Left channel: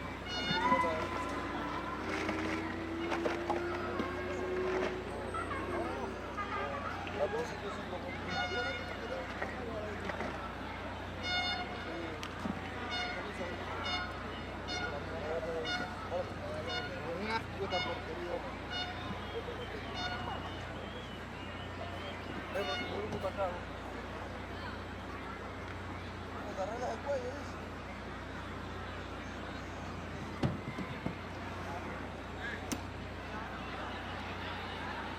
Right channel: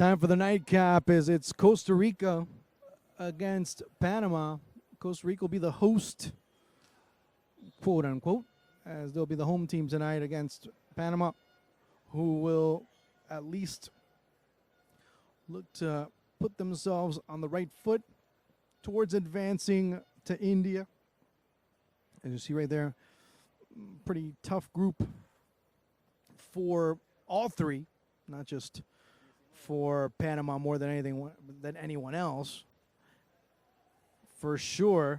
Time for the nightcap as it's Costa Rica against Panama. Costa Rica will be the host, quote unquote, as they'll be the home team tonight against Panama, who will at least look to put themselves on the right foot towards advancing to India. You see right there, pretty tough group for all three, not just for Panama more than anything than anyone else. For sure,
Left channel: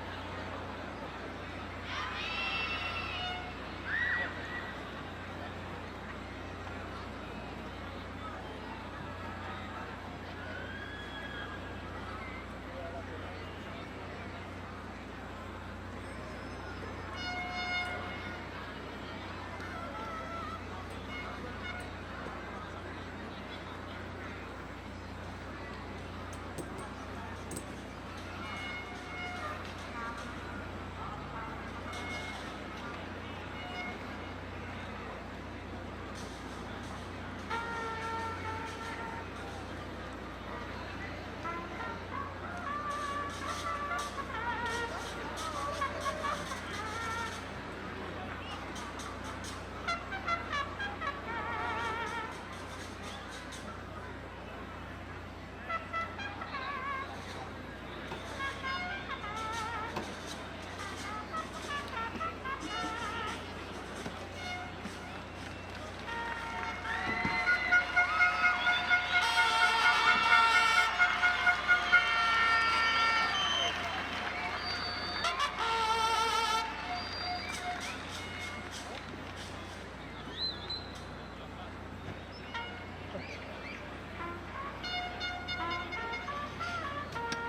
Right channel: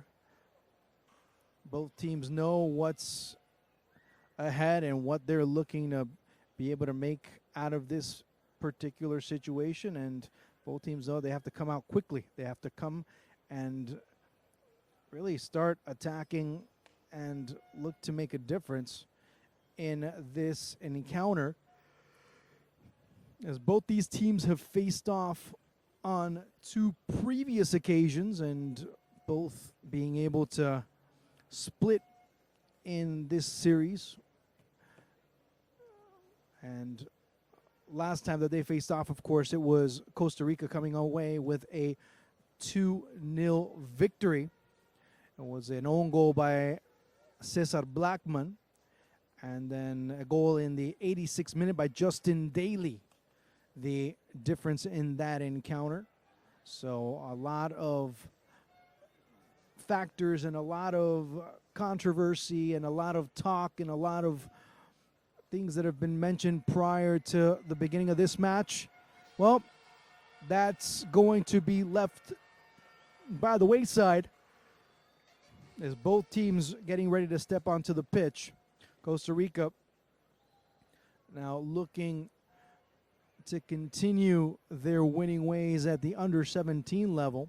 both teams know what's ahead and what they're looking to be able to make out of this particular situation, and both teams know they have to come out quickly. They have to come and really start attacking and look to make a difference in this encounter, as both these teams have faced off on 2 previous occasions and both being able to split in this series. And last time that they faced off, of course, it was Costa Rica coming away with a 2-0 victory. It was an own goal by Cesar Blackman, and then a goal in the 86th minute by Justin Daly. The difference in that encounter. So a lot of factors and a lot of controversy and a lot of talk and a lot of things that have been mentioned prior to the beginning of this match. Well, that's going to be left by the wayside, as both teams getting ready to step onto the pitch. Costa Rica now looking to continue their winning ways at the under-17 level.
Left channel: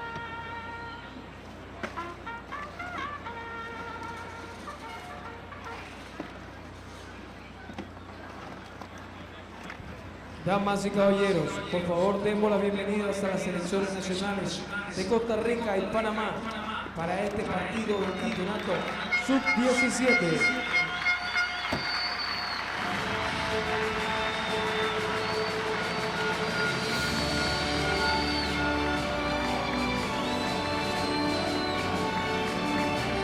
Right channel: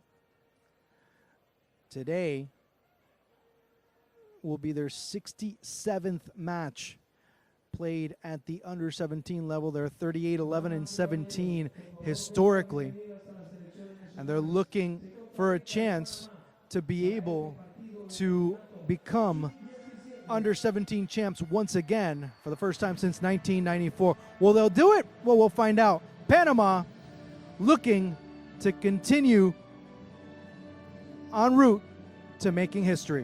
Today will be their 67th match played at the under-17 level. They're 38-11-17 historically. They're looking for a chance to be able to become under-17 champs once again for the first time since 1994. Will they do it? Well, we'll find out. Panama looking to continue en route to making history.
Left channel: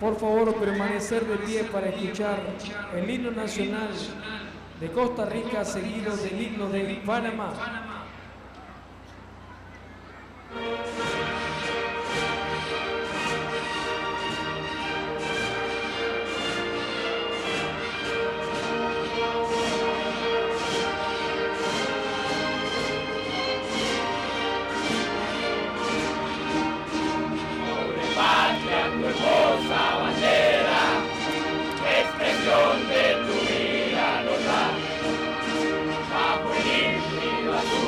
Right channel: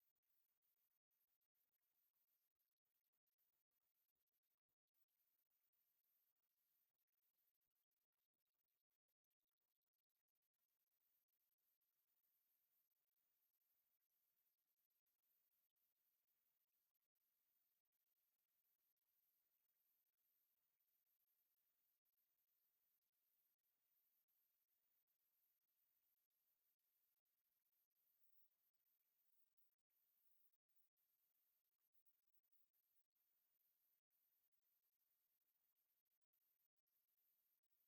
Por favor, permanecer de pie para escuchar el himno nacional de Costa Rica, seguido del himno de Panamá. De tu vida nos da, bajo el himno azul.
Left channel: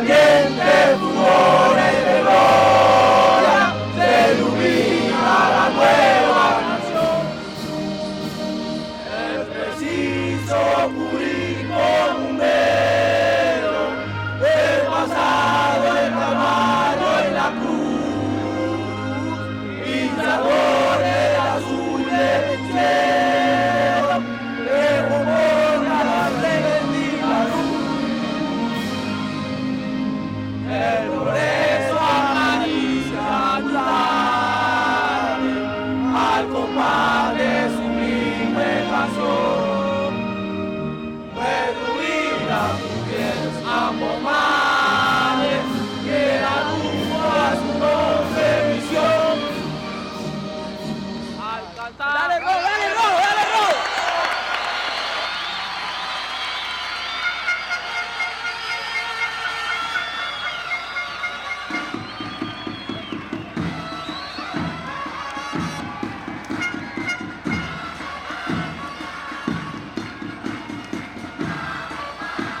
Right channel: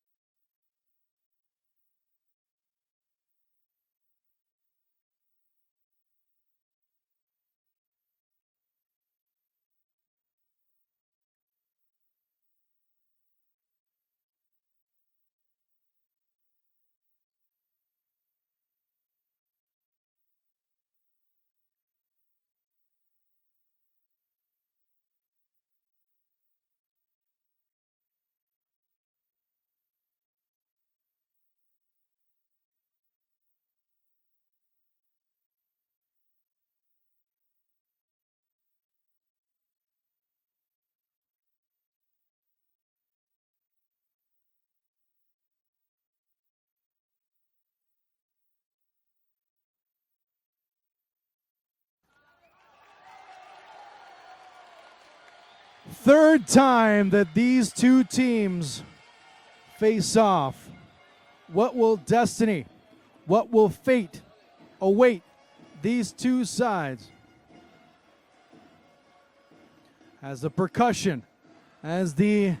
valientes furores de gloria, se ilumina la nueva nación. Es preciso cubrir con un velo el pasado, el Calvario y la cruz, insadores azul del cielo, que remonta la redentiva luz. El progreso acaricia al compás de sublime canción. Reduir mujeres ambos males, que la rumbo a su noble misión. Dale, Ro! Third time that these two teams face off. What will destiny, what will fate await these two sides? As the percussion, as the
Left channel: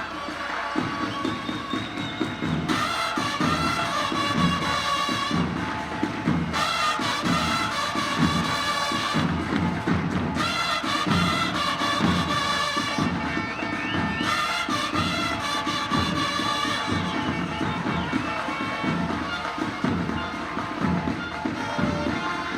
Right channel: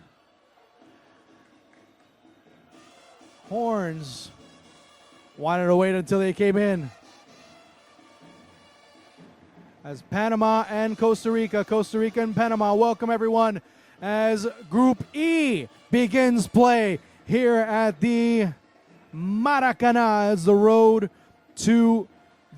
horns wanted to wait until they came in. Panama and Costa Rica. Costa Rica and Panama. Welcome everyone as Group E begins play here at the Maracanã as the road to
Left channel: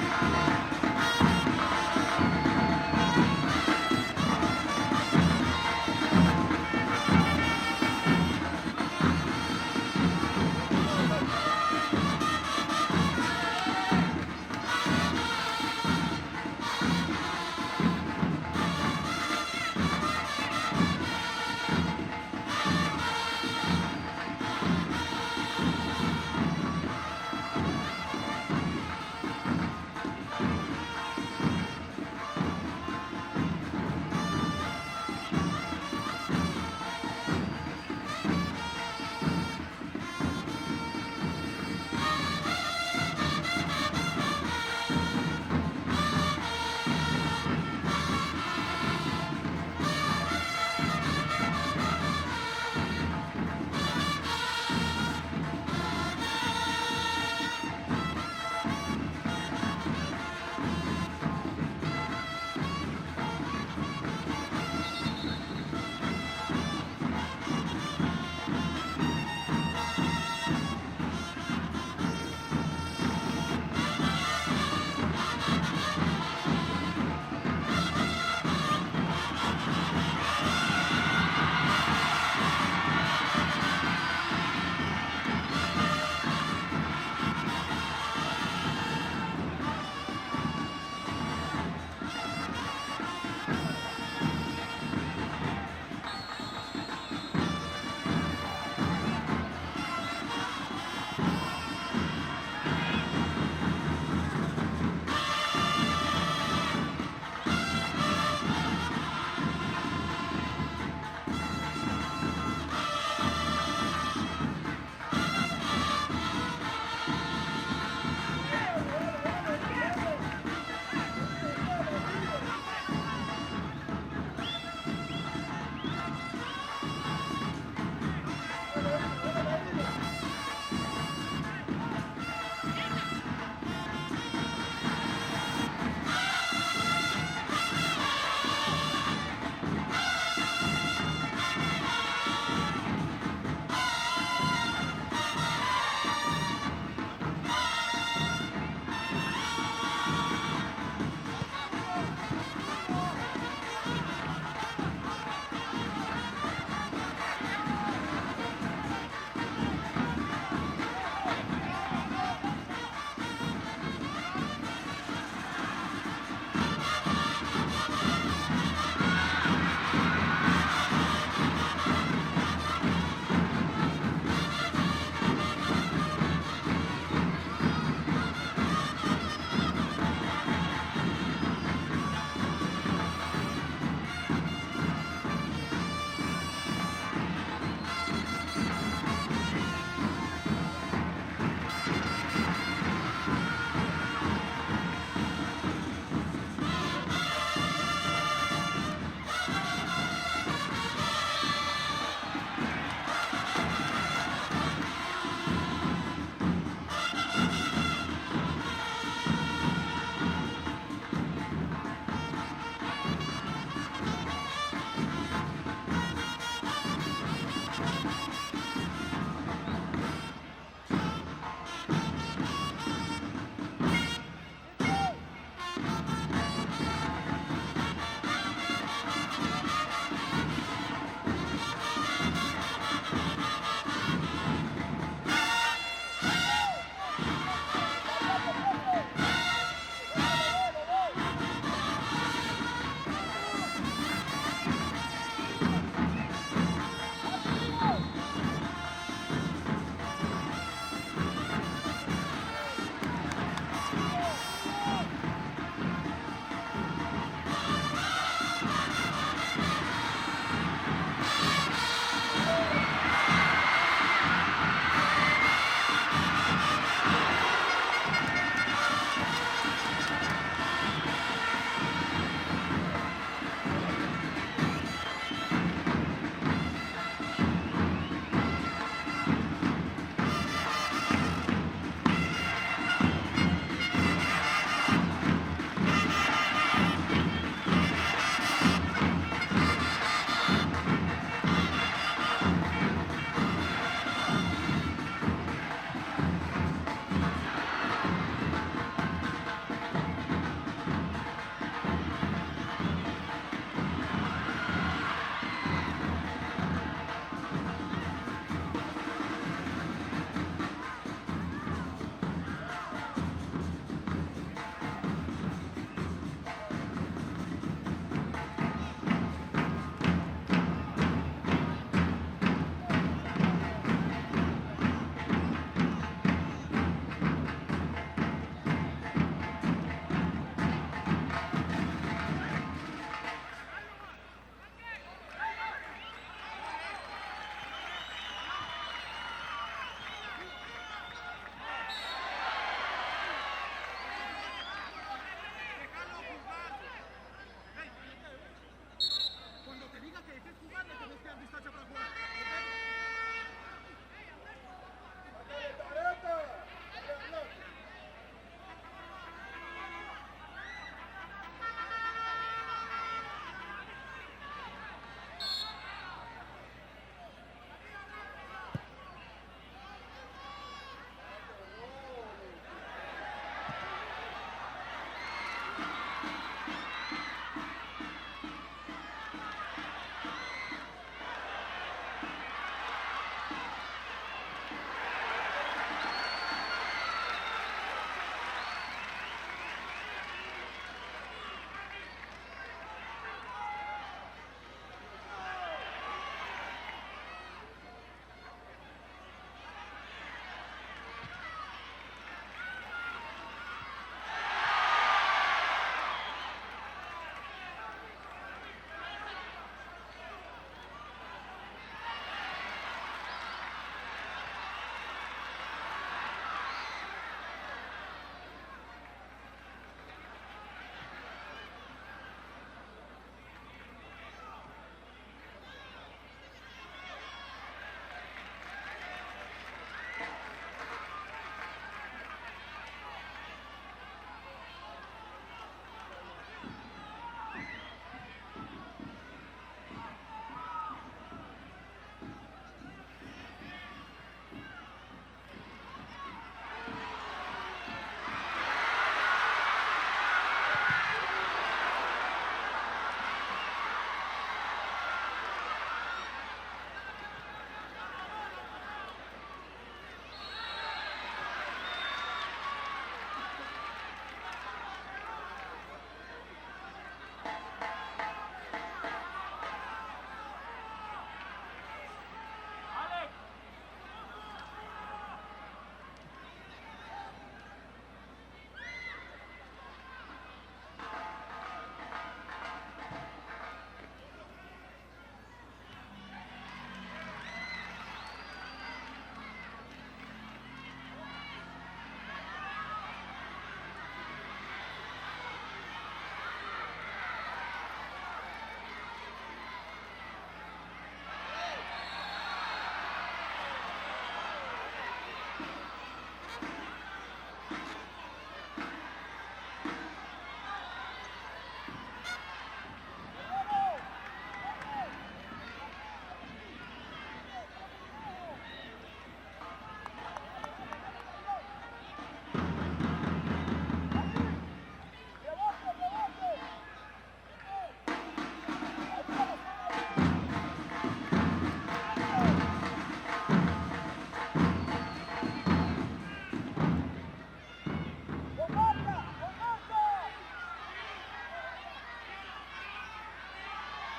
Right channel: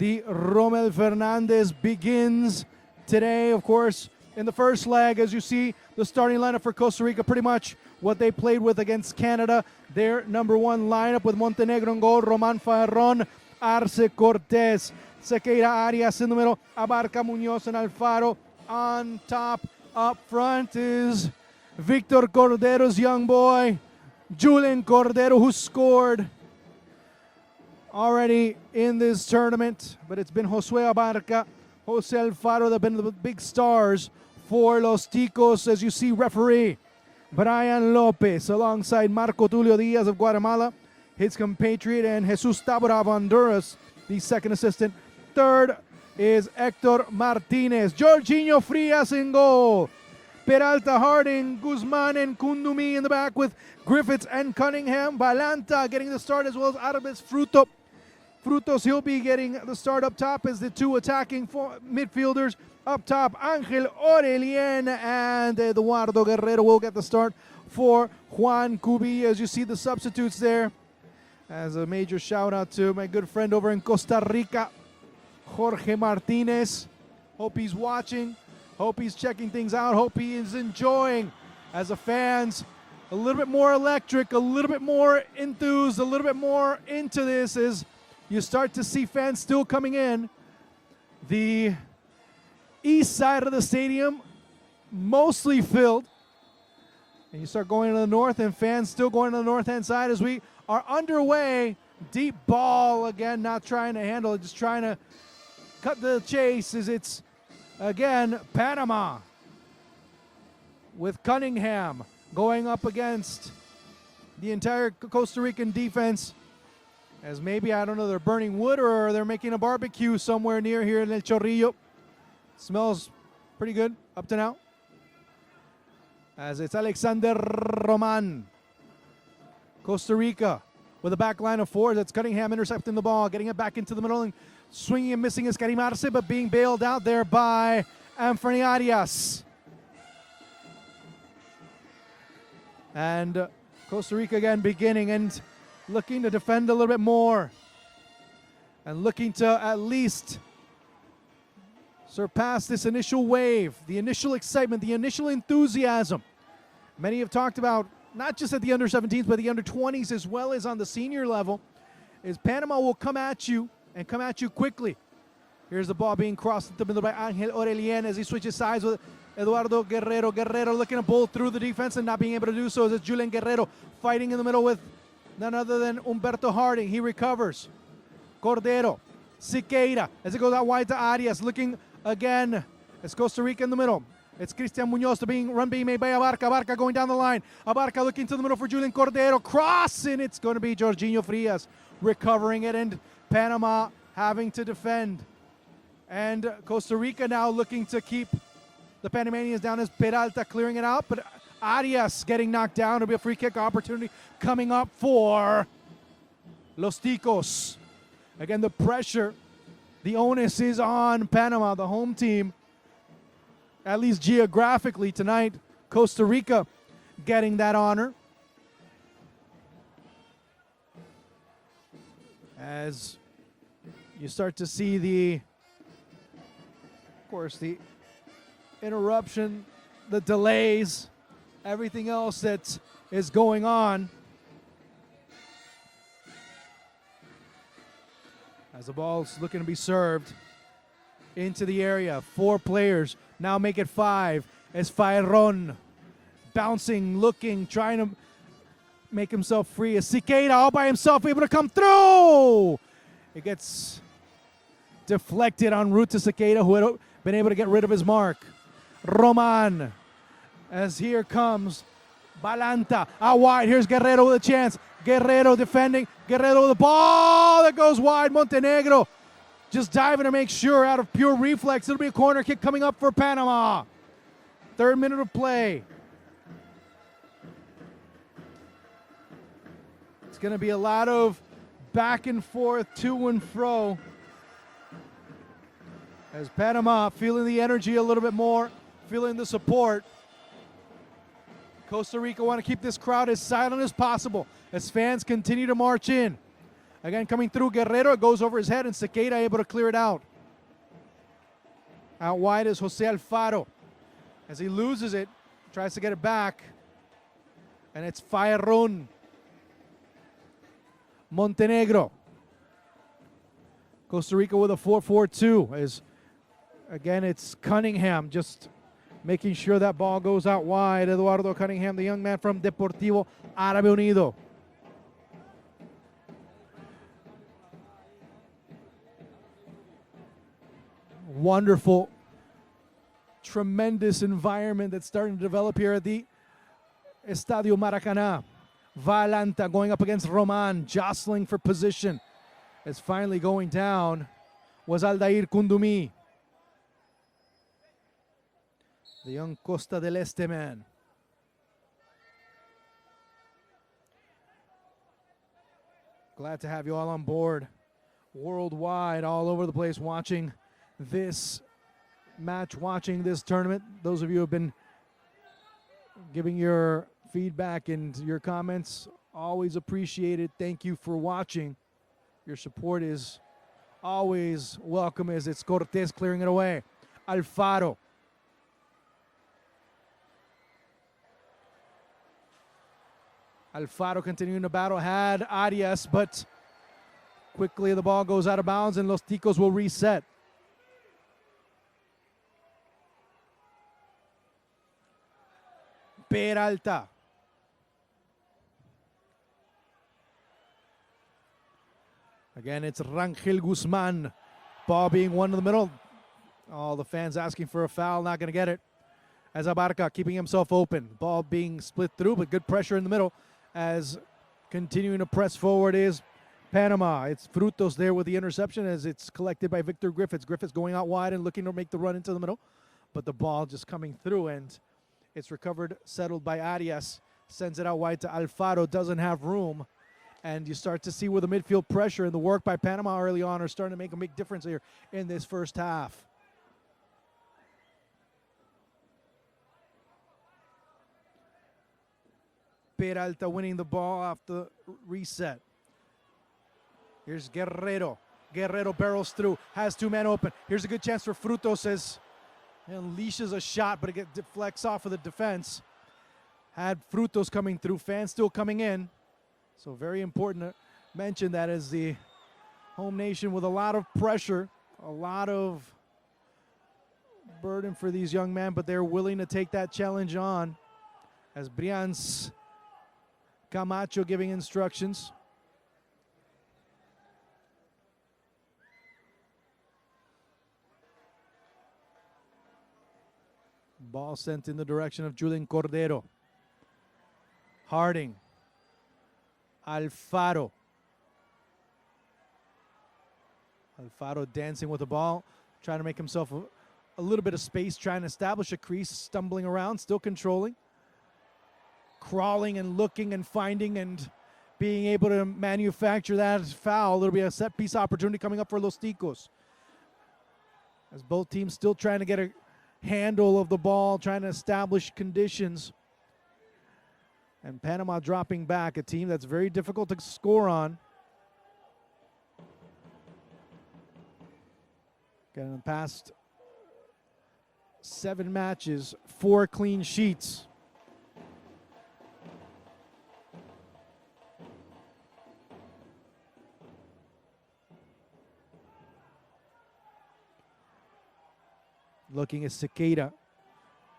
the Rommel Fernandez begins today. Of course, in the first leg, as you see, the starting lineup for Costa Rica, pretty much what they played with against Canada. Their number one lineup with Montenegro in goal, Roman Farron, Arce Cortez, Sequeira Arias in the middle, Abarca Munoz and Alfaro. On top, up front is Victor Cordero's young boy, Julian Cordero, who scored already in this tournament, but it's been Josue Abarca, Jose Alfaro that have been the big stars for Los Ticos. As you see, referee Brian Lopez alongside Marco Tulio Diaz of Guatemala, his compatriot, and Jesus Tabora of Honduras, the second assistant. Third is Hector Martinez, Jorginho Frias in goal, Peralta, Harding, Guzman, and Kundumi in the back with Griffiths and Cunningham. Valanta getting the start as well as out of his Frutos, he'll be getting the start up top as the two attacking midfielders. Up top, Angel Orelien and Eduardo Guerrero will get the start for Juan Cubi. As you see the substitutes there, as a major shout out to my good friend over in Costa Rica, Jorge Martinez. Hope he's watching, hope he's checking things out, hope he is enjoying as a fans. A little bit more electric, a little bit more enthused, a little bit more into this as you start to see fans still coming in. The east side of the stadium mostly filled. We start going to the north and fans still going to the north-hand side as we are underway. Deep ball, again, not trying to handle it, just trying to cut to the chase as it's, again, Panama with Cunningham going up against the entire Costa Rican defense. As maybe, I don't know, they're burning wood or they're making a barbecue somewhere near here in El Chorrillo. Smells pretty good up to now. As it's Alexander Roman, Costa Rica with a back line of four. That's Cunningham intercepting the ball, getting it back into the middle, and swinging and missing is Karim Arce, but being bailed out there by Anthony Arias. And Costa Rica again beginning and looking to defend a little bit more and looking to at least surpass this initial wave, the initial excitement, the initial enthusiasm. Many have talked about, not just at the under-17s, but the under-20s as well as on the senior level, is Panama will come at you and come at you quickly. Here's the ball being crossed to the middle by Angel Orelien as he switches sides with Eduardo Guerrero. Guerrero looking to pull through the defense and not being able to do so. There's Julian Guerrero fighting in the middle with none other than Humberto Harding. He recovers. Cordero, Siqueira, as it goes out wide to Arias, looking again. It's Costa Rica in the middle. It's Cristian Munoz, the run being made by Abarca. Abarca going down the line. Abarca looking to the middle for Julian Cordero. Cross, and it's going to be Jorginho Frias recovering it, and Panama having to defend. And Costa Rica now looking to keep the Panamanians down as Peralta clearing it out, but Arias getting knocked down. It'll be a free kick opportunity coming up for Los Ticos. Again, the pressure, the onus is on Panama, the home team. At least geographically tonight, Costa Rica getting that honor. As you start to see the, of course, the interruption, the delays, everything else that is going on. As the ball is looking to be served into the area. 4 players, now make it 5. As Fayron bouncing, looking, trying to make himself free. As Siqueira all by himself, able to come through. He gets deflected en route to Siqueira, who had been able to get rid of his mark. Roman, as here comes Valanta, out wide. Here's Guerrero with a chance. Guerrero defending. Guerrero with the ball that goes wide. Montenegro just diving to make sure out of pure reflex. It'll be a corner kick coming up for Panama. 3rd minute of play. It's going to be a lot of back and forth, to and fro. As Panama feeling the energy a little bit more, feeling the support. Costa Rica want to keep this crowd as silent as possible as fans continue to march in. Again, coming through Guerrero, it goes over his head, and Segueda able to clear it out. Out wide is Jose Alfaro. As he loses it, tries to get it back. And it's Fayron. Montenegro. Costa Rica with a 4-4-2. As again, it's Cunningham just making sure that ball goes out wide. Eduardo Cunningham, the young man from Deportivo Árabe Unido. Wonderful, tremendous environment that's starting to develop here at the Estadio Maracaná. Valanta going up against Roman, jostling for position. As finally going down was Aldair Kundumi, the young Costa del Este man. Glad to have you all on board, worldwide, all over the place, watching this match, watching this tournament. Those of you who have been giving your feedback and your comments, always appreciated. Thank you for watching. Your support is always welcome. As it's Cortez clearing it away. Alfaro. Alfaro continuing the battle, had Arias, but quickly the ball goes out of bounds and Los Ticos will reset. Peralta. Again, it's Rangel Guzman. Ball being won in the middle. Oh, the fans asking for a foul, not going to get it. As Abarca keeping himself open. Ball being split through, but good pressure in the middle. As continuing to press forward is Panama. It's Frutos there with the interception as it's collected by Victor Griffiths. Griffiths going out wide and looking to make the run into the middle. But the ball just coming through, and it's recovered, settled by Arias. Sends it out wide to Alfaro, doesn't have room. And you start to see where the midfield pressure and the work by Panama early on are starting to make a big difference here in this first half. Peralta winning the ball off the reset. Here's Guerrero. Guerrero barrels through, has 2 men open. Here's a good chance for Frutos as unleashes a shot, but it deflects off of the defense. Had Frutos coming through, fans still coming in. So very important to mention that as the home nation with a lot of pressure, a lot of burden for these young men, but they're willing to take that challenge on. As Brians Camacho giving instructions. The ball sent in the direction of Julian Cordero. Harding. Alfaro. Alfaro dancing with the ball, trying to make himself a little bit of space, trying to establish a crease, stumbling around, still controlling. crawling and looking and finding and being able to manufacture that as foul. There'll be a set piece opportunity coming up for Los Ticos. As both teams still trying to get a handle of the ball, trying to establish conditions. And Panama dropping back, a team that's very difficult to score on. Going past 7 matches, 4 clean sheets. Looking at Sequeira,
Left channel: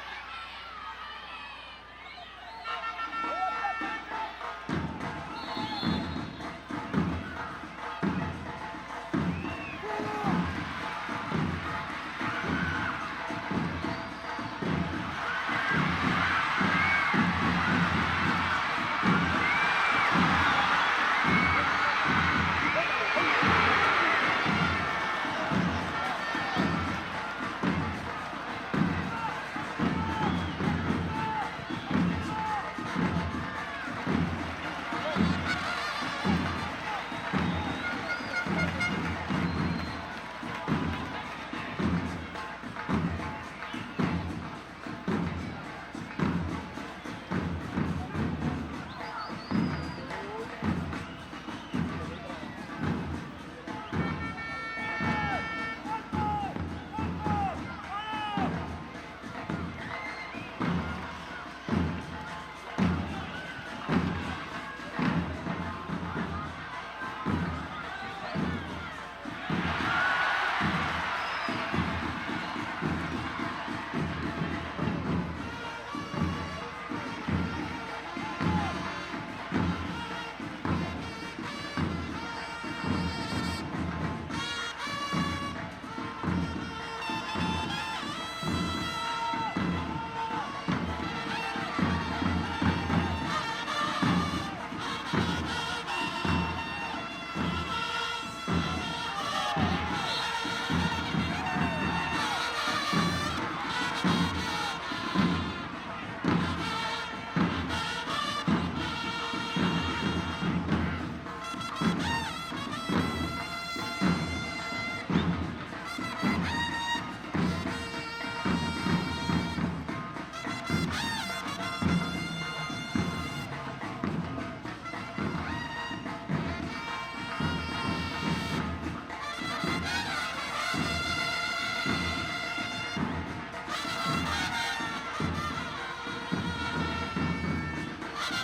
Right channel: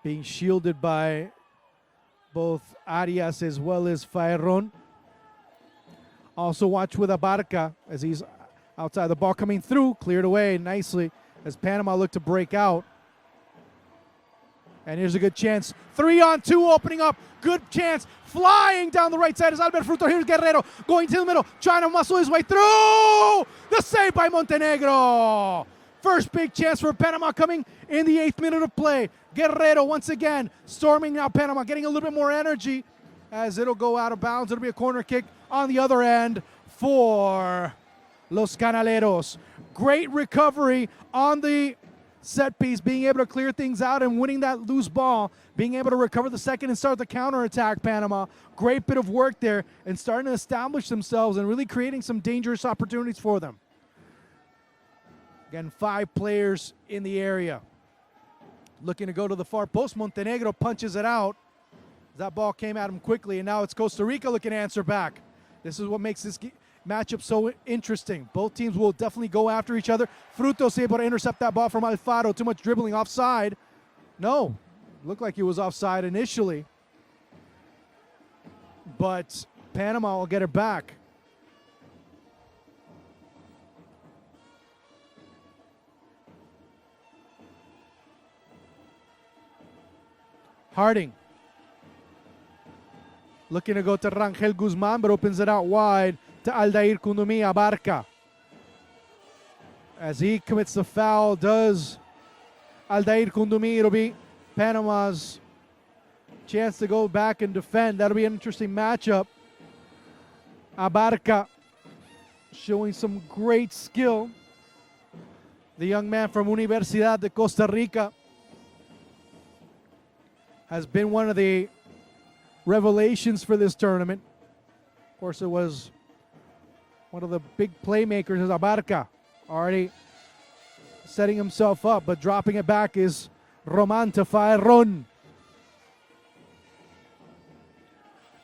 being shielded by both Arias as well as Faerron. Also watch with Abarca as he's outside. The ball coming through, cleared away nicely as Panama look to break out. And here's a good chance. 3-on-2 opening up, good chance. Flying down the right side is Albert Fruto. Here's Guerrero going to the middle, trying to muscle his way through. The save by Montenegro. First big chance for Panama coming in the 8th minute of play. Guerrero once again storming now Panama, getting a little bit more energy as it'll go out of bounds. It'll be a corner kick on the other end for Los Canaleros. Great recovery on the set piece, being able to clear things out and winning that loose ball, being able to recover the second and start the counterattack. Panama, great bit of work there and starting to establish themselves and really creating some dangerous opportunities for them. Again, 5 players in the area. Looking to go to the far post. Montenegro punches it out. That ball came out quickly, and now it's Costa Rica looking to answer back. This is what makes this matchup so interesting. Both teams will definitely go after each other. Frutos able to intercept that ball from Alfaro. Too much dribbling offside. No, looked like it was offside initially. But Panama will get it back. Harding looking to go to Rangel Guzman, but opens it out wide to Aldair Kundomi Abarca. As he commits the foul, does Aldair Kundomi. It'll be Panama's chance to go back and defend. That'll be an interesting matchup. Abarca showing some great skill. The young man from Universidad de Costa Rica has been one of the revelations for this tournament. Of course, it was one of the big playmakers is Abarca, already setting himself up, but dropping it back is Roman to Faerron.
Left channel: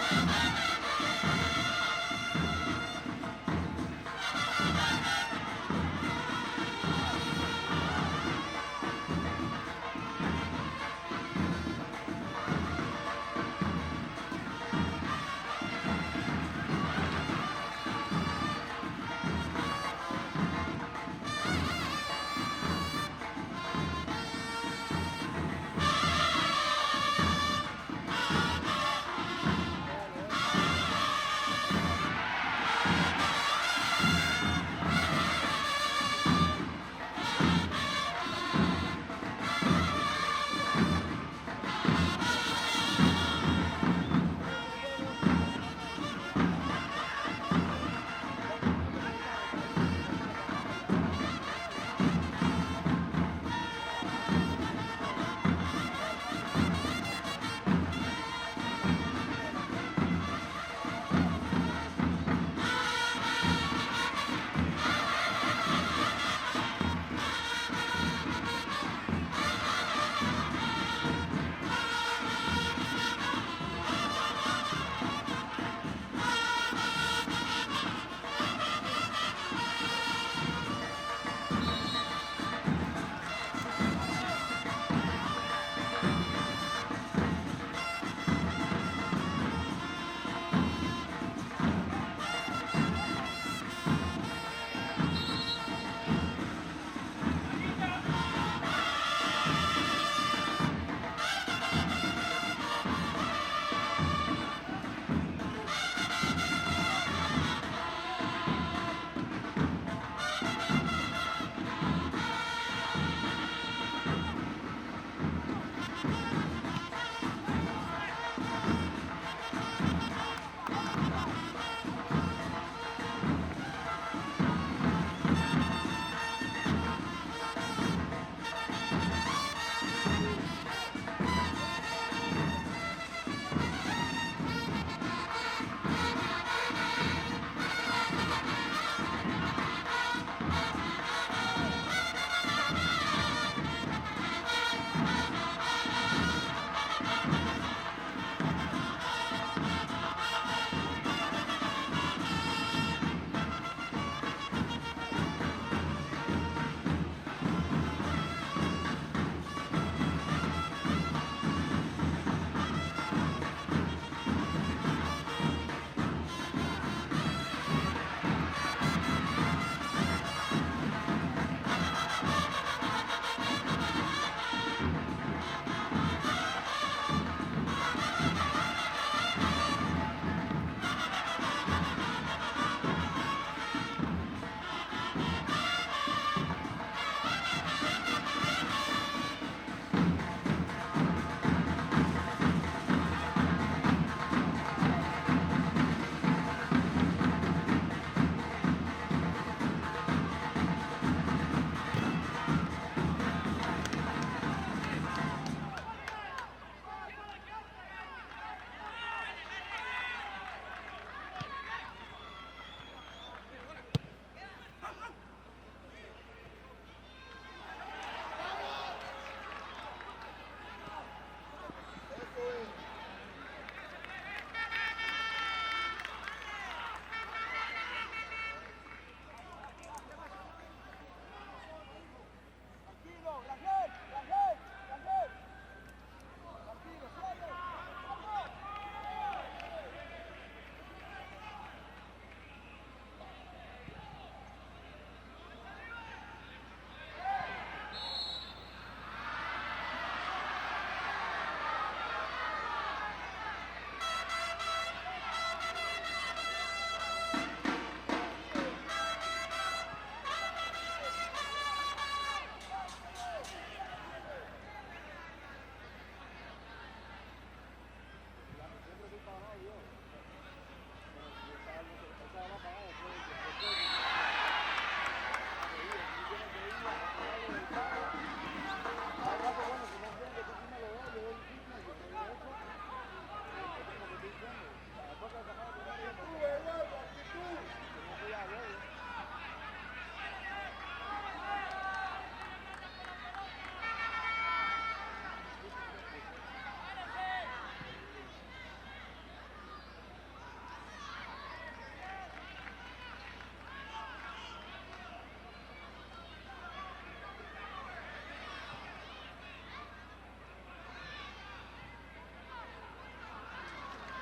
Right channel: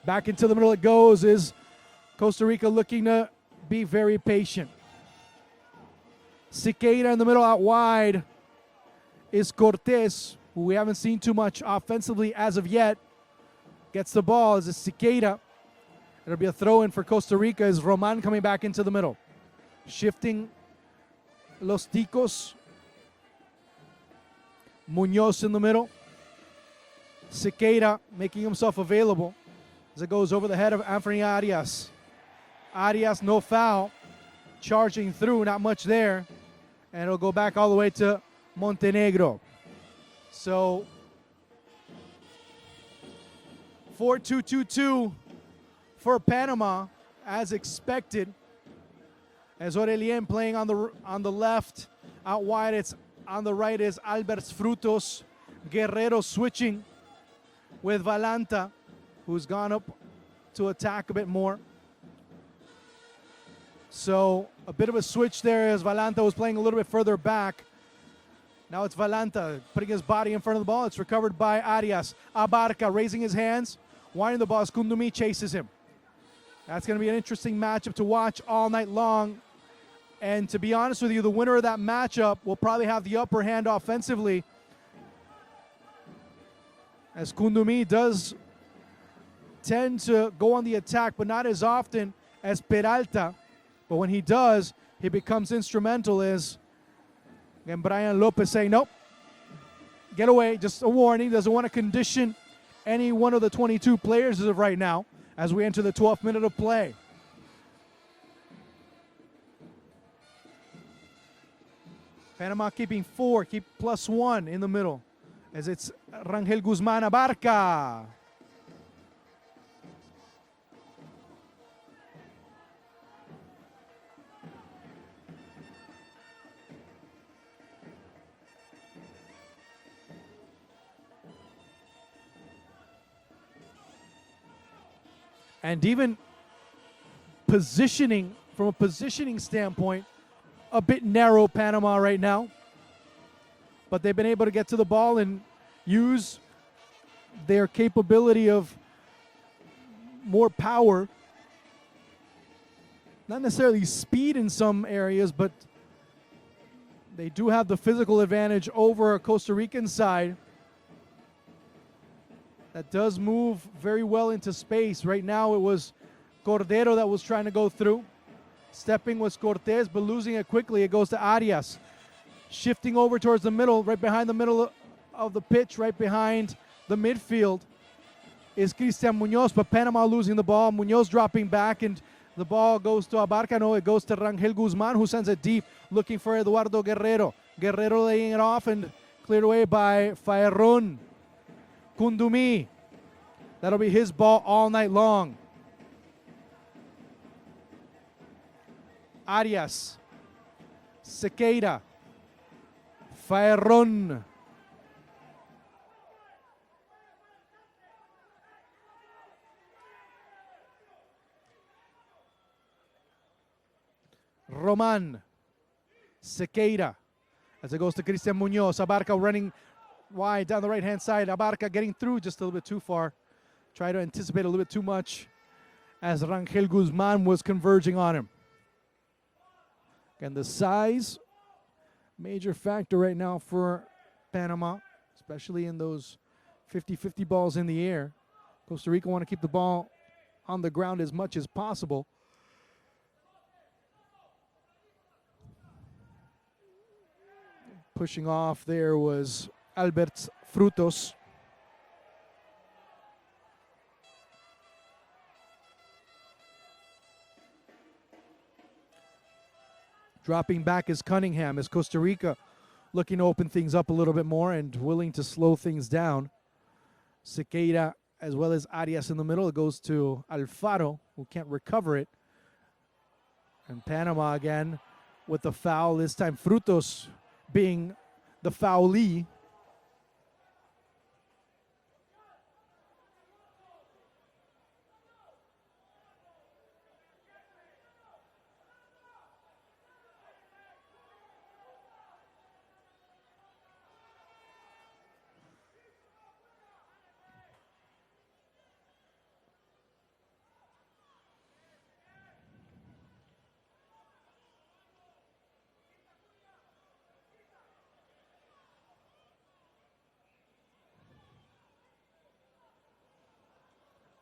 Back into the middle it goes is Costa Rica looking to be very patient. Sequeira in the middle out wide is Cortez, who we haven't seen too much offensively as of yet. Gets the ball as it's Sequeira. There'll be a throw in for Costa Rica as Roman coming back into the middle. Shifting Los Ticos. Munoz in the middle. Sequeira making himself available as it goes over the head of Anthony Arias. Arias, no foul. Charging through, not much there. And it'll go back all the way to Montenegro. So 4-2-2-2 for Panama as expected. As Aurelien playing on the left, out wide it's on the right is Albert Frutos. Guerrero switching with Valanta, who's gone up to attack a bit more. So a bit of a switch there as Valanta was playing a little bit further back. Now it's Valanta putting his body in front of the ball. It's recovered by Arias. Abarca raising his hands, winding the ball. Kundomi chases him. That's going to be an interesting matchup to watch all night long. And to be honest with you, the winner of that matchup will probably have the upper hand offensively. As Kundomi does tend to go on the attack, but not as often as Peralta. But when he does, it becomes instrumental as and Brian Lopez saying, nope, get away, just a warning. Doesn't want to condition any one of the 22 players as of right now as we enter the 12th minute of play. Panama keeping 4, keep +1 in the middle as it's Rangel Guzman Abarca. And even positioning, from a positioning standpoint, a bit narrow Panama right now. But they've been able to get to the ball and use their capability of more power. Not necessarily speed in some areas, but they do have the physical advantage over a Costa Rican side that does move very well into space. Right now it was Cordero that was trying to go through. Stepping was Cortez, but losing it quickly. It goes to Arias. Shifting over towards the middle, right behind the middle of the pitch, right behind the midfield is Cristian Munoz, but Panama losing the ball. Munoz dropping back, and the ball goes to Abarca. No, it goes to Rangel Guzman, who sends it deep, looking for Eduardo Guerrero. Guerrero laying it off and cleared away by Faerron. Kundumi. That'll be his ball all night long. Arias. Sequeira. Faerron. Roman. Sequeira. As it goes to Cristian Munoz. Abarca running wide down the right-hand side. Abarca getting through just a little bit too far. Try to anticipate a little bit too much as Rangel Guzman was converging on him. And the size, major factor right now for Panama, especially in those 50-50 balls in the air. Costa Rica want to keep the ball on the ground as much as possible. Pushing off there was Albert Frutos. Dropping back is Cunningham as Costa Rica looking to open things up a little bit more and willing to slow things down. Sequeira as well as Arias in the middle. It goes to Alfaro, who can't recover it. And Panama again with the foul, this time Frutos being the foulee.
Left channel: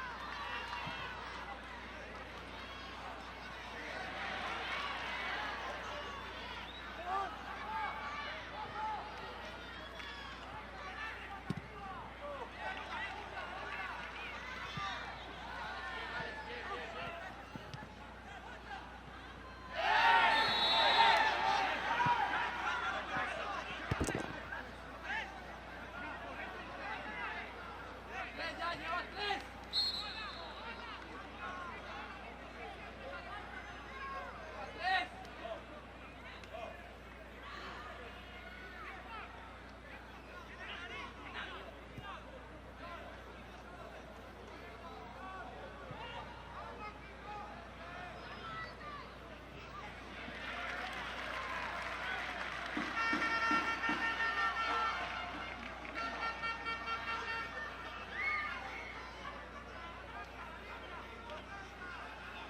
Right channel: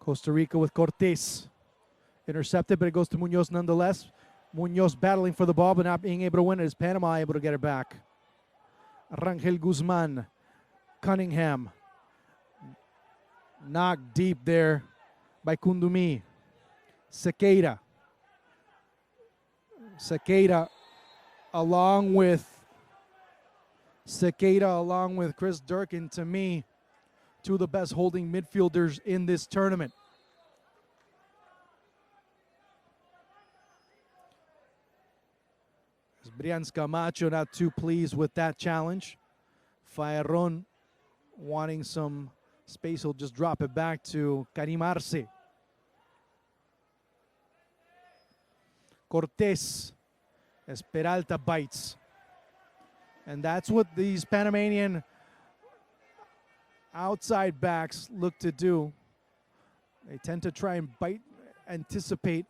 Costa Rica with Cortés. Intercepted, but it goes to Munoz nonetheless. Munoz battling for the ball, but not being able to win it. Is Panama able to get it back? Rangel Guzman. Cunningham. Knocked deep there by Kundumi. Sequeira. Sequeira along with Chris Durkin, to me, two of the best holding midfielders in this tournament. Brians Camacho not too pleased with that challenge. Faerron wanting some space, he'll just drop it back to Karim Arce. Cortés as Peralta bites. And that's what these Panamanian outside backs look to do. They tend to try and bite, anticipate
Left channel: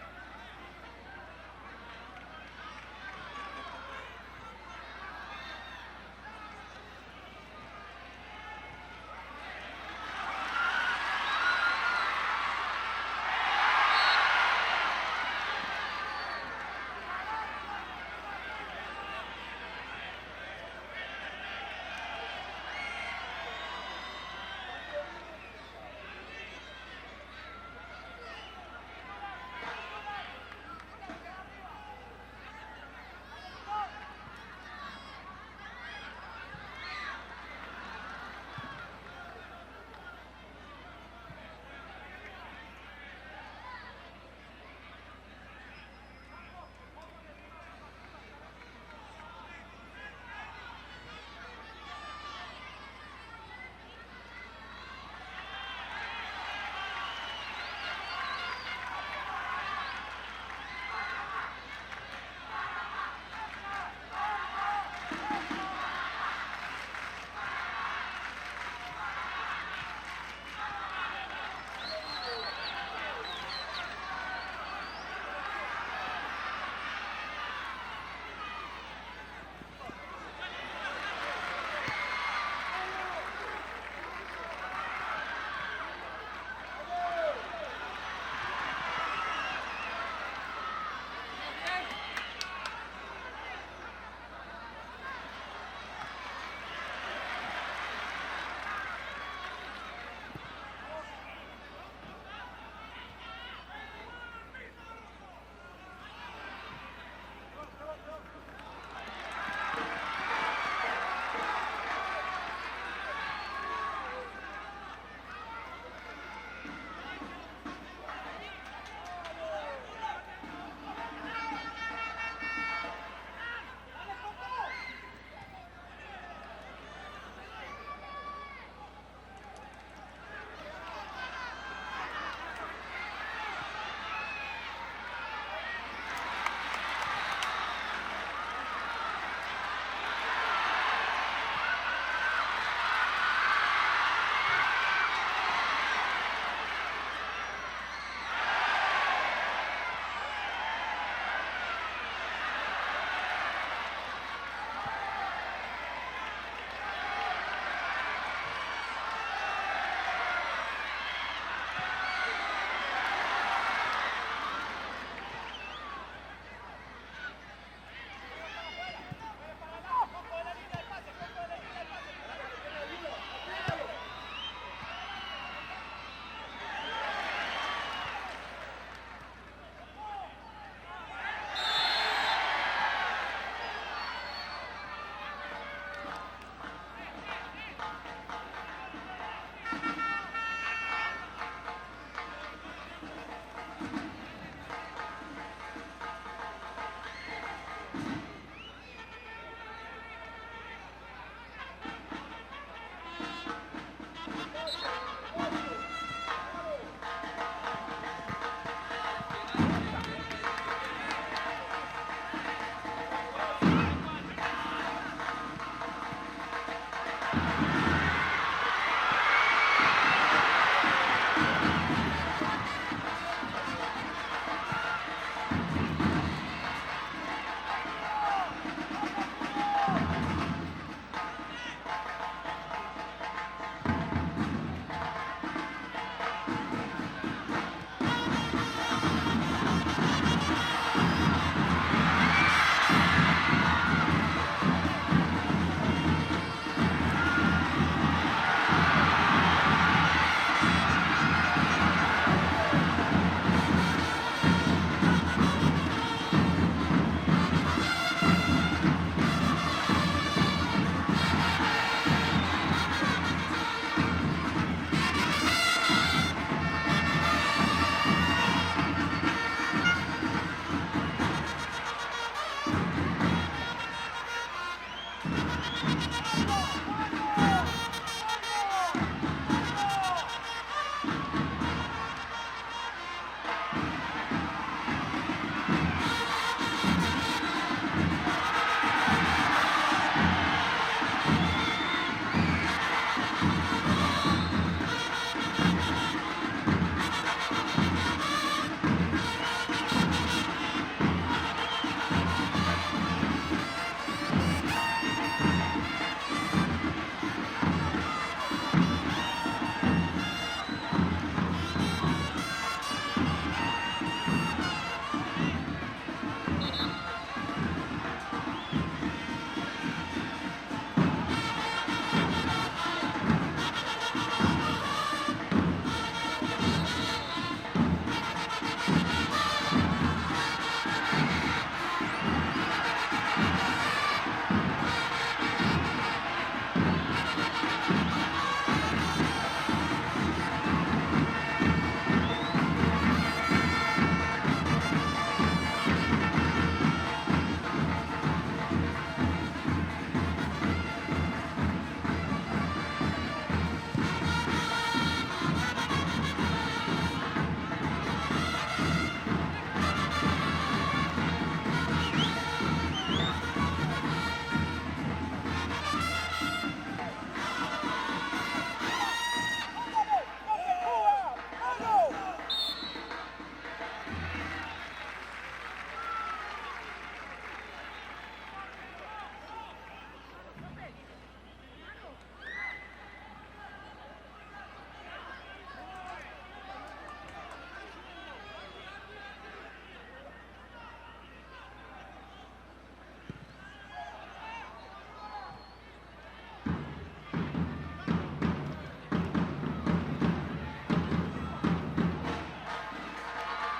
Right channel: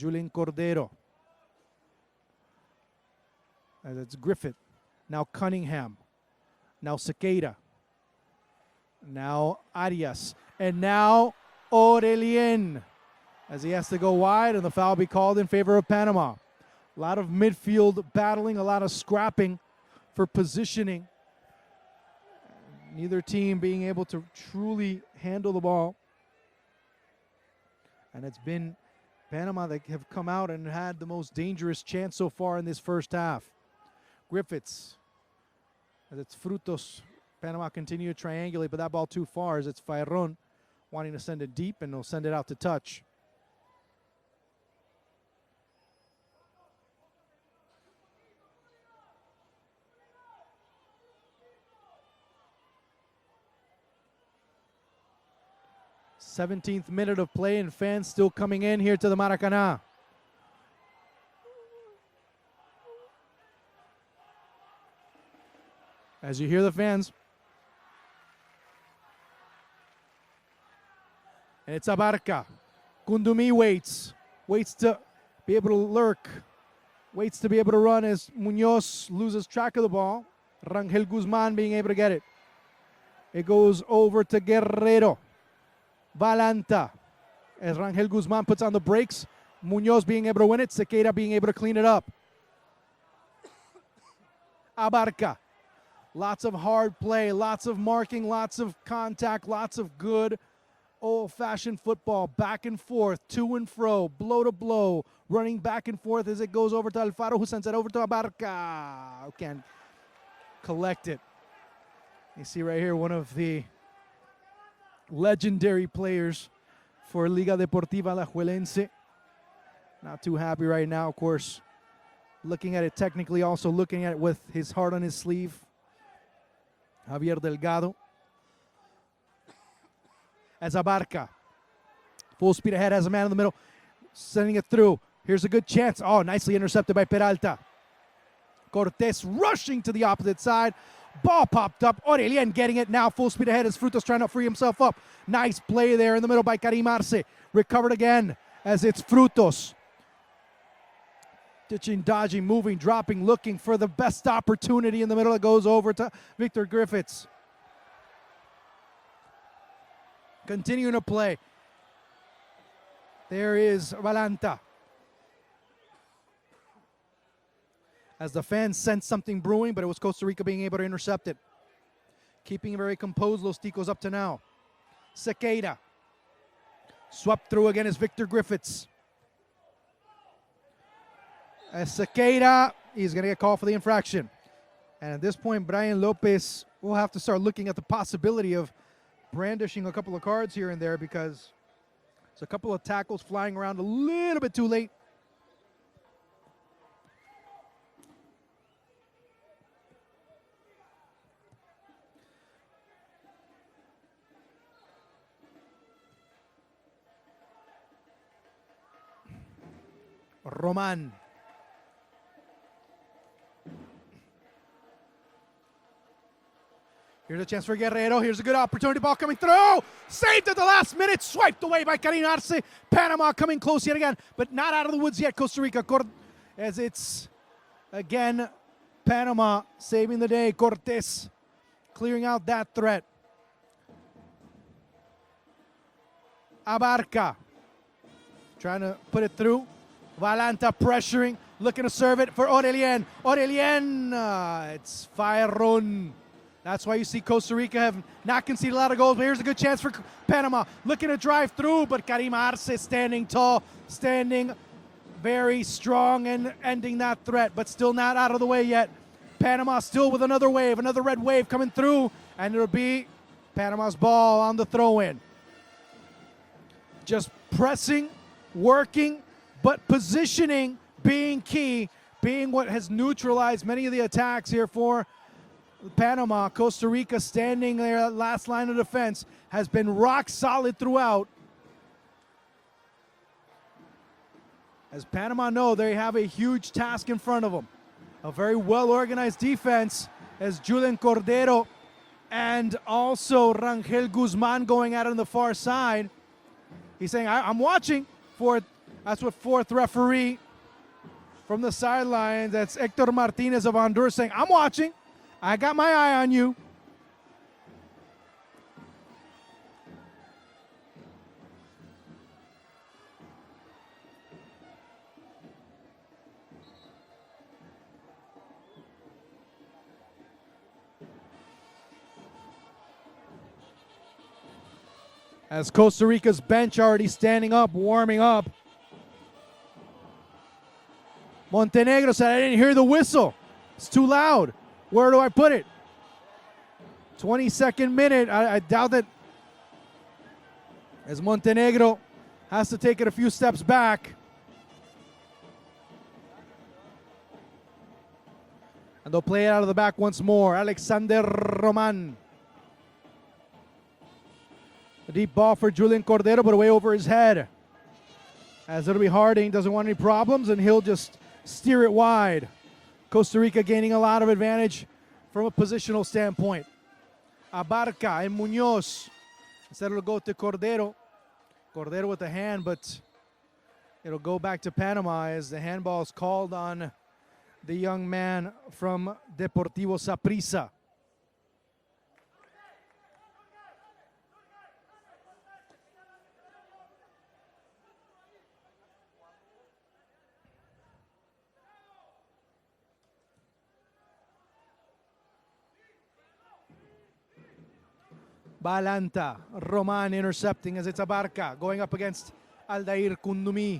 Julian Cordero. And it's Griffith. Now Cunningham. Now Sequeira. Now Arias. And now Aurelien. As he has to go wide, and the foul be called in favor of Panama. A lot of midfield battling, a lot of scrapping for positioning. Neither team being able to truly handle the ball. And it's been Panama that have come out and had the most dangerous chance so far in this first half. Griffiths. It's Frutos. Panama continue to triangulate, but that ball too far as it's Faerron wanting to send it deep, and they'll send it out to touch. 17th minute of play and fans still coming in here to the Maracanã. As you hear the fans. It's Abarca. Kundumi waits to be able to lurk. Waits to be able to run as Munoz loses track of the ball. Rangel Guzman being able to get it. It goes over to Guerrero. Valanta. As Rangel Guzman puts on the brakes. Munoz being able to win it. Sequeira being able to clean it up. Abarca. Lots of hard play, lots of marking, lots of contact, lots of good old-fashioned football. Back and forth, to and fro, blow to blow. Running back and forth as it goes over to Alfaro, who sends it over to Abarca. Again, collect it. You see right here one of the legendary players for Liga Deportiva Alajuelense. Not too happy right now, of course. Looking at it technically, also looking at it with his heart on his sleeve. Javier Delgado. As Abarca. Full speed ahead, has a man in the middle. Sending it through. Here's a good chance. Oh, nicely intercepted by Peralta. Cortés rushing to the opposite side. Ball popped up. Aurelien getting it now. Full speed ahead as Frutos trying to free himself up. Nice play there in the middle by Karim Arce. Recovered again as it's Frutos. Pitching, dodging, moving, dropping, looking for the best opportunity in the middle. It goes over to Victor Griffiths. Continuing to play. There is Valanta. As the fans sense something brewing, but it was Costa Rica being able to intercept it. Keeping very composed, Los Ticos up to now. Sequeira. Swept through again is Victor Griffiths. And Sequeira, he's going to get called for the infraction. And at this point, Brian Lopez will have to start looking at the possibility of brandishing a couple of cards here and there because there's a couple of tackles flying around a little bit too late. Roman. Here's a chance for Guerrero. Here's a good opportunity. Ball coming through. Saved at the last minute. Swiped away by Karim Arce. Panama coming close yet again, but not out of the woods yet. Costa Rica as it's again Panama saving the day. Cortés clearing out that threat. Abarca trying to put it through. Valanta pressuring, looking to serve it for Aurelien. Aurelien, it's Bayron. That's why you see Costa Rica have not conceded a lot of goals. Here's a good chance for Panama. Looking to drive through, but Karim Arce standing tall, standing very strong and ending that threat, but still not out of the way yet. Panama still with another wave, another red wave coming through, and it'll be Panama's ball on the throw-in. Just pressing, working, but positioning being key, being what has neutralized many of the attacks here for Panama. Costa Rica standing there, last line of defense, has been rock solid throughout. As Panama know they have a huge task in front of them. A very well-organized defense as Julian Cordero and also Rangel Guzman going out on the far side. He's saying, I'm watching for it. That's with fourth referee from the sideline. That's Hector Martinez of Honduras saying, I'm watching. I got my eye on you. As Costa Rica's bench already standing up, warming up. Montenegro said, I didn't hear the whistle. It's too loud. Where do I put it? 22nd minute. I doubt that as Montenegro has to take it a few steps back. They'll play it out of the back once more. Alexander Roman. Deep ball for Julian Cordero, but away over his head. As it'll be Harding, doesn't want any problems, and he'll just steer it wide. Costa Rica gaining a lot of advantage from a positional standpoint. Abarca and Munoz. Instead it'll go to Cordero. Cordero with the hand, but it'll go back to Panama as the handball is called on the young man from Deportivo Saprissa. Balanta, Roman intercepting as it's Abarca going up against Aldair Kundumi.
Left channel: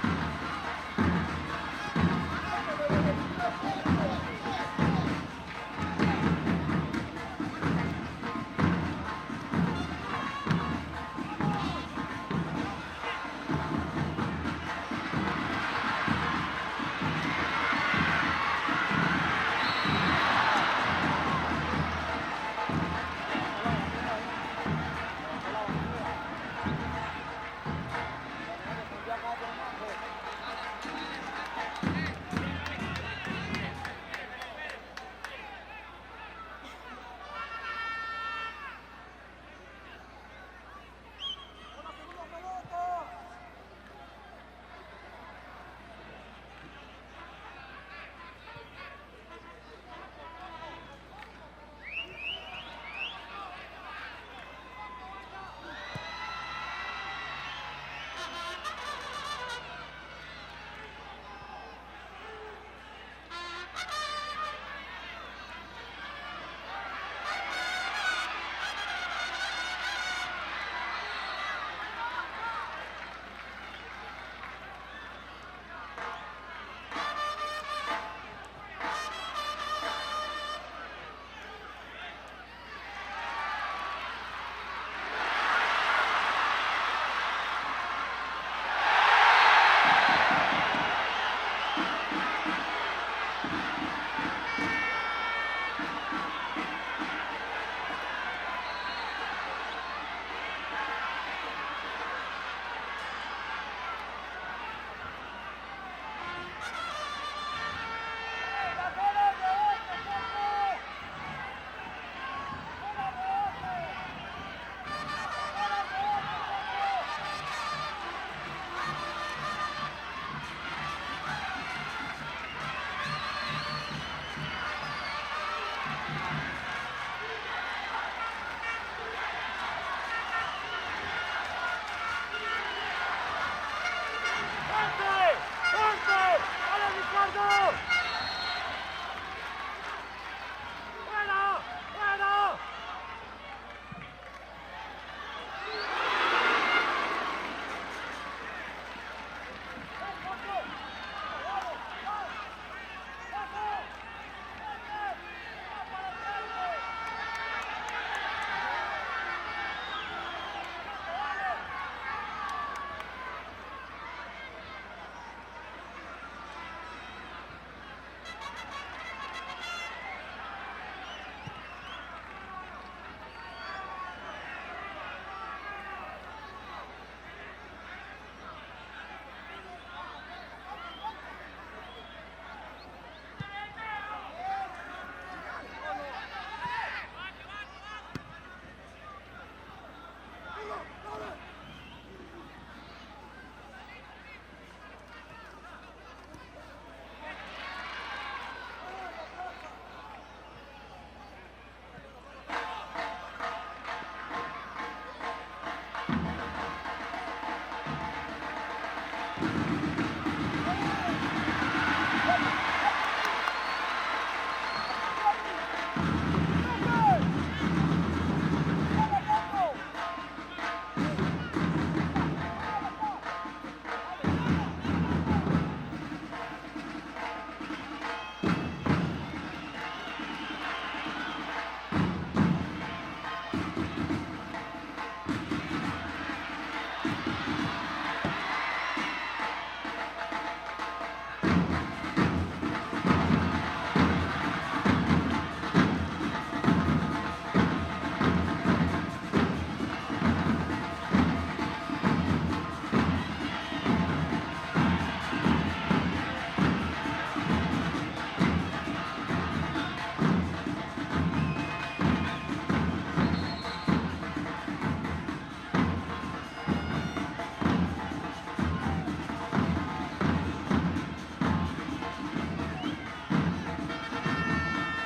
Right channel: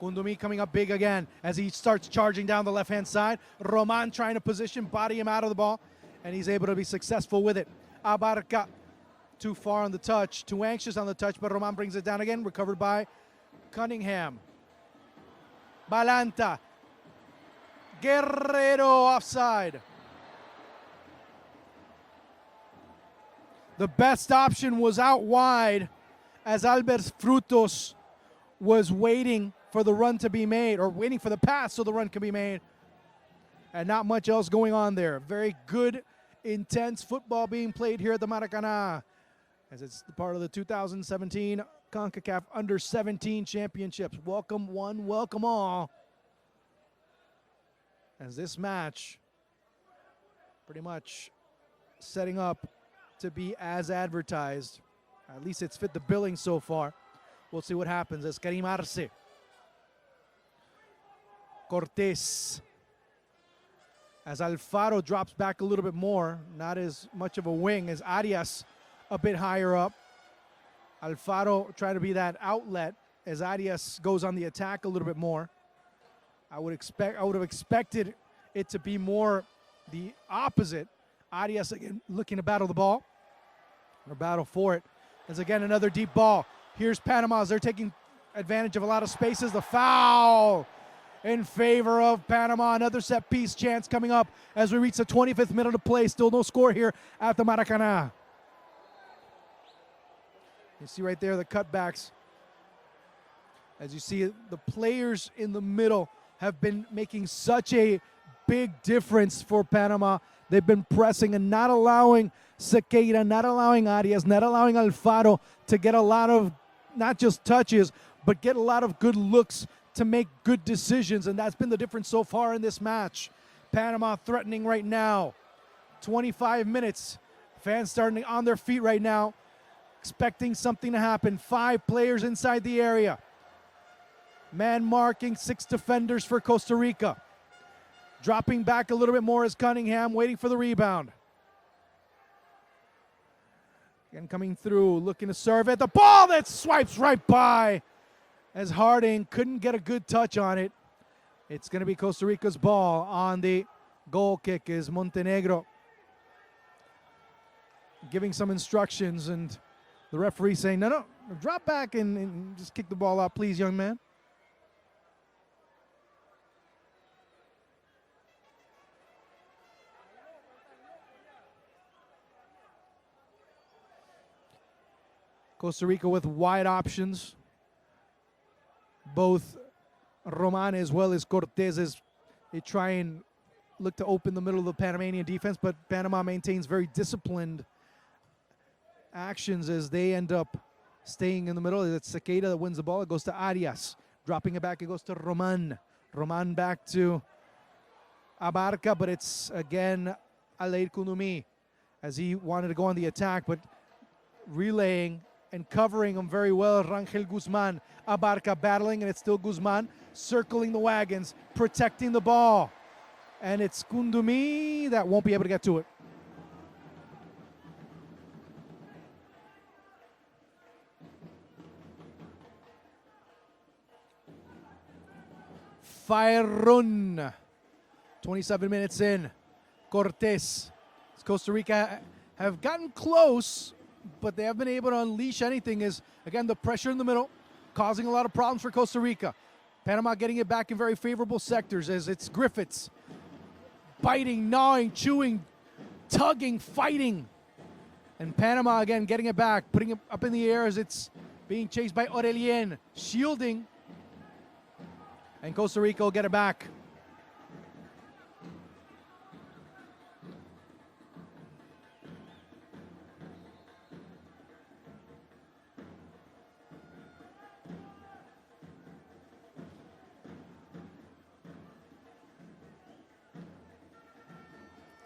Kundumi coming up big again as he starts charging down the left-hand side. Roman trying to position, body him out of the ball, and he's able to be successful with it. Abarca, too far on the touch, too anxious on the touch, but Roman brings it down again, recovered by Cunningham. Balanta, Guerrero offside. The best option was out wide as Albert Frutos was waiting for the run to be made, or waiting for the pass so the run could be made. And not much else going on there. Very good, intense football being played here at the Maracanã, as it's part of the 2017 Concacaf Under-17 Championships. Welcome one, welcome all. As this match pretty much setting up to be as advertised. At least it's fit the billing so far. We'll see what happens as Karim Arce. Cortés. As Alfaro drops back a little bit more, not as much of a wing as Arias a bit higher up. Alfaro trying to be that outlet as Arias goes on the attack a little bit more. I would have expected it to be more the opposite. Arias looking to battle the ball. The battle for it is again another deep ball. Here's Panama as they're taking advantage of a lot of spaces. The foul in favor of Panama. Another set piece chance coming up as we reach the 25th minute of play. Still no score here at the Maracanã. You see right there the cutbacks. As you see, the players in the middle have been making such a big difference for Panama. They've been pressing and not allowing Sequeira, not allowing Arias, not allowing Alfaro to get a lot of, not just touches, but get a lot of good looks to make good decisions, and that's been the difference so far in this match. Panama threatening right now. 25 minutes. Fans starting on their feet right now, expecting something to happen. 5 players inside the area. Man marking, 6 defenders for Costa Rica. Dropping back a little bit more is Cunningham, waiting for the rebound. And coming through, looking to serve at the ball that swipes right by as Harding couldn't get a good touch on it. It's going to be Costa Rica's ball on the goal kick is Montenegro. Giving some instructions, and the referee saying, no, drop back and just kick the ball out, please, young man. Costa Rica with wide options. Both Roman as well as Cortés as they try and look to open the middle of the Panamanian defense, but Panama maintains very disciplined actions as they end up staying in the middle. It's Sequeira that wins the ball. It goes to Arias. Dropping it back, it goes to Roman. Roman back to Abarca, but it's again Aldair Kundumi as he wanted to go on the attack, but relaying and covering him very well. Rangel Guzman. Abarca battling, and it's still Guzman circling the wagons, protecting the ball. And it's Kundumi that won't be able to get to it. Fire-run. 27 minutes in. Cortés. Costa Rica have gotten close, but they haven't been able to unleash anything. Is again the pressure in the middle, causing a lot of problems for Costa Rica. Panama getting it back in very favorable sectors as it's Griffiths. Fighting, gnawing, chewing, tugging, fighting. Panama again getting it back, putting it up in the air as it's being chased by Orelien, shielding. Costa Rica will get it back.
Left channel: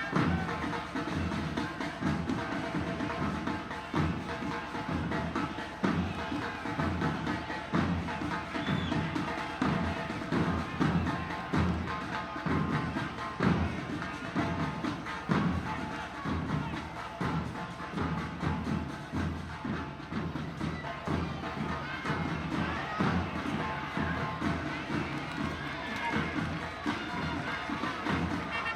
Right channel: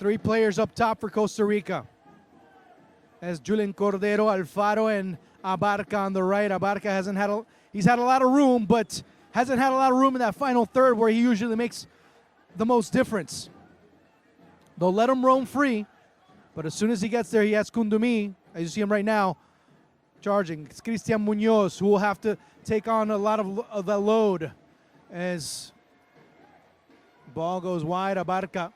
Three players up top for Costa Rica. As Julian Cordero, Alfaro, and Abarca on the right. Abarca he's had a lot of room, but hasn't had a lot of room in that final third where he usually makes the most difference. They'll let him roam free, but as soon as he gets there, he has Kundumi, as you see him right now, charging. It's Cristian Munoz who will have to take on a lot of the load as ball goes wide. Abarca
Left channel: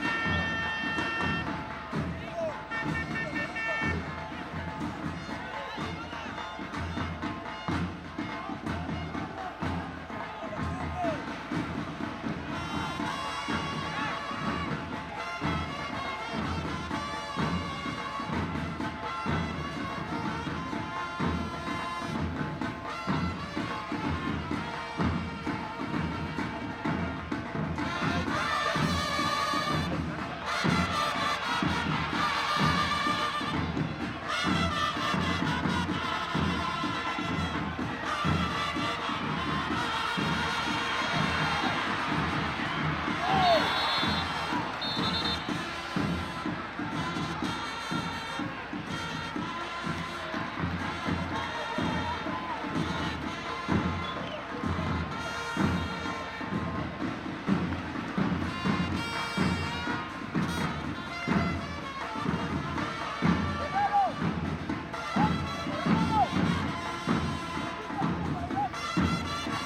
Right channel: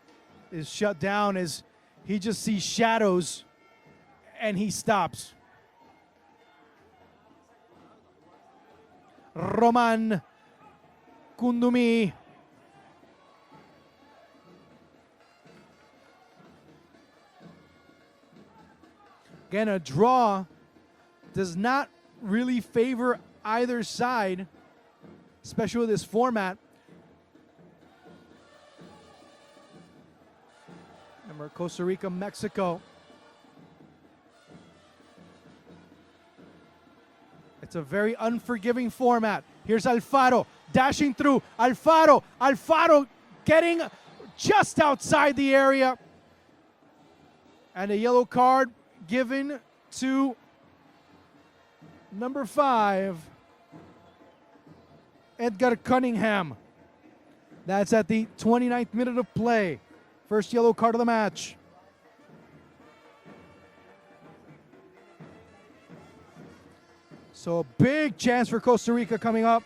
is shut down as he just sees shadows and he stops. Roman Kundumi. Again, a draw does not really favor either side, especially with this format. Costa Rica, Mexico. It's a very unforgiving format. Here's Alfaro dashing through. Alfaro getting just outside the area. And a yellow card given to number 5, Edgar Cunningham. That's at the 29th minute of play. First yellow card of the match. So a big chance for Costa Rica coming up.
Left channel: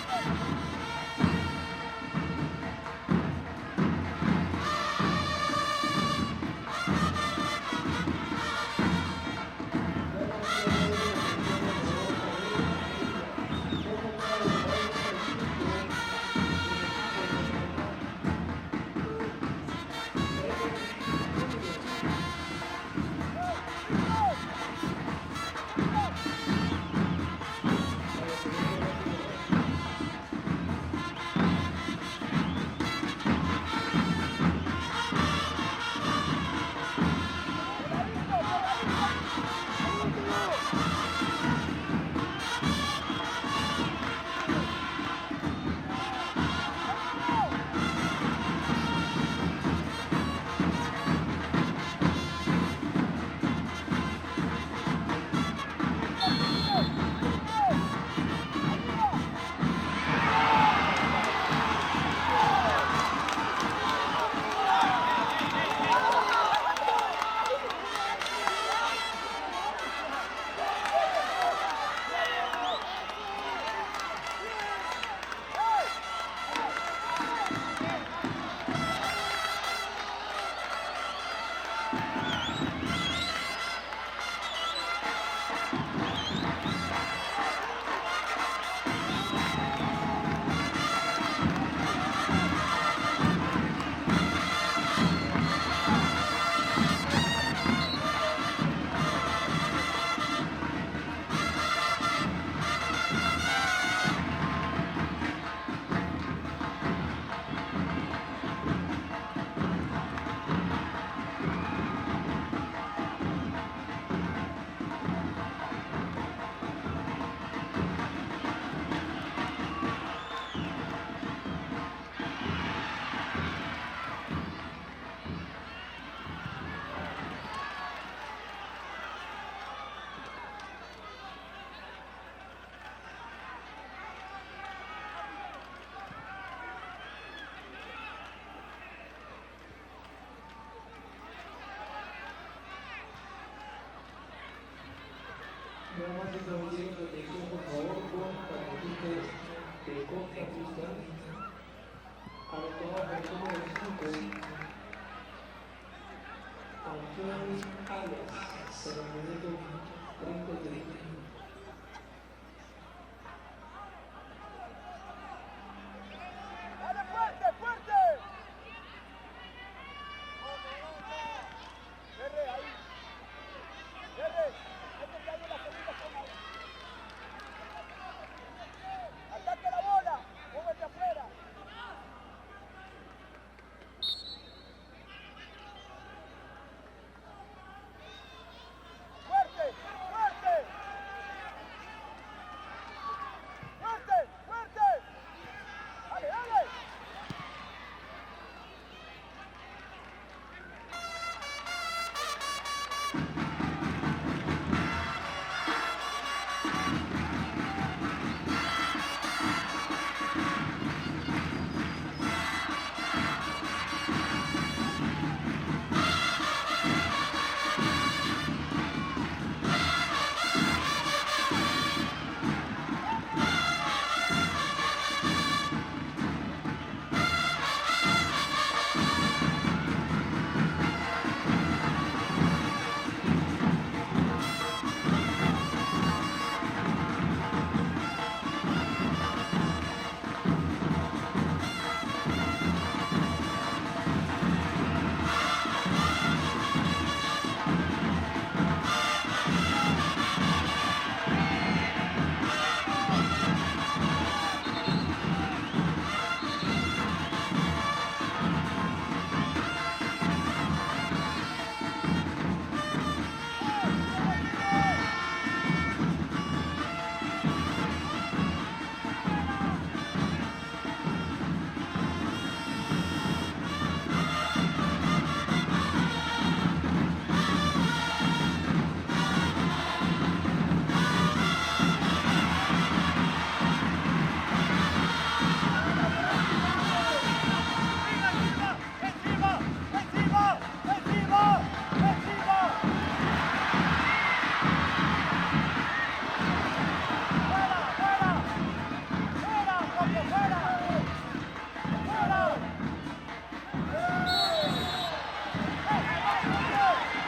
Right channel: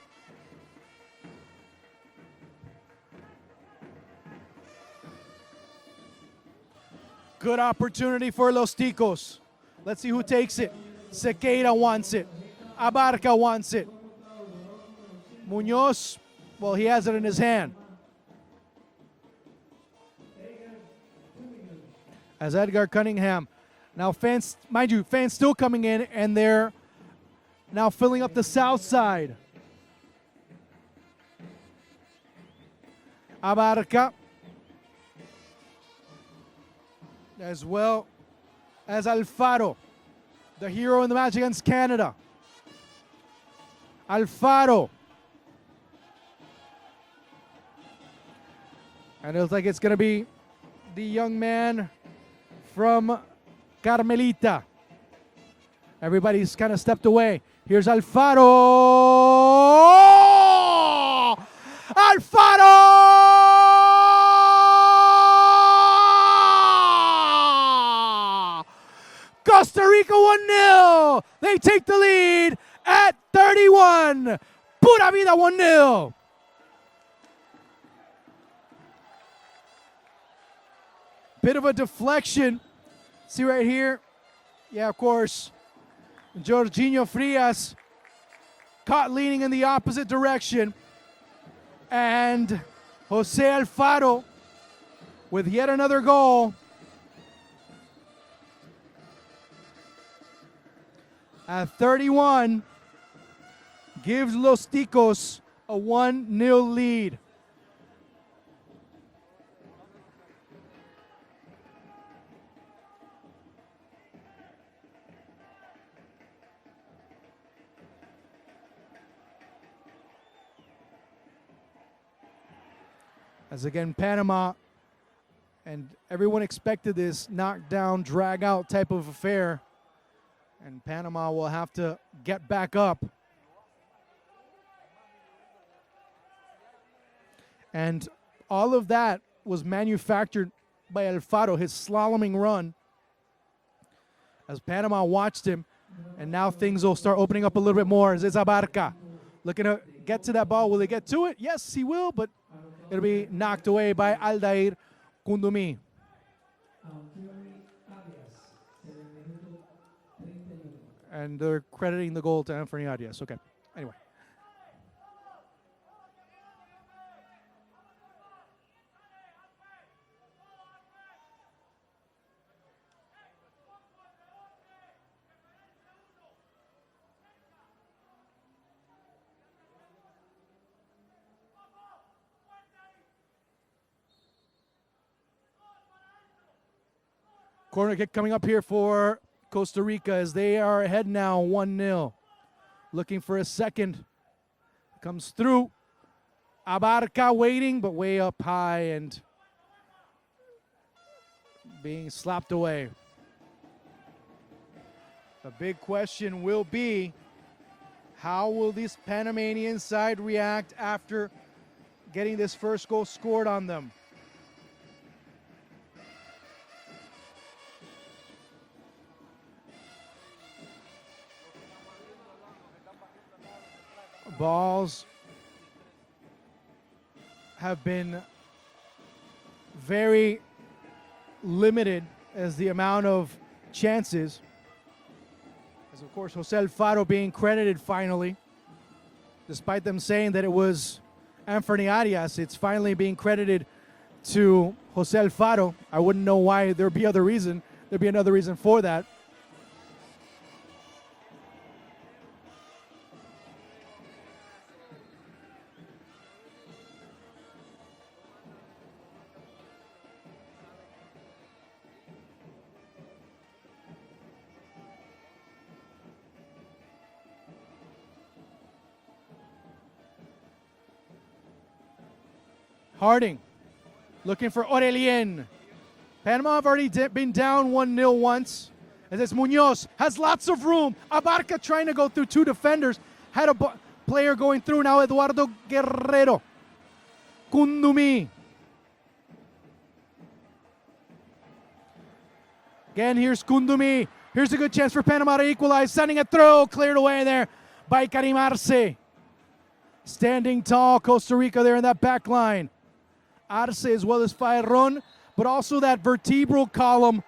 Good opportunity for Los Ticos. Let's see who takes it. Sequeira wants it. Abarca wants it. Munoz, well, he has it in his hand. As Edgar Cunningham. Now fans, mind you, fans still coming in, and they're now filling up the south side. Abarca. As well as Alfaro, the hero in the match against Canada. Alfaro. It looks like it's going to be the young man from Carmelita. Everybody's kind of stepped away. Here's Alfaro. Alfaro! Costa Rica 1-0. They take the lead at 31. Pura vida 1-0. Bit of a deflection. See right here? Yeah, of course. Jorginho Frias caught leaning in the opposite direction. And Jose Alfaro with yet another goal. At 31, gives Los Ticos a 1-0 lead. As again, Panama, and everyone expected this knockdown, drag out type of affair. Panama will have to get back up. And all of that was manufactured by Alfaro, his slaloming run. As Panama watched him, and now things will start opening up a little bit more. As it's Abarca looking to get to that ball. Will they get to it? Yes, he will, but it'll be knocked away by Aldair Kundumi. And they're crediting the goal to Anthony Arias. Okay. Anyway. Corner kick coming up here for Costa Rica as they are ahead now 1-0. Looking for a second. Comes through. Abarca waiting, but way up high and being slapped away. The big question will be, how will this Panamanian side react after getting this first goal scored on them? Balls have been very limited as the amount of chances. Jose Alfaro being credited finally, despite them saying that it was Anthony Arias. It's finally being credited to Jose Alfaro. I wouldn't know why there'd be other reason. There'd be another reason for that. Harding looking for Aurelien. Panama have already been down 1-0 once. And this Munoz has lots of room. Abarca trying to go through two defenders. Had a player going through now, Eduardo Guerrero. Kundumi. Again, here's Kundumi. Here's a good chance for Panama to equalize. Sending it through. Cleared away there by Karim Arce. Standing tall, Costa Rica there in that back line. Arce as well as Fayron, but also that vertebral column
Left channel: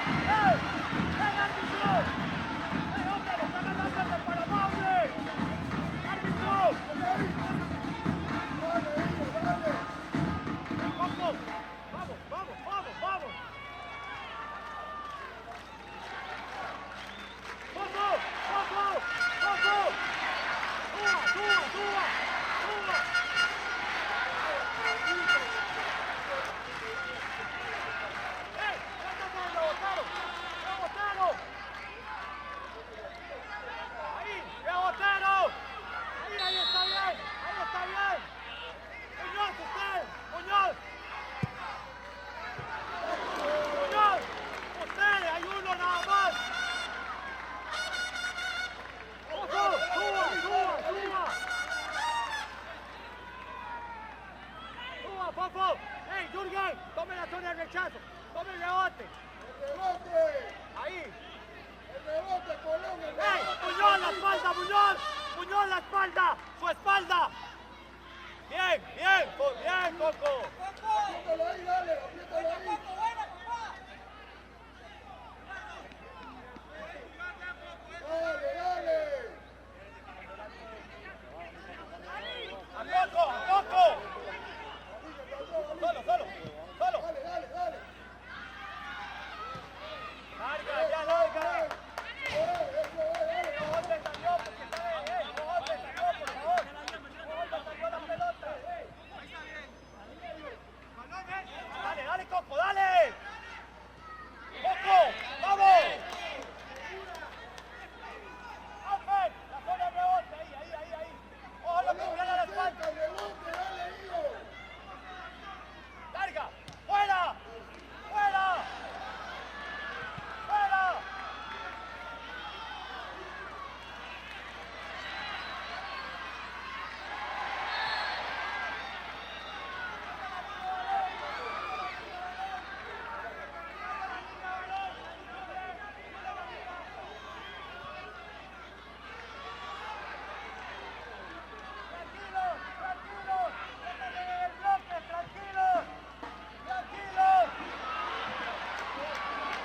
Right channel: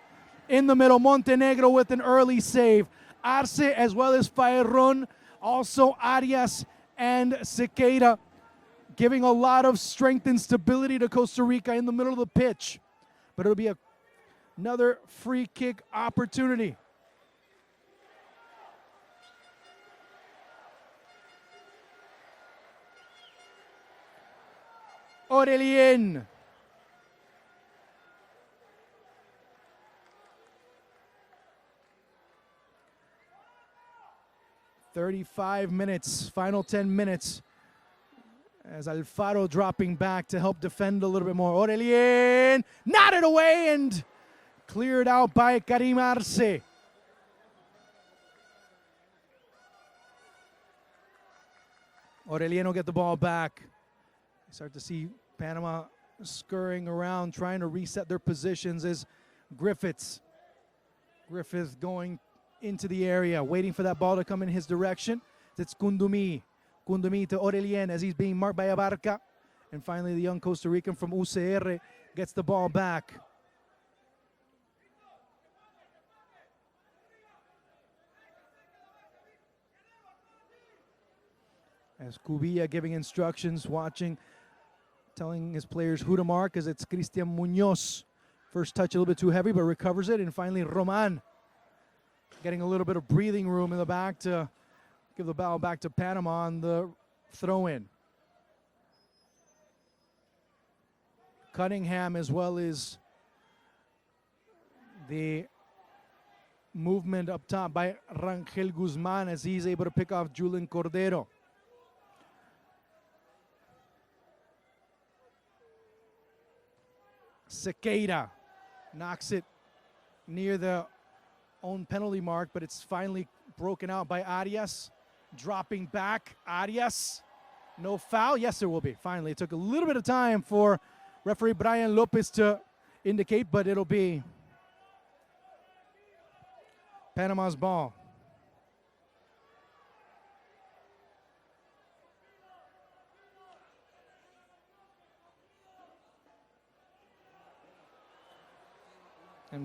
in the middle. Montenegro with an early save. Arce as well as Fayron, also Arias and Sequeira, giving a lot of strength and stability to Costa Rica in the middle of the pitch. But it'll be another free kick opportunity. Aurelien. "35 minutes, final 10 minutes." As Alfaro dropping back to help defend a little bit more. Aurelien nodded away and cleared out by Karim Arce. Aurelien will get the ball back. Start to see Panama scurrying around, trying to reset their positions as Griffiths going into the area, waiting for that ball to come in his direction. It's Kundumi. Kundumi to Aurelien as he's being marked by Abarca. And finally the young Costa Rican from UCR gets the ball back. As Cubilla giving instructions, watching, telling his players who to mark as it's Cristian Munoz. First touch a little bit too heavy, but recovers it. And finally Roman getting a little bit of breathing room in the back to give the ball back to Panama on the throw-in. Cunningham as well as the movement up top by Rangel Guzman as he's able to pick off Julian Cordero. Sequeira knocks it near the own penalty mark, but it's finally broken out by Arias. Dropping back, Arias. No foul? Yes, it will be. Finally, it took a little bit of time for referee Brian Lopez to indicate, but it'll be Panama's ball.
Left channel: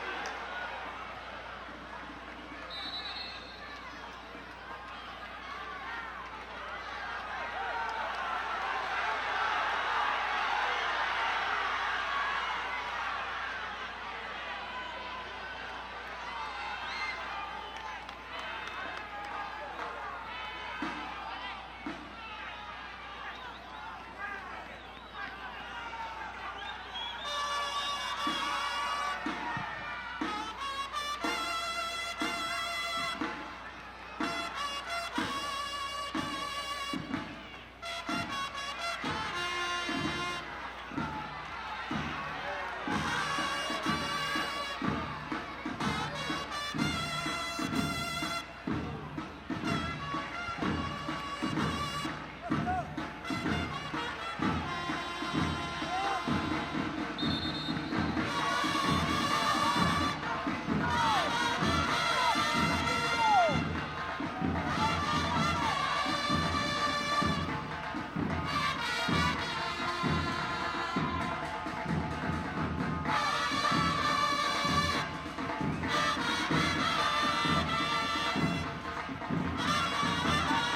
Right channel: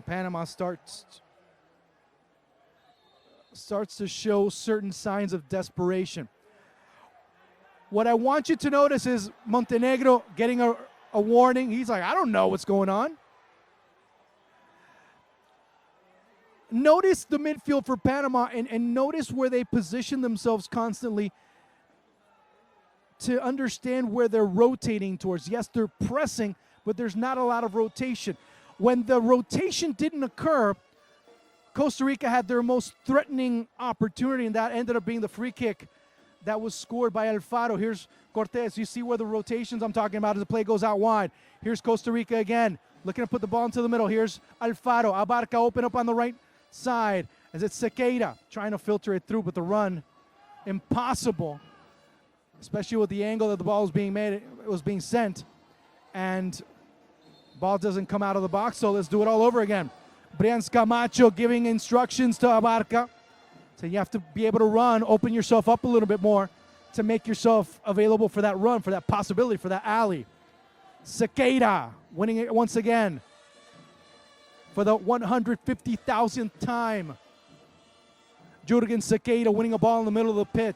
Panama starts to show certain signs of desperation. What I want you to notice is Montenegro getting a warning. He's like, I don't know what's going on. Notice the midfield for Panama and notice where they position themselves constantly to understand where they're rotating towards. Yes, they're pressing, but there's not a lot of rotation. when the rotation didn't occur, Costa Rica had their most threatening opportunity, and that ended up being the free kick that was scored by Alfaro. Here's Cortez. You see where the rotations I'm talking about, and the play goes out wide. Here's Costa Rica again, looking to put the ball into the middle. Here's Alfaro. Abarca open up on the right side. Is it Sequeira trying to filter it through, but the run, impossible, especially with the angle that the ball was being made, it was being sent. And the ball doesn't come out of the box, so let's do it all over again. Brian Camacho giving instructions to Abarca. So you have to be able to run, open yourself up a little bit more to make yourself available for that run, for that possibility, for that alley. Sequeira winning it once again for the 150,000th time. Jurgen Sequeira winning a ball in the middle of the pitch.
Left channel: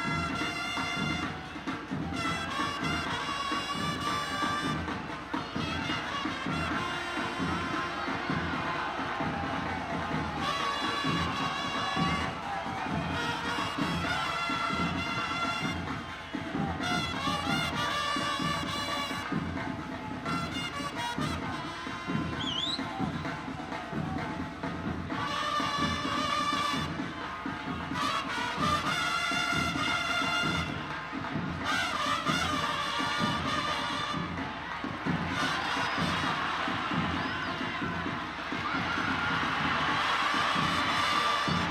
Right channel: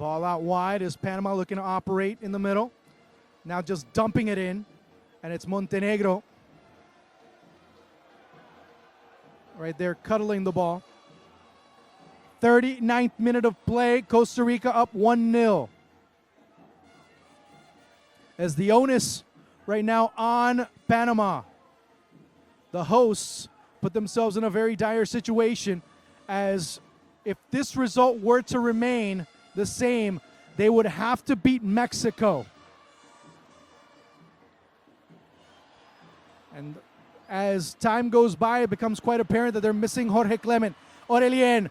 Ball out wide as Panama looking to operate in the middle. Now just dumping it in, and it's Montenegro right there cuddling the ball. 39th minute of play, Costa Rica up 1-0. As the onus right now on Panama. The hosts put themselves in a very dire situation, as if this result were to remain the same, they would have to beat Mexico. As time goes by, it becomes quite apparent that they're missing Jorge Clement. Aurelien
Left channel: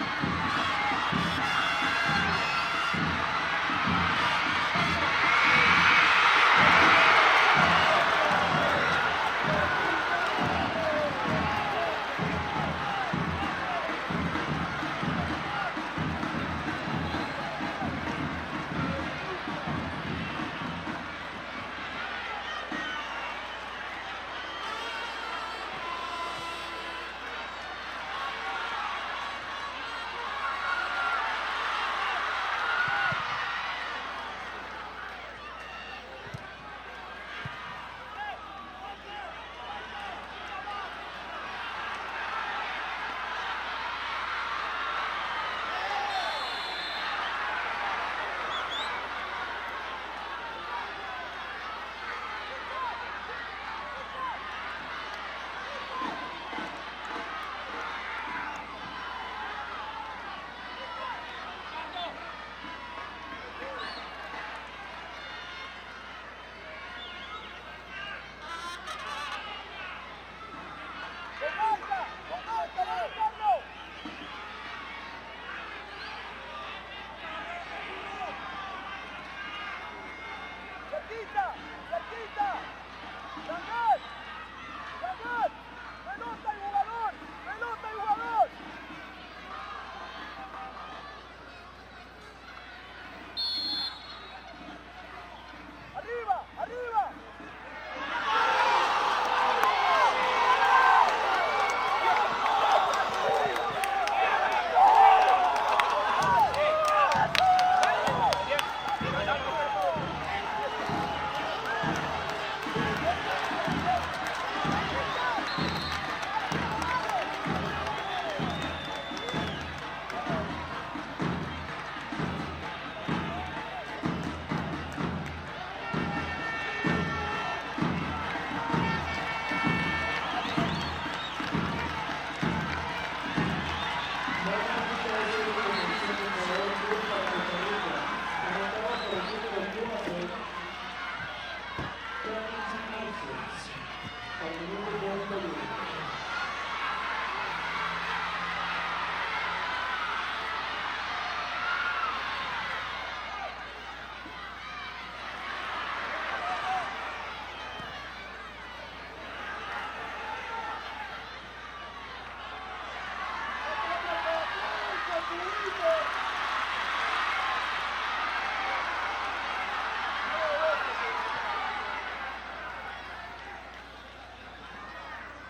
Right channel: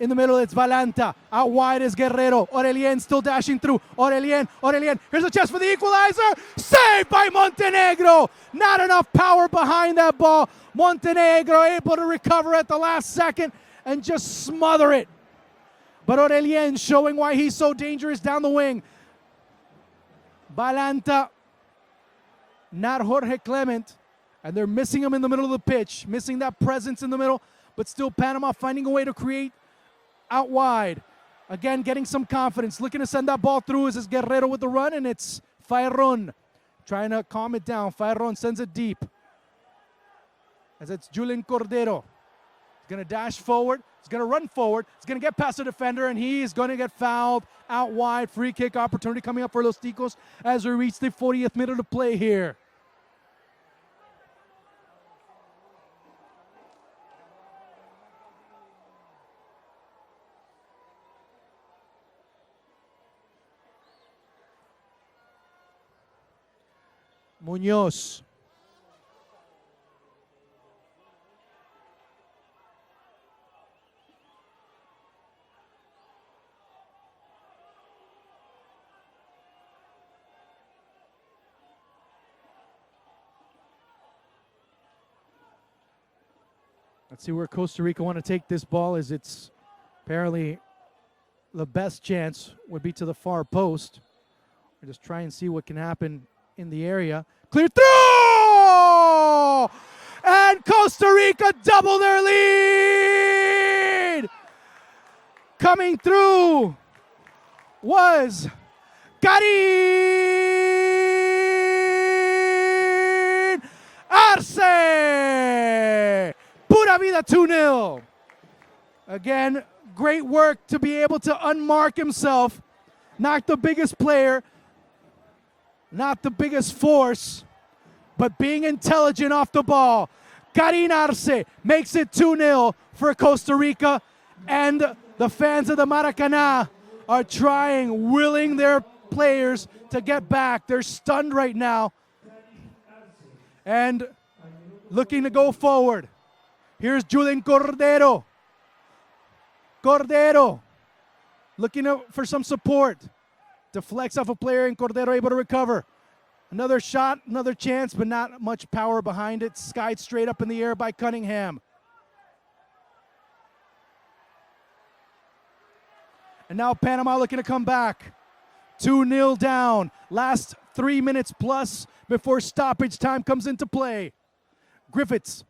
in the middle, it's Valanta. Out wide is Guerrero. Aurelien still dashing through. Aurelien, here's a chance for the equalizer. Saved by Montenegro. Not enough power behind that ball. Montenegro able to recover at the last second and just smother it. But Aurelien showing why he's so dangerous down the wing. Valanta, not Jorge Clement. And they're missing him in the middle of the pitch, missing that presence in the middle, but still Panama finding a way to create out wide. Again, getting some confidence, looking to send that ball through as it's Guerrero with the run, and it's Fayron trying to calm it down. Fayron sends it deep. As it's Julian Cordero. Gonna dash forward, he's gonna run forward, he's gonna get past the defender, and he's gonna get fouled out wide. Free kick opportunity coming up for Los Ticos as we reach the 40th minute of play here. Muñoz. Let's see where Costa Rica want to take this ball, as it's apparently the best chance would be to the far post. Just try and see what can happen in the area. Clear through! And Costa Rica double their lead! Coming through was Karim Arce! Pura vida 2-0. Again, great work to be able to unmark himself. Not the biggest player, not the biggest force, but being intelligent off the ball. Karim Arce makes it 2-0 for Costa Rica, and the fans of the Maracanã are trying, willing their players to get back. They're stunned right now and looking to go forward. Here's Julian Cordero. Cordero looking for some support. Deflects off a player, and Cordero able to recover. Another shot, another chance, but not much power behind it. Skied straight up in the air by Cunningham. And now Panama looking to come back. 2-0 down. Last 3 minutes plus before stoppage time comes into play. Griffiths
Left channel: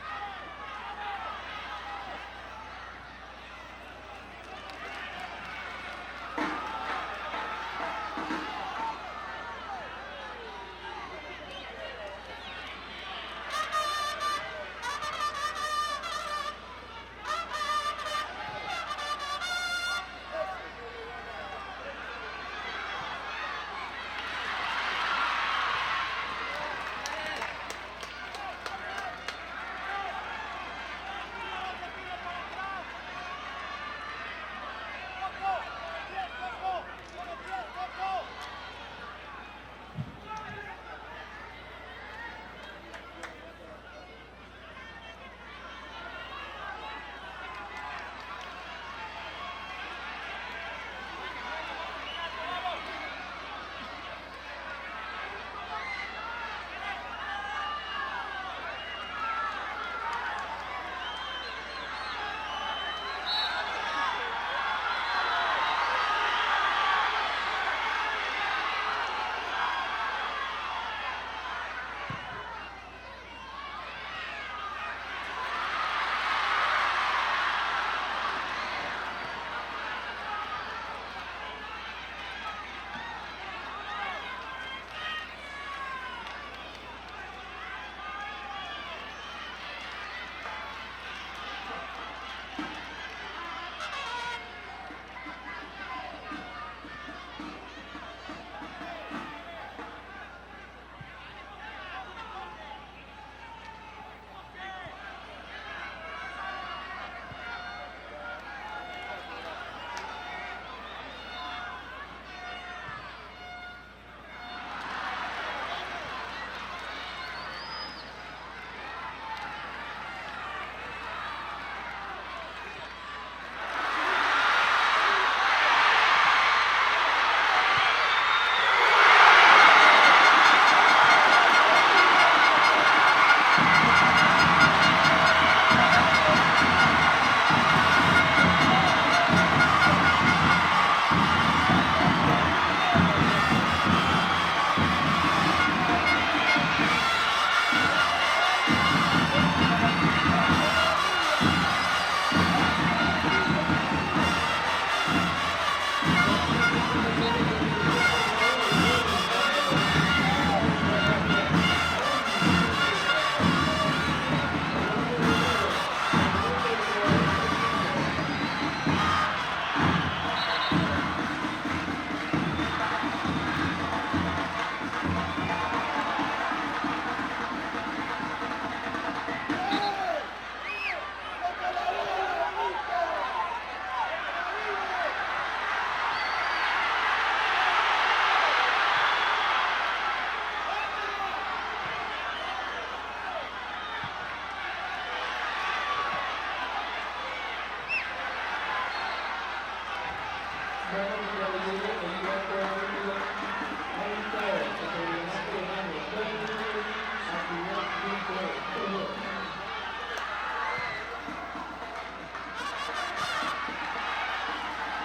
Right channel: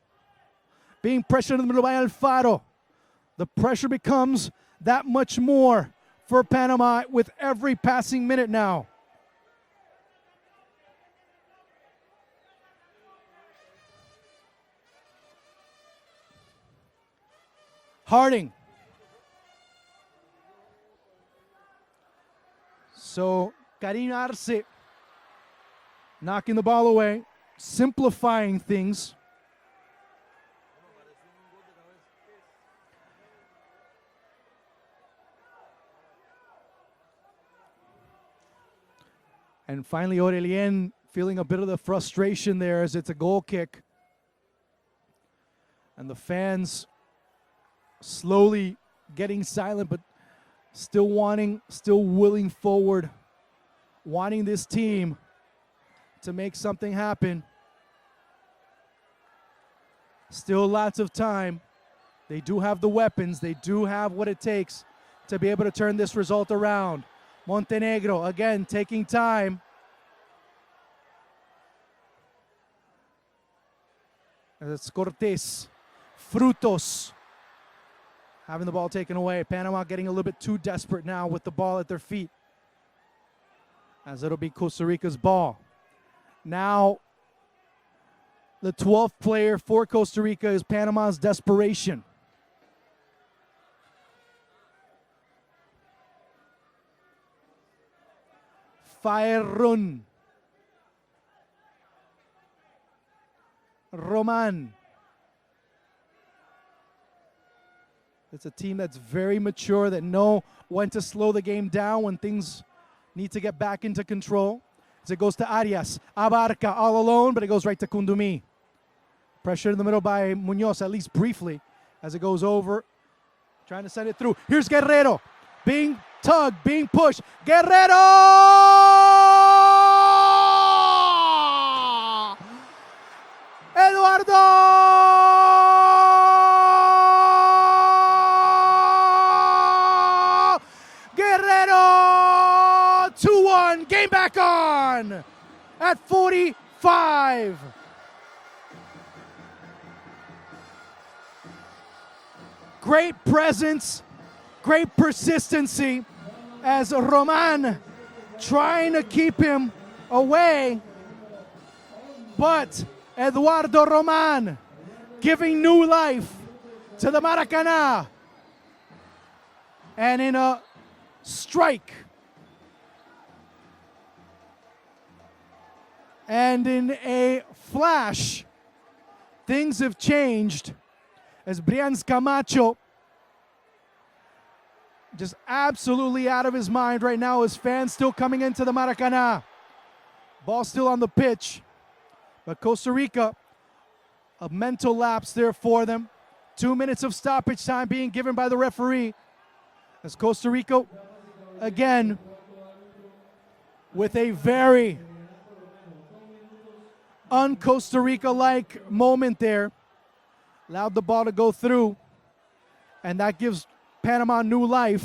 being pressured in the middle by Alfaro. The pressure becomes that much more for Panama with every passing minute now. Harding So Karim Arce knocking the ball away, simplifying things. And finally Aurelien feeling a bit of the frustration there as it's a goal kick. And the fans slowly getting silent, but still willing forward, wanting this team to make something happen. Still lots of time. They do have the weapons. They do have what it takes to be able to turn this result around. Montenegro again taking time. It's Cortés, Frutos having the ball taken away. Panama getting a little bit too desperate now with the ball at their feet, as it'll be Costa Rica's ball. Now the 12th player for Costa Rica is Panama's desperation. Faerun. Roman. It's a team that's very mature, that know when to slow the game down when things need to get back into control. As it goes to Arias, Abarca all alone, but it goes right to Kundumi. Pressure in the middle by Munoz, at least briefly, as it goes over. Trying to send it through. Here's Guerrero, being tugged, being pushed. Guerrero! Eduardo! Guerrero! 2-1, game back on at 45. Great presence, great persistency as Roman trying to keep him away, but Eduardo Roman giving new life to the Maracanã, and in a strike and in a flash, things have changed as Brians Camacho just absolutely out of his mind right now. His fans still coming into the Maracanã. Ball still on the pitch. But Costa Rica, a mental lapse there for them. 2 minutes of stoppage time being given by the referee. As Costa Rica, again, with a very un-Costa Rica-like moment there. Allowed the ball to go through, and that gives Panama new life.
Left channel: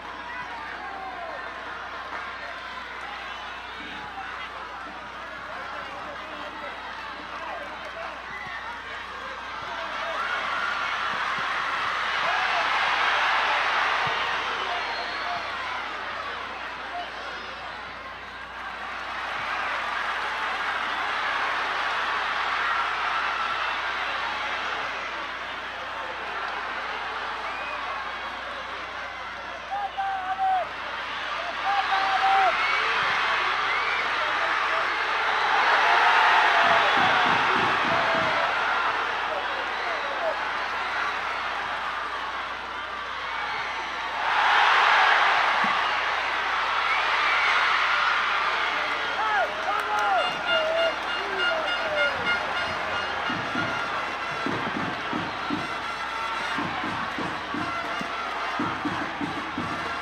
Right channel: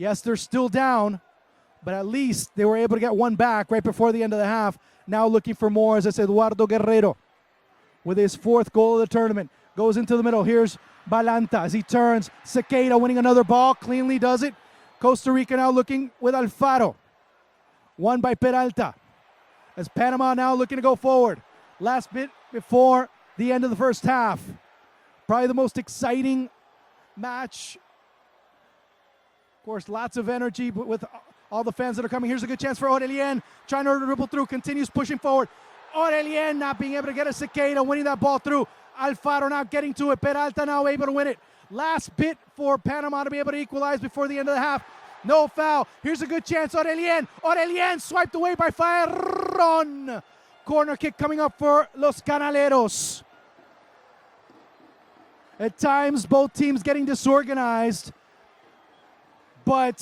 Yes, they're still down, but at least they were able to get one back right before the end of the half. Now looking for more, as I said, Eduardo Guerrero with his 4th goal of the tournament. Goes into the middle. Here's Balanta as he turns. Sequeira winning another ball, cleanly does it. Costa Rica now looking with Alfaro. Won by Peralta. As Panama now looking to go forward. Last bit before the end of the first half. Probably the most exciting match. Of course, lots of energy, but with all the fans that are coming, here's a good chance for Aurelien. Trying to rip it through, continues pushing forward. Aurelien not being able to get a Sequeira, winning that ball through. Alfaro not getting to it. Peralta now able to win it. Last bit for Panama to be able to equalize before the end of the half. No foul. Here's a good chance. Aurelien. Aurelien swiped away by Faerun. Corner kick coming up for Los Canaleros. At times, both teams getting disorganized, but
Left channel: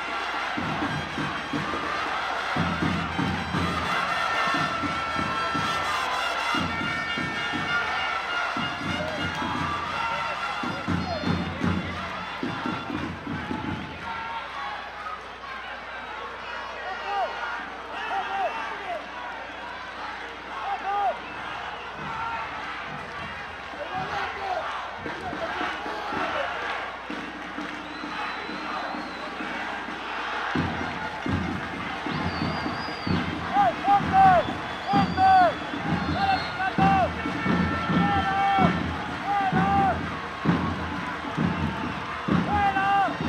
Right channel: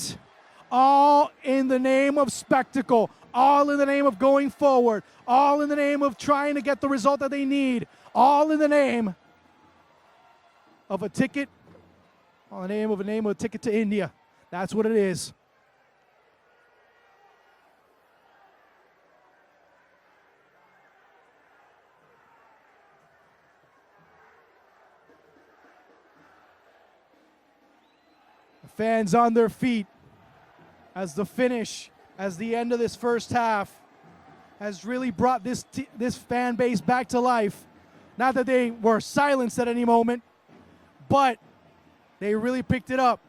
all in the name of spectacle, all in the name of going forward, all in the name of trying to get the result that they need, all in the name of a ticket, the name of a ticket to India. That's what it is. Fans on their feet as the finish, as the end of this first half has really brought this fan base back to life. Not that they were silenced at any moment, but they really picked it up.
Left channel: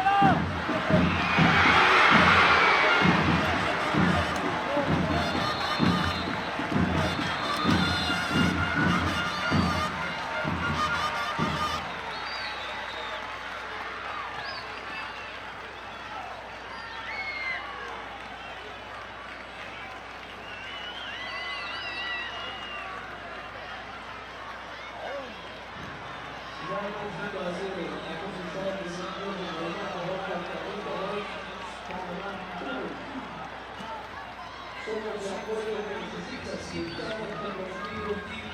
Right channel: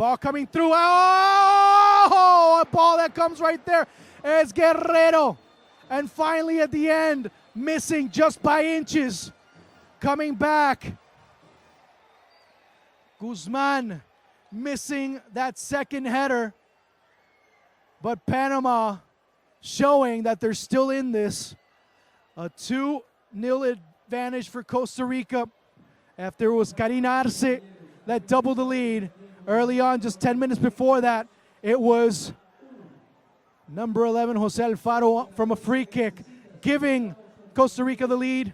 Ball coming through. Oh! A ball that comes comes right there. There's Guerrero. And finally at the end, missing just by inches. Coming back. Guzman missing that second header. But Panama showing that they're still in this. A 2-0 advantage for Costa Rica after it was Karin Arce that doubled the lead. Early on, just 10 minutes before that, it was number 11, Jose Alfaro from a free kick, giving Costa Rica the lead.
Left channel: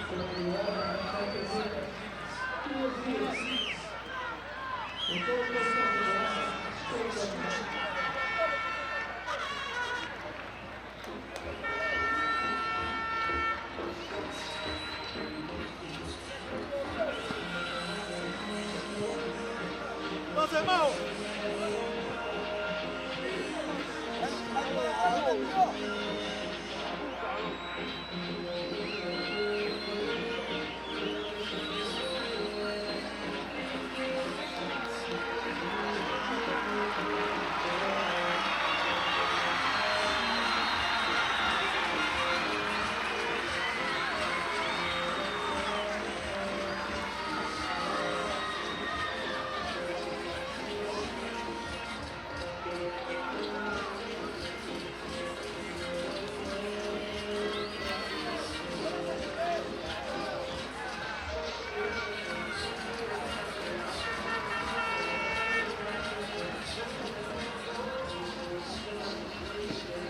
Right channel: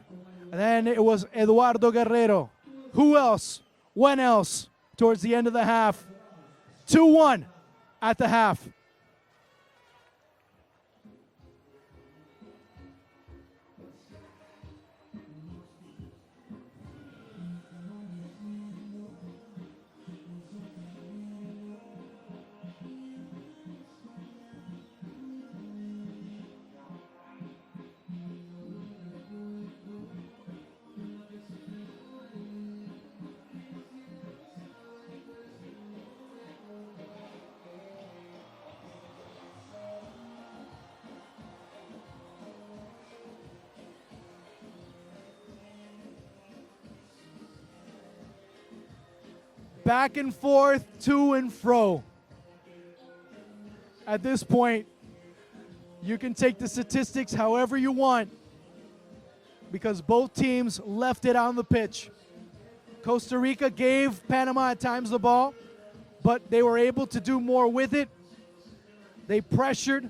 And then it was Eduardo Guerrero. Who else? When else? Towards the end of the half. 2-1 at the half. Back and forth, to and fro. At this point, you can take the statistics however you want because both teams left it on the pitch. Costa Rica gave Panama at times the ball, but they were able to do more with it. They pressured.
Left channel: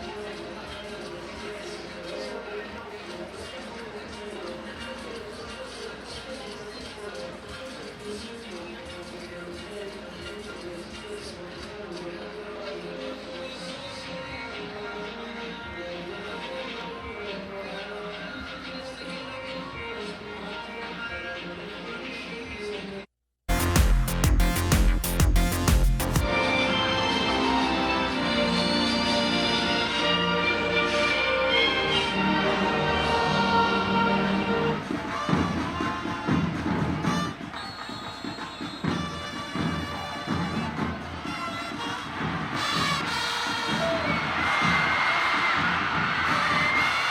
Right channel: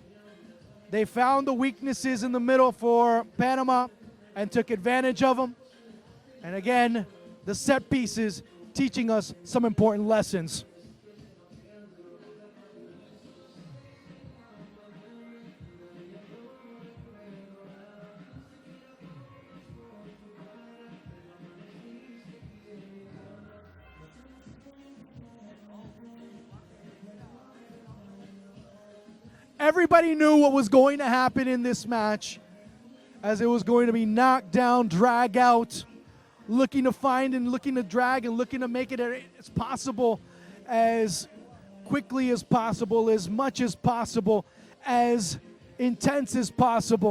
They found the weaknesses in the middle for Panama and took advantage of them. And again, the set pieces teaching us some important lessons. Everybody knew what was going to happen in this match, as it was going to be knocked down, drag out, looking to find and looking to drag and looking to make it as possible, as quickly as possible, as much as possible, as intense as possible.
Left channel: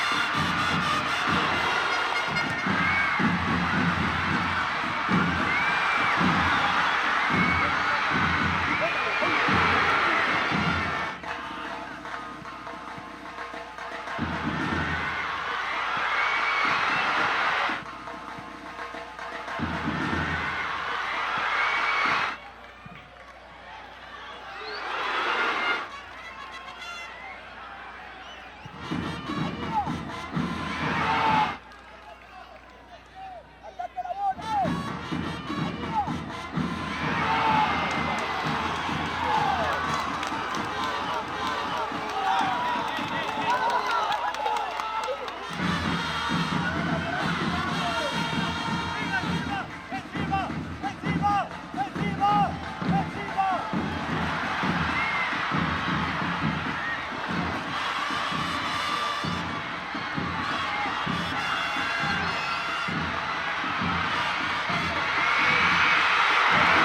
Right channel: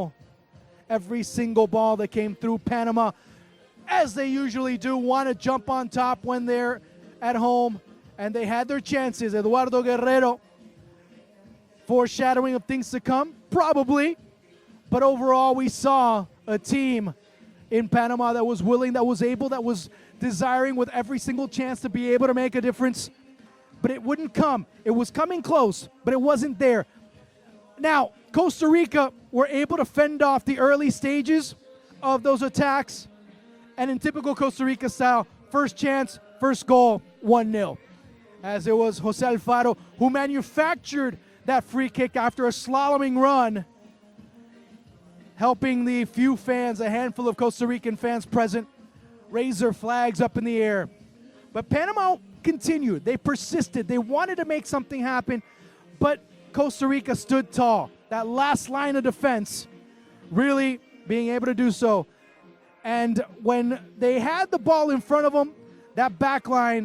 Every single ball that came through Panama, as they usually do, want to jump on top when they're at home, and they had their chances. Eduardo Guerrero, foreshadowing of things to come, probably, but overall we saw a team in Panama that was willing, that was able, that was desiring with every single chance to be able to make a difference, but it wouldn't come. It was coming close, but it wasn't there. Now, Costa Rica were able to fend off the early stages of those attacks, and in typical Costa Rica style, first chance, first goal, 1-0. As it was Jose Alfaro who manufactured that free kick after a slaloming run, helping the few fans, a handful of Costa Rican fans present, raise their flags up in the air. But Panama continued. They persisted. They wanted to make something happen, but Costa Rica stood tall. That last line of defense really being able to do so. And when they had the ball in front of them, that back line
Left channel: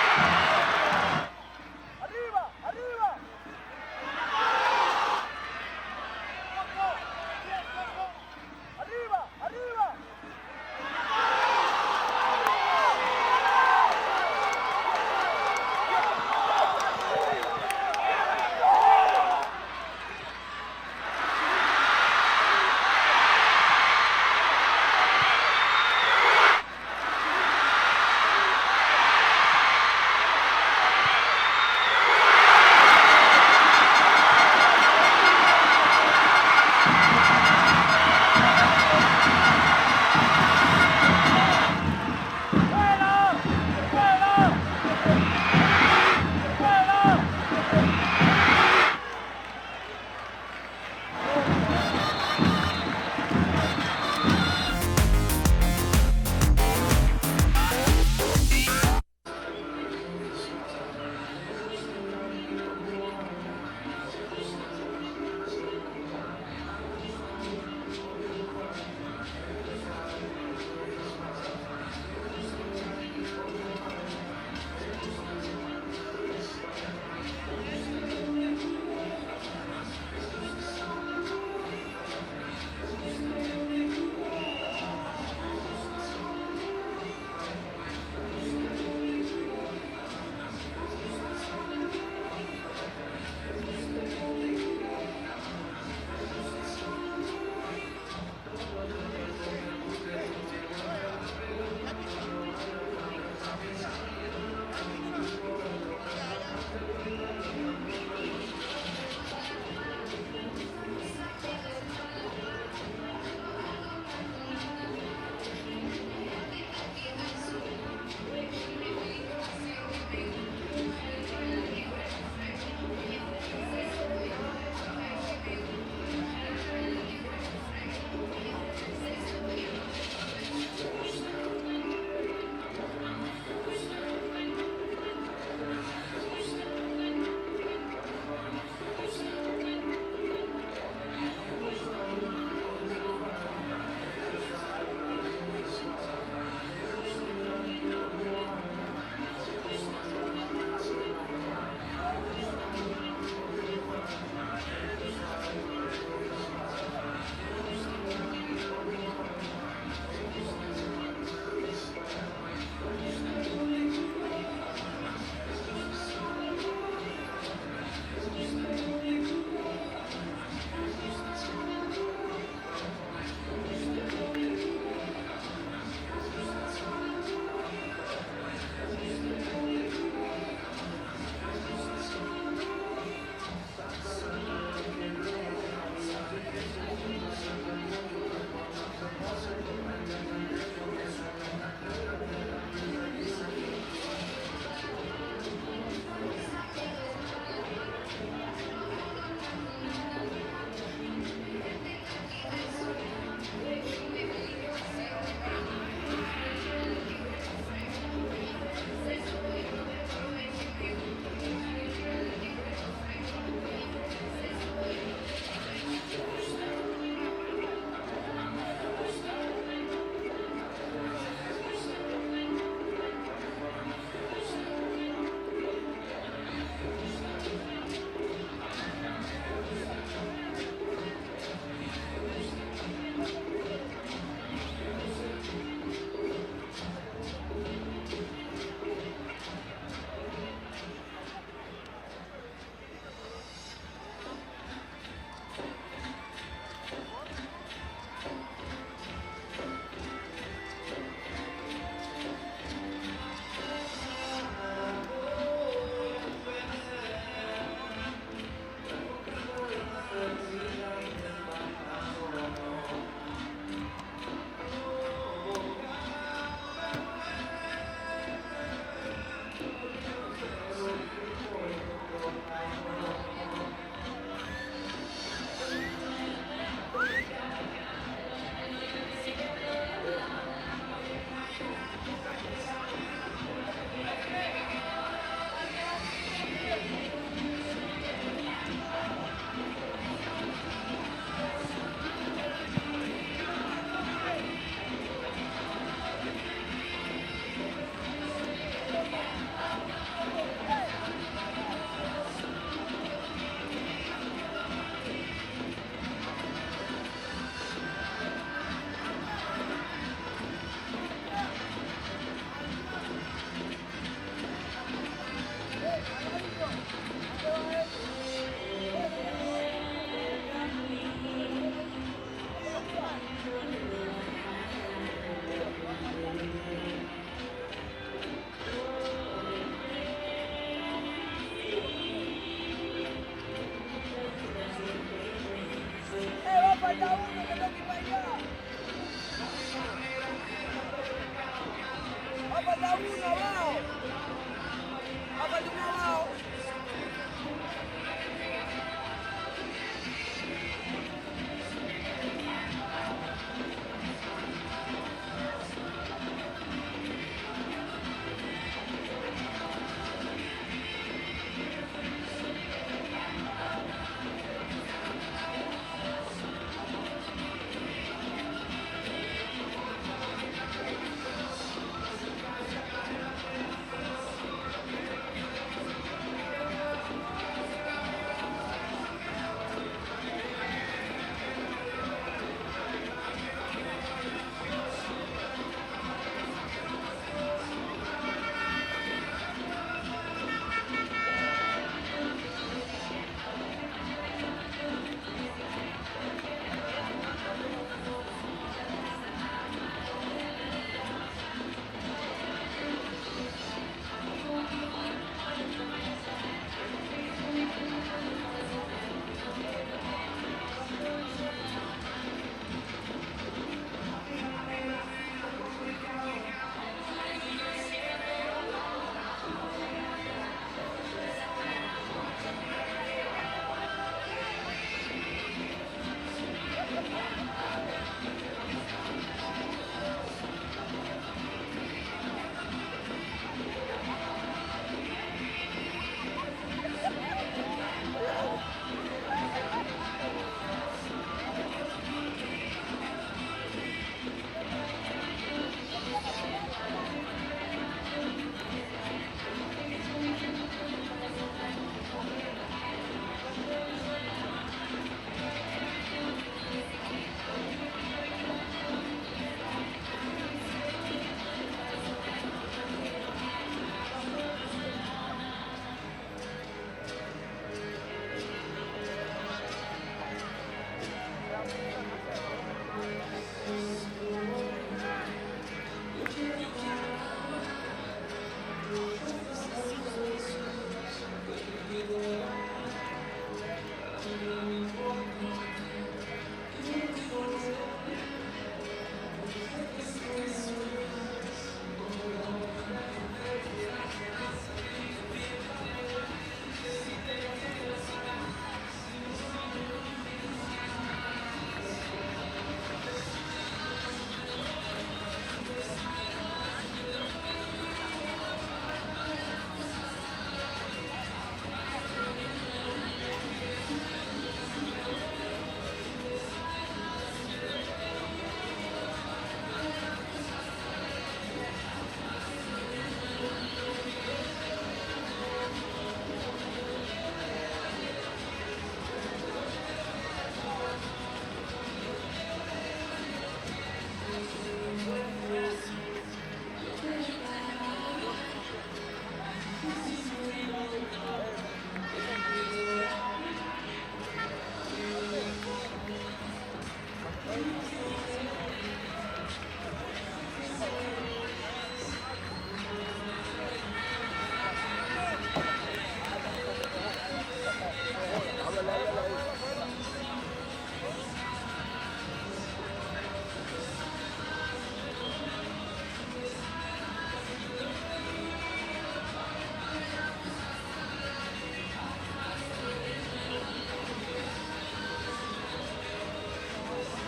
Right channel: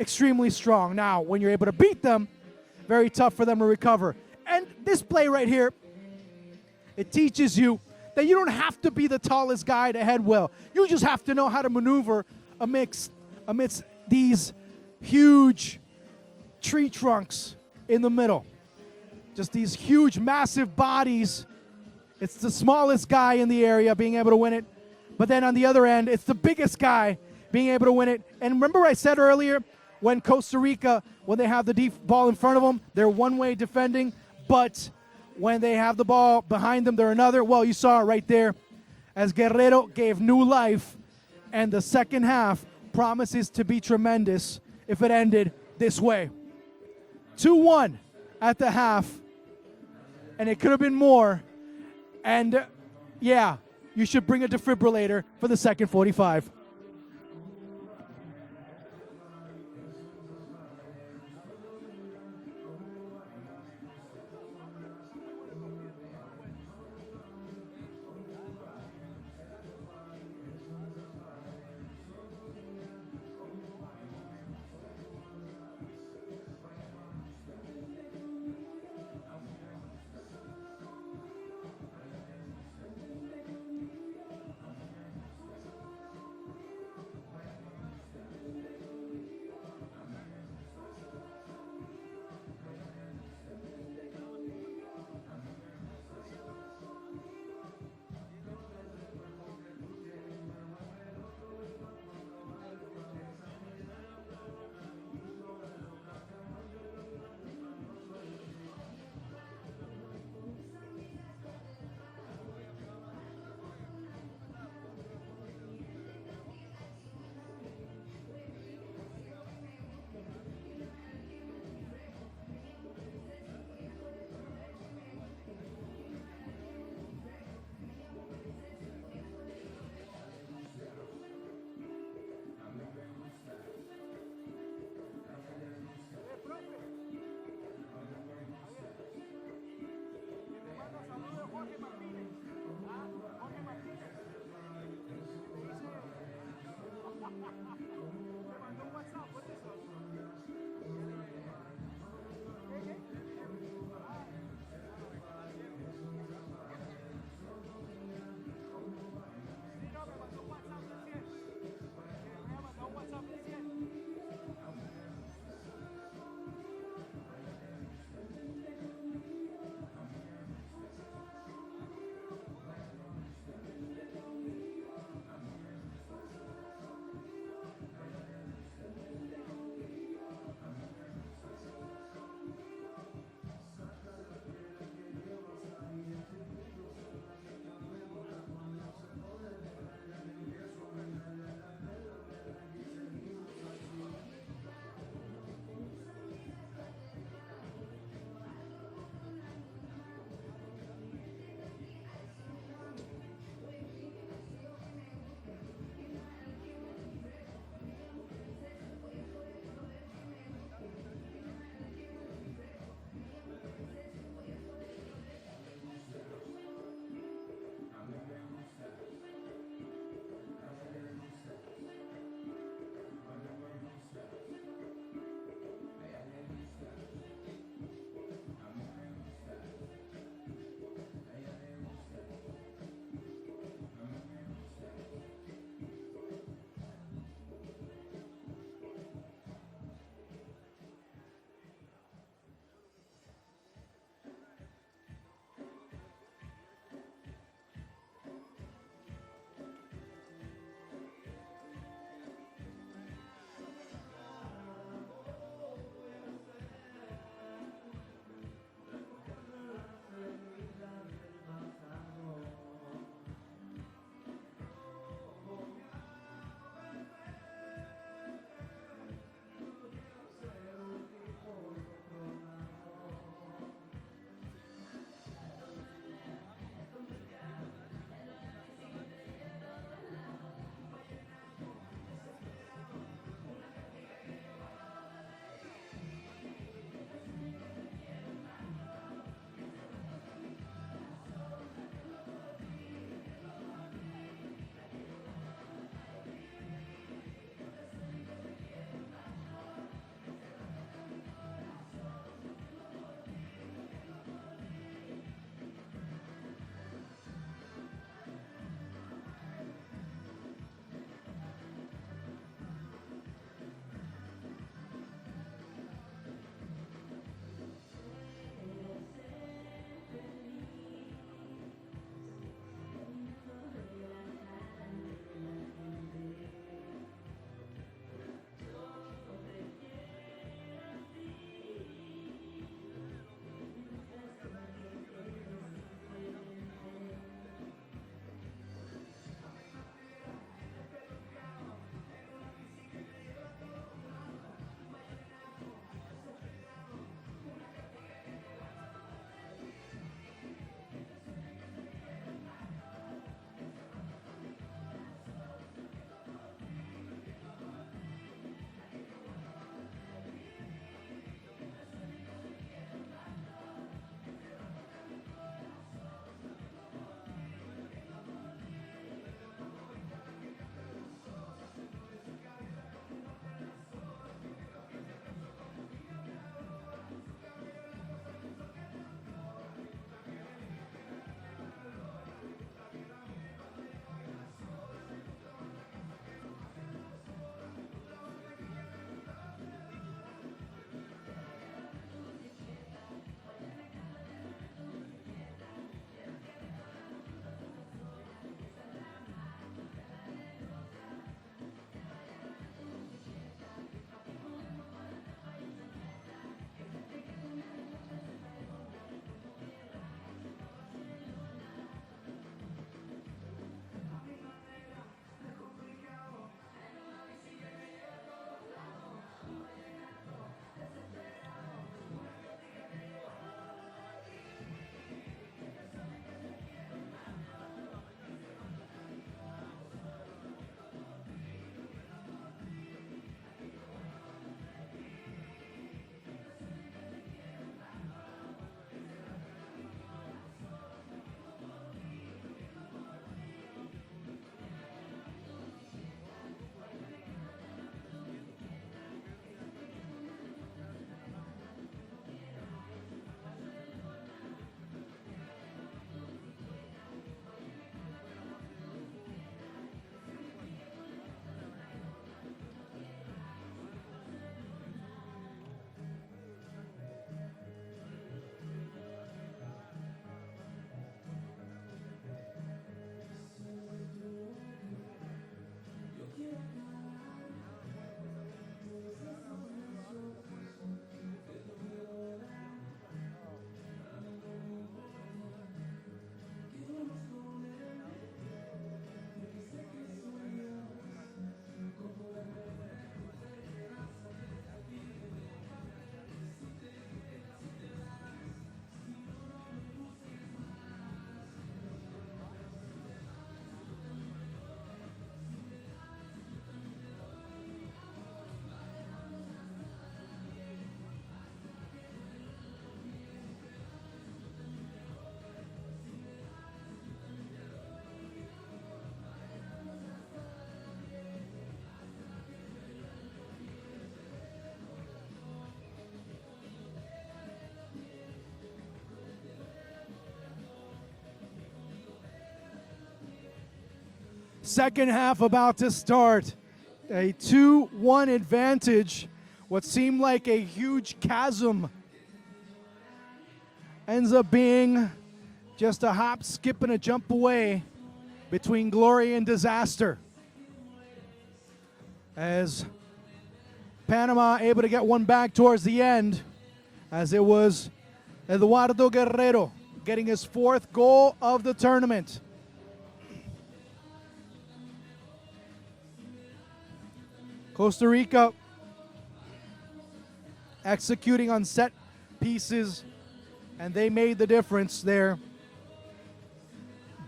extremely strong. Now, when you're able to beat them, very tough for them to recover. And this play right here, it teaches you that you don't have to be the tallest guy to head well. You just have to know how to maneuver amidst these huge tree trunks in the middle. Just these huge, massive bodies. It's the smallest guy in the area being able to win it. But then on the other end, it's the biggest guy being able to win it. And remember what I said earlier, when Costa Rica, when they have the deep ball in front of them, they're one way defending, but when they have the ball behind them, they're another. Well, you saw it right there as Guerrero gave new life. And the second half promises to be tremendous if it ended this way. 2-1 at the half. And it could have been more. And yeah, you should bring a defibrillator for the second 45. Second half about to start. A 2-1 advantage. What seemed like a huge chasm ends up being just a hop, skip, and a jump away between glory and disaster. As Panama able to get one back towards the end, as it was Eduardo Guerrero getting his 4th goal of the tournament. Costa Rica executing on set pieces, and they made the difference there.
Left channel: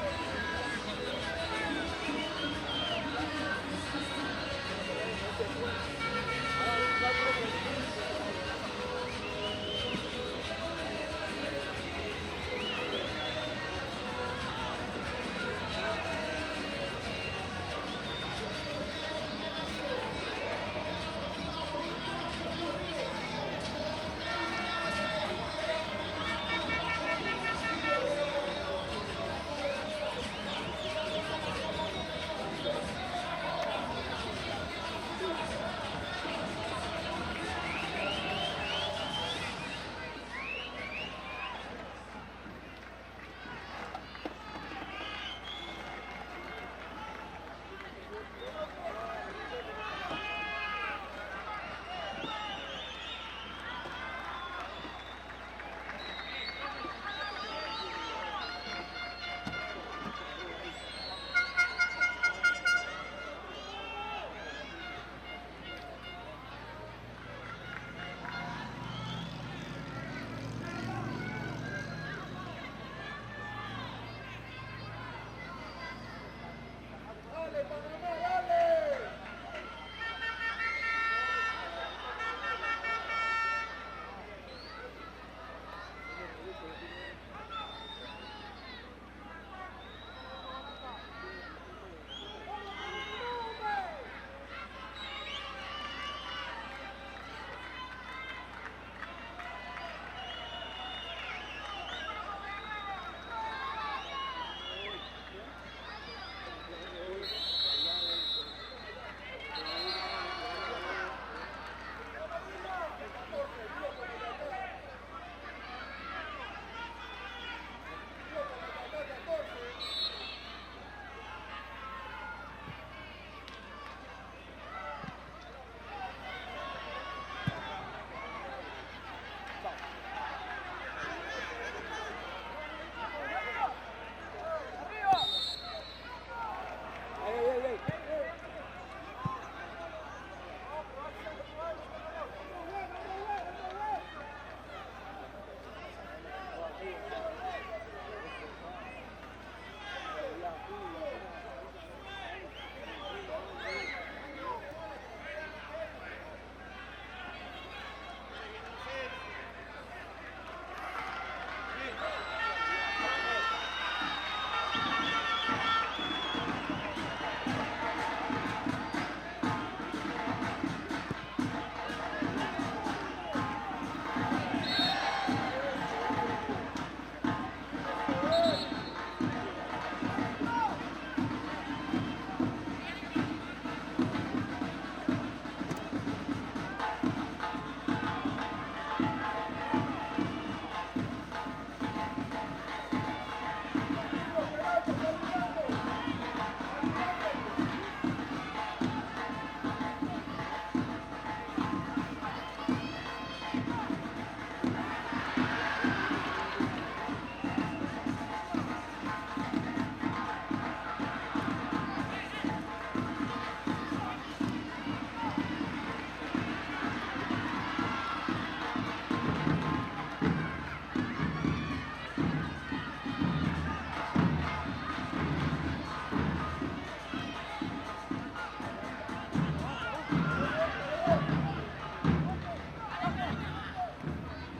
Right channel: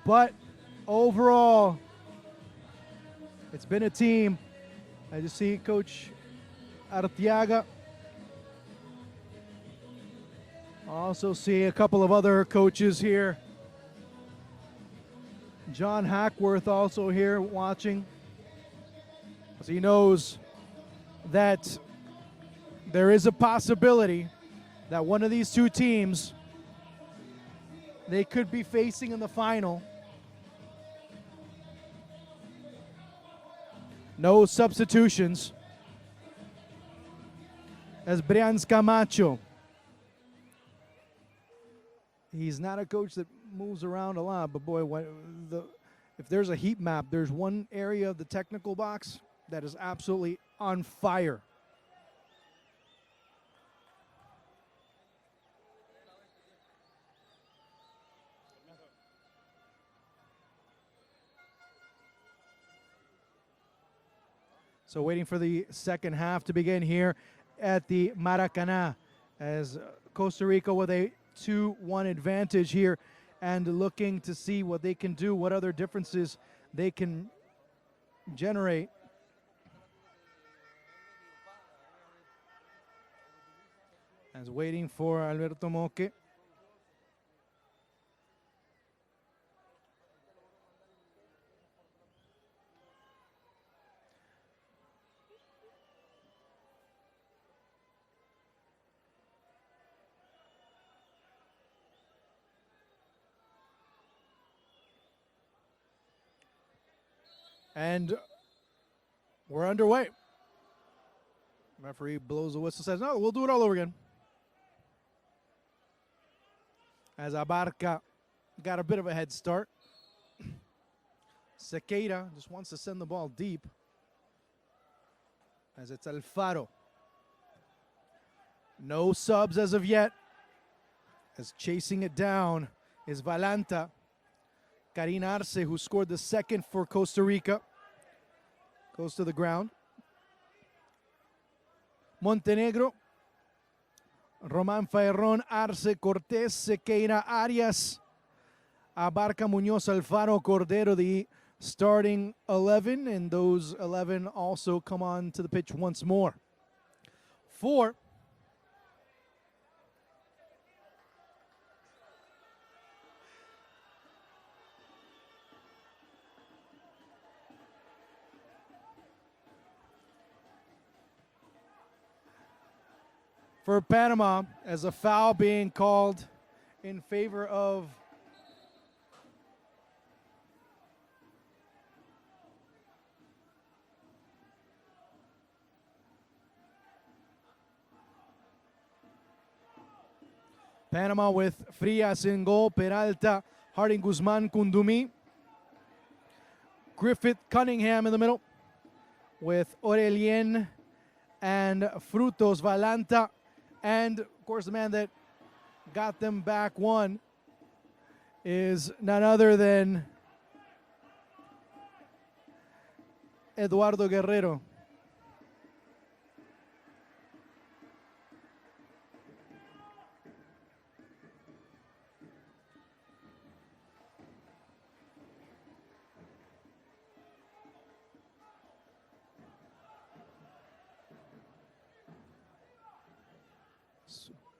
But overall, it's been a team. As you see, Coach Arteaga. Also see a couple of other coaches here. John Hackworth also here watching. He knows that there is a possibility that one of these two teams, they could be facing in the final. No substitutions. As Brian Camacho. He's not a coach that moves around a lot, but boy, if there's a heat map, there's one area of the technical box that is absolutely on fire. So waiting for the second half to begin here at the Maracanã, as Costa Rica with a 2-1 advantage here and looking to see what they can do, what other differences they can generate. He's waiting for Alberto Moque. And we're underway. Referee blows the whistle, says, no, we'll do it all over again. As Abarca got a bit of a head start. Sequeira just wants to send the ball deep. As it's Alfaro. No subs as of yet. Is chasing it down is Valanta. Karin Arce, who scored the second for Costa Rica, goes to the ground. Montenegro, Roman Ferron, Arce, Cortés, Sequeira, Arias, Abarca, Muñoz, Alfaro, Cordero, the starting 11, and those 11 also come on to the pitch once more. For Panama, is a foul being called in favor of Panama with Frias in goal, Peralta, Harding, Guzman, Kundumi, Griffith, Cunningham in the middle with Aurelien and Frutos, Valanta, and of course the man that got them back one is none other than Eduardo Guerrero.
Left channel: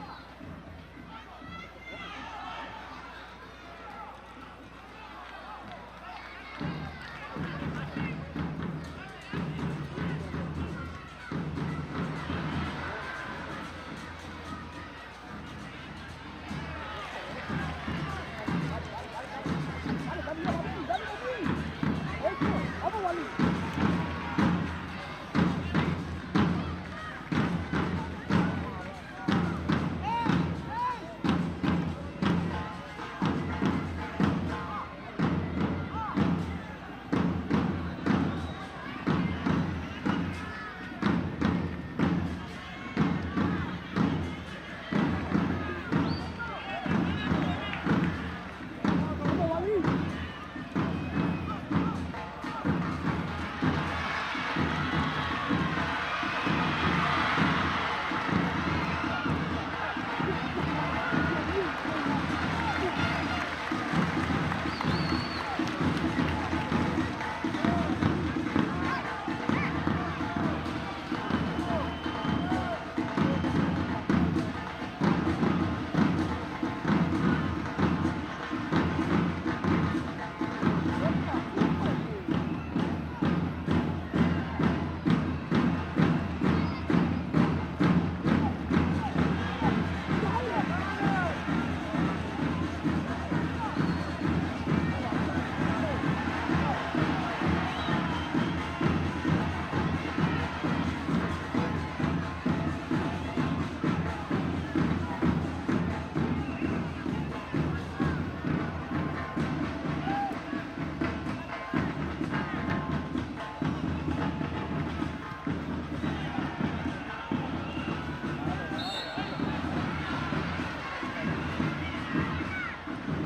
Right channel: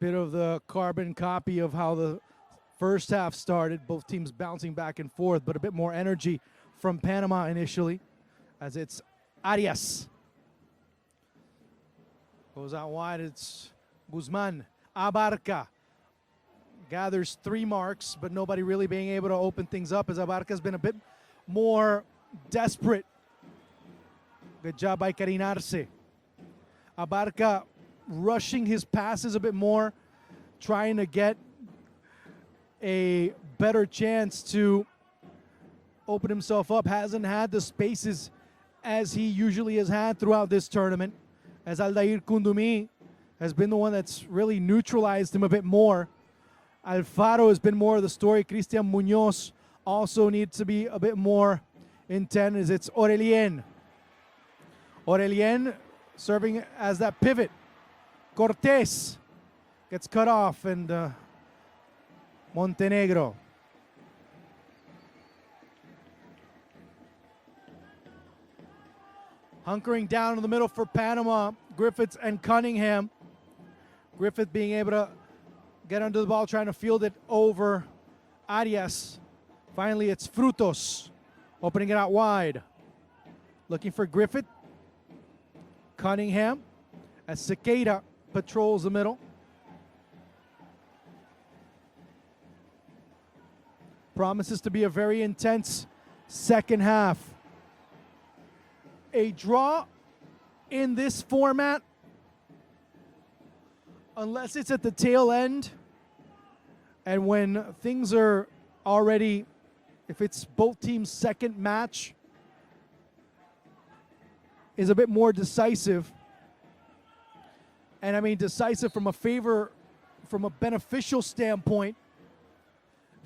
Bit of the carbon copy of how the first half started, both teams bouncing back and forth, but a bit more energy from Panama initially, as it's Arias. Out wide, it's Guzman. Abarca gathers 3 marks, but nobody really being able to open things up, as Abarca's been a bit more desperate. Good job by Karin Arce. Abarca rushing his passes a bit more, trying to get a better chance to open himself up. Hasn't had the spaces as he usually has had throughout this tournament, as Aldair Kundumi has been the one that's really neutralized him a bit more. Alfaro has been more of the story. Cristian Munoz also needs to be a bit more intent, as it's Aurelien. Aurelien serving as that pivot. Cortés gets cut off, and Montenegro. Hunkering down in the middle for Panama, Griffiths and Cunningham. Griffith being able to get under the ball, trying to field it over Arias. Finally, it's Frutos opening it out wide. Looking for Griffith. Cunningham as Sequeira patrols the middle. Promises to be a very intense second half. A draw in this format, unless it's at the tail end, and when things are already, if it's both teams' second match, is a bit more decisive. And I mean decisive from a beneficial standpoint,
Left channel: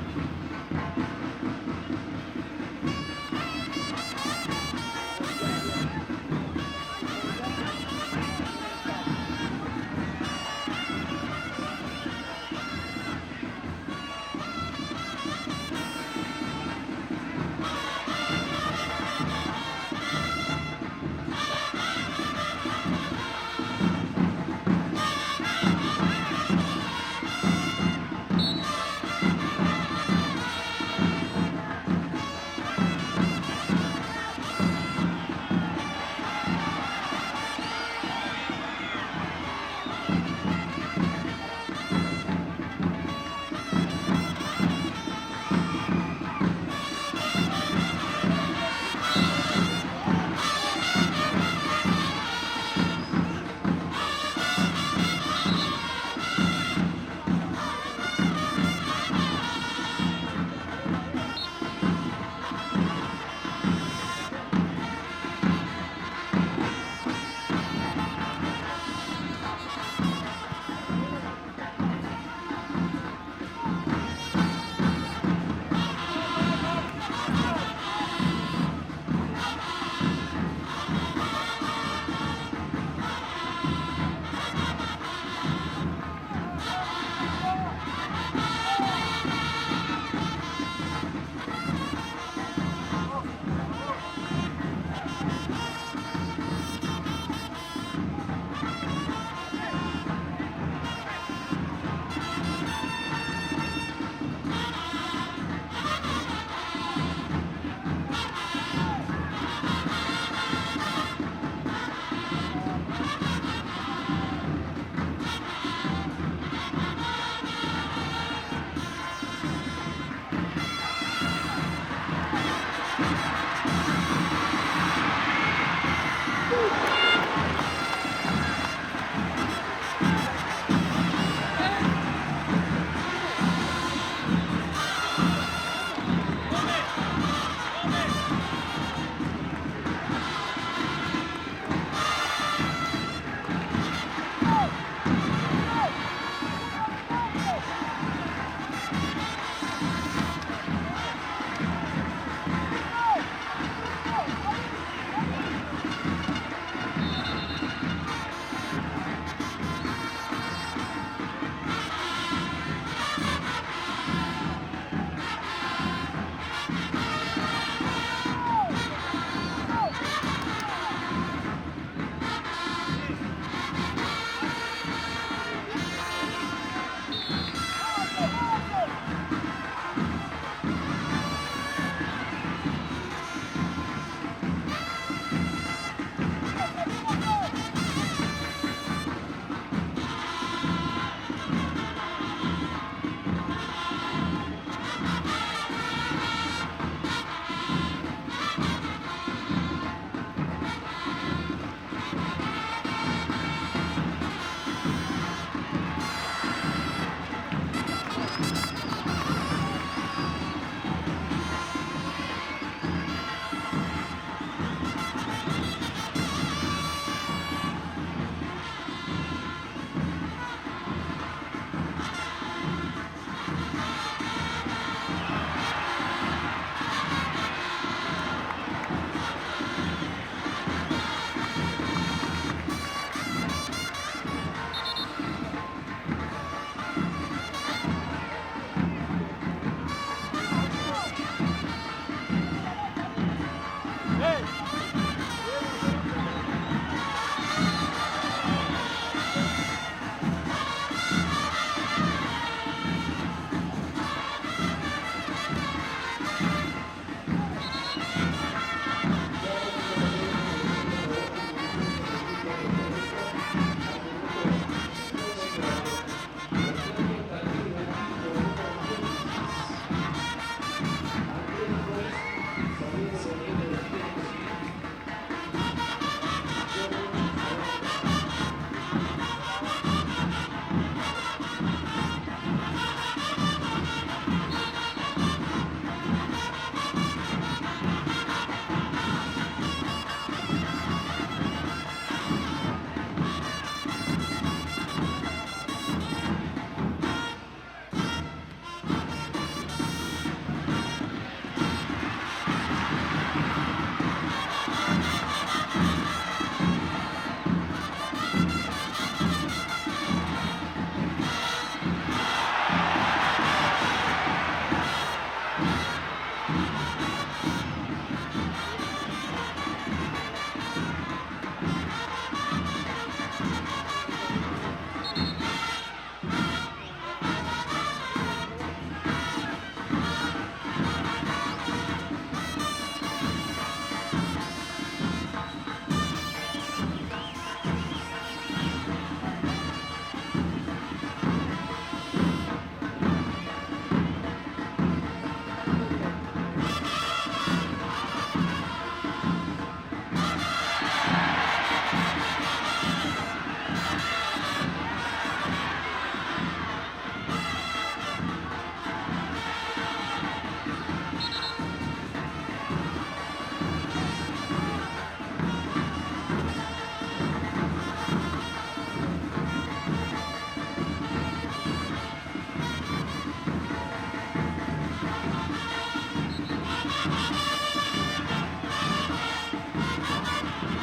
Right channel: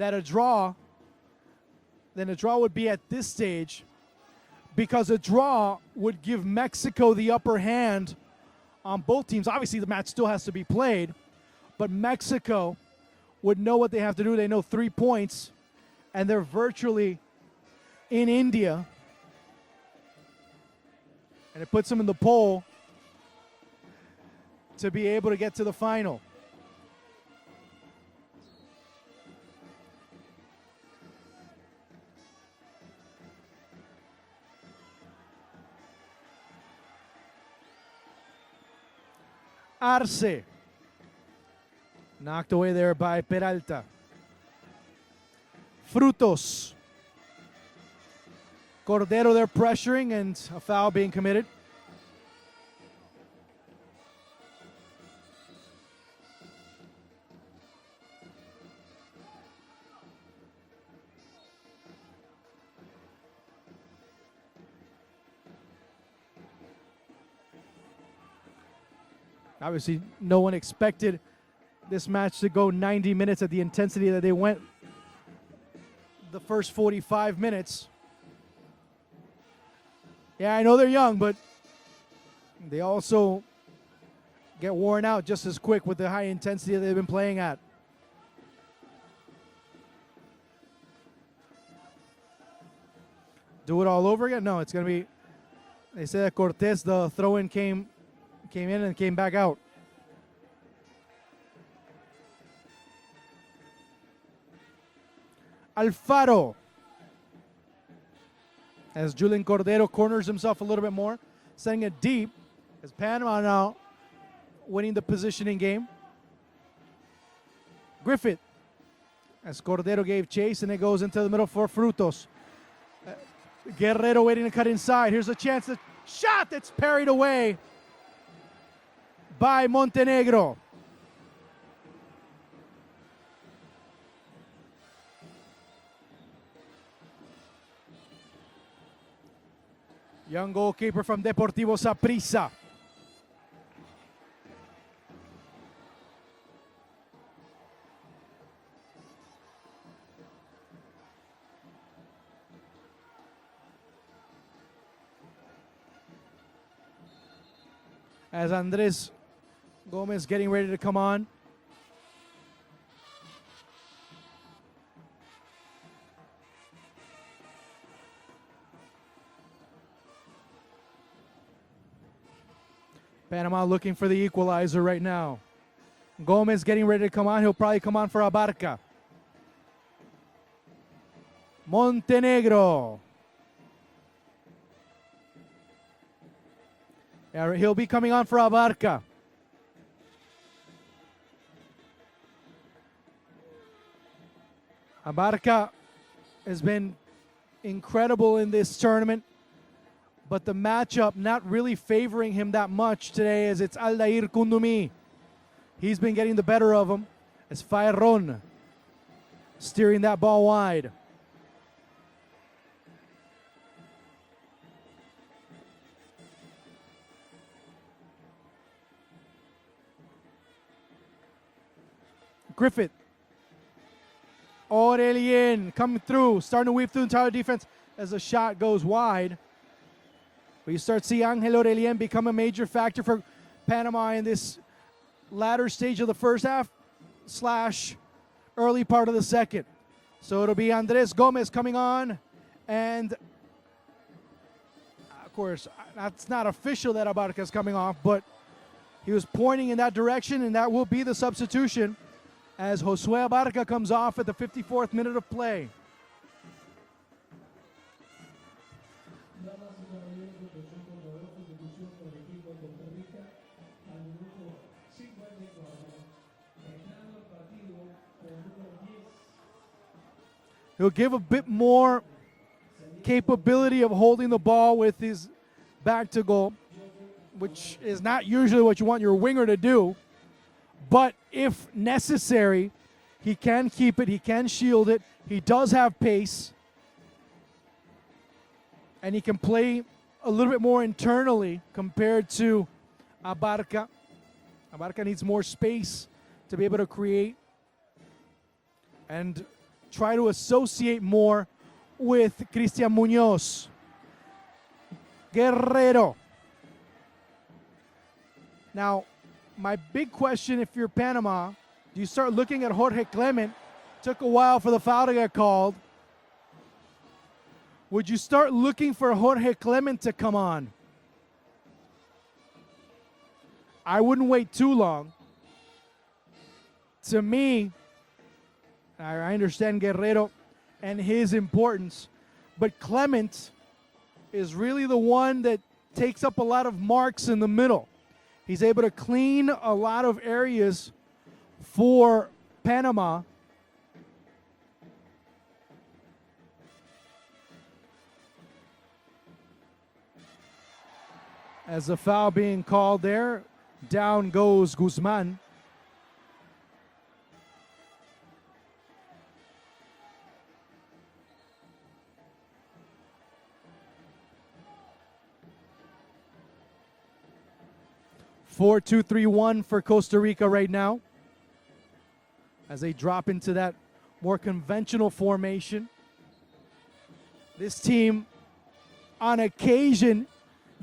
that a draw would be at this stage, because a draw would give Mexico the upper hand on both teams. Obviously the match still has to be played, but Mexico would know what they have to do. They know 3 points, and they're virtually in India. It puts them in the pole to be able to get to the final. Arce, knocked away there by Peralta. Frutos. Cordero there pressuring, and a foul being committed. Obviously, no one expected this match to go 90 minutes at the intensity that they went the first 45 minutes. Yeah, I know they're young, but they also get worn out just as quick with the high intensity that they've been playing at. Do it all over again? No, it's going to be, they say that Cortés, the throw-in came in and came back out. Alfaro. As Julian Cordero corners himself a little bit more, sending it deep. Panama now winning the positioning game. Griffith. As Cordero gave chase, and it goes into the middle for Frutos. Guerrero waiting to cut inside. Here's a chance. Shot that's carried away by Montenegro. Young goalkeeper from Deportivo Saprissa. As Andres Gomez getting ready to come on. Panama looking for the equalizer right now. Gomez getting ready to come on. He'll probably come on for Abarca. Montenegro. He'll be coming on for Abarca. Abarca has been incredible in this tournament, but the matchup not really favoring him that much today, as it's Aldair Kundumi. He's been getting the better of him. It's Fayron steering that ball wide. Griffin. Aurelien coming through, starting to weave through entire defense as the shot goes wide. You start to see Angel Aurelien become a major factor for Panama in this latter stage of the first half / early part of the second. So it'll be Andres Gomez coming on, and of course, it's not official that Abarca's coming off, but he was pointing in that direction, and that will be the substitution as Josue Abarca comes off at the 54th minute of play. He'll give a bit more capability of holding the ball with his back to goal, which is not usually what you want your winger to do. But if necessary, he can keep it, he can shield it, he does have pace, and he can play a little bit more internally compared to Abarca. Abarca needs more space to be able to create and try to associate more with Cristian Munoz. Guerrero. Now, my big question, if you're Panama, you start looking at Jorge Clement. It took a while for the foul to get called. Would you start looking for Jorge Clement to come on? I wouldn't wait too long. To me, I understand Guerrero and his importance, but Clement is really the one that takes up a lot of marks in the middle. He's able to clean a lot of areas for Panama. As the foul being called there, down goes Guzman. Four, 2-3-1 for Costa Rica right now, as they drop into that more conventional formation. This team, on occasion,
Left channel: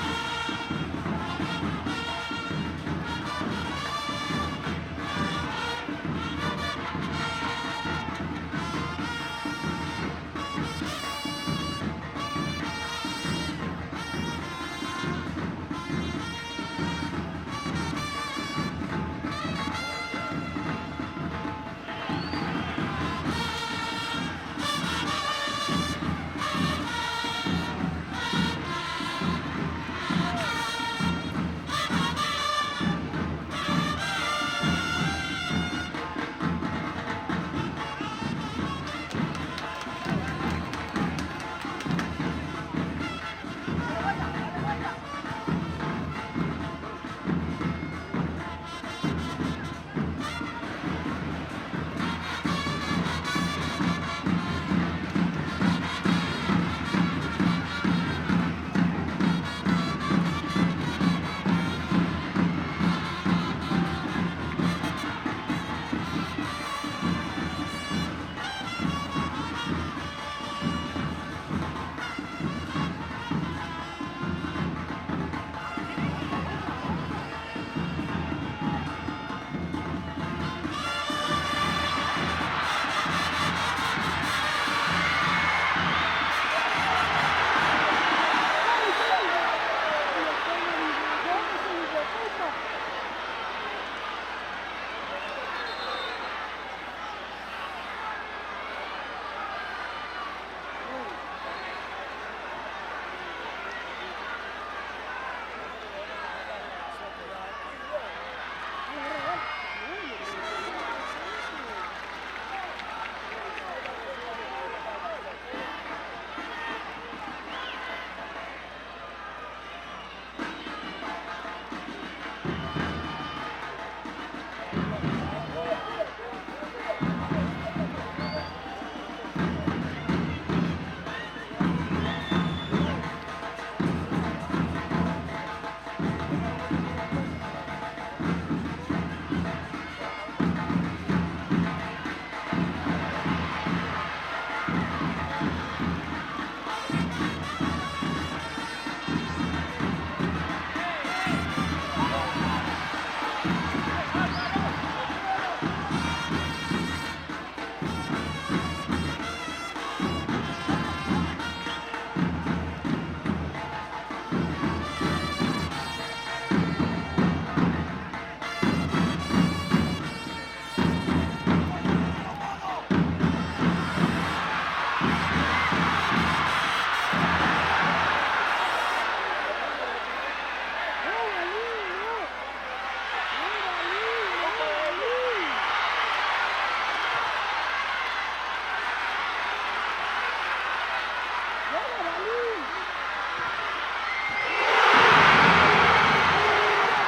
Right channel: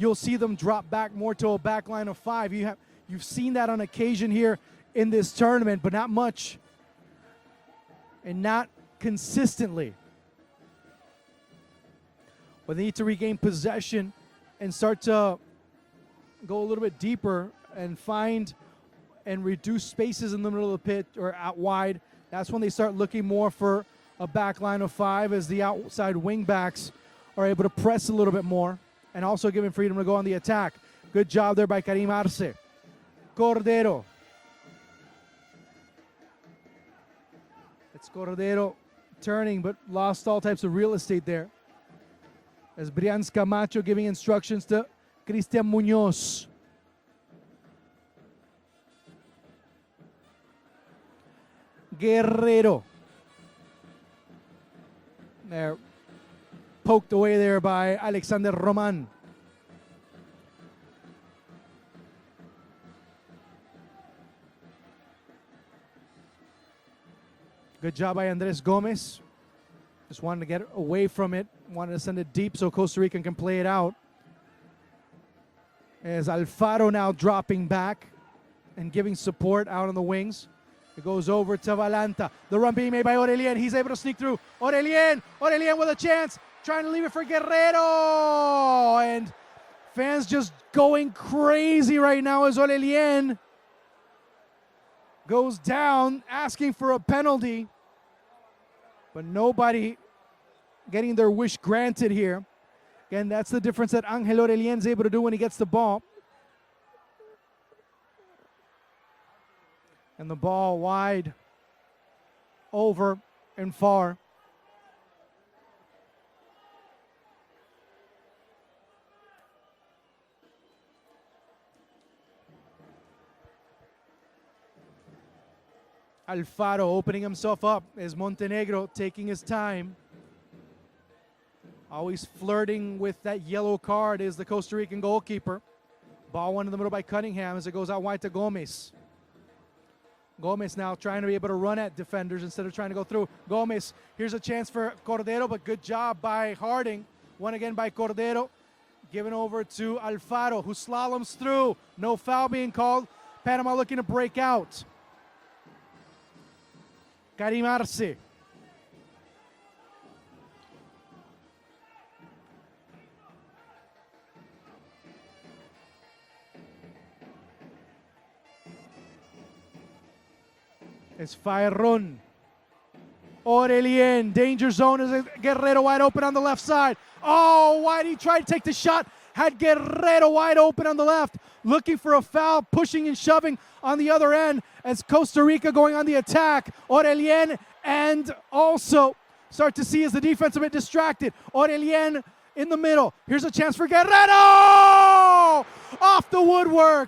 you'll see them drop back more to a back line of 5. You've seen that on occasion here in this tournament, but not much, and not consistently. They need to regain possession and start to go a little bit deeper and find and reduce spaces in the middle of the pit or out wide. That's when they start looking more for a back line of 5, as the outside wing backs are able to press a little bit more and also giving freedom to go on the attack. Good job there by Karim Arce. Cordero. Cordero turning, but lost all types of real estate there. As Brian Camacho giving instructions to Cristian Munoz. Guerrero. Poked away there by Alexander Roman. Good job by Andres Gomez. Just wanted to get it away from it. Wanted to send it deep so Costa Rica can play it out. As Alfaro now dropping back, giving support out on the wings. Goes over to Valanta. The run being made by Aurelien. He's able to sneak through. Aurelien with a chance. Trying to lead it for Guerrero. And fans just going crazy right now as Aurelien goes down, asking for a penalty. And nobody getting their wish granted here. And that's the difference that Angel Aurelien's able to do when he gets the ball. And the ball wide, over and far. Alfaro opening himself up as Montenegro taking his time. Always flirting with that yellow card is the Costa Rican goalkeeper. Ball one in the middle by Cunningham as it goes out wide to Gomez. Gomez now trying to be able to run at defenders instead of trying to go through. Gomez, here's a chance for Cordero, but good job by Harding. One again by Cordero. Given over to Alfaro, who slaloms through. No foul being called. Panama looking to break out. Karim Arce. Aurelien, danger zone, and Guerrero wide open on the left side. Oh, why did he try to take the shot? Had Guerrero wide open on the left, looking for a foul, pushing and shoving on the other end as Costa Rica going on the attack. Aurelien, and also start to see as the defense a bit distracted. Aurelien in the middle. Here's a chance for Guerrero! Off the woodwork.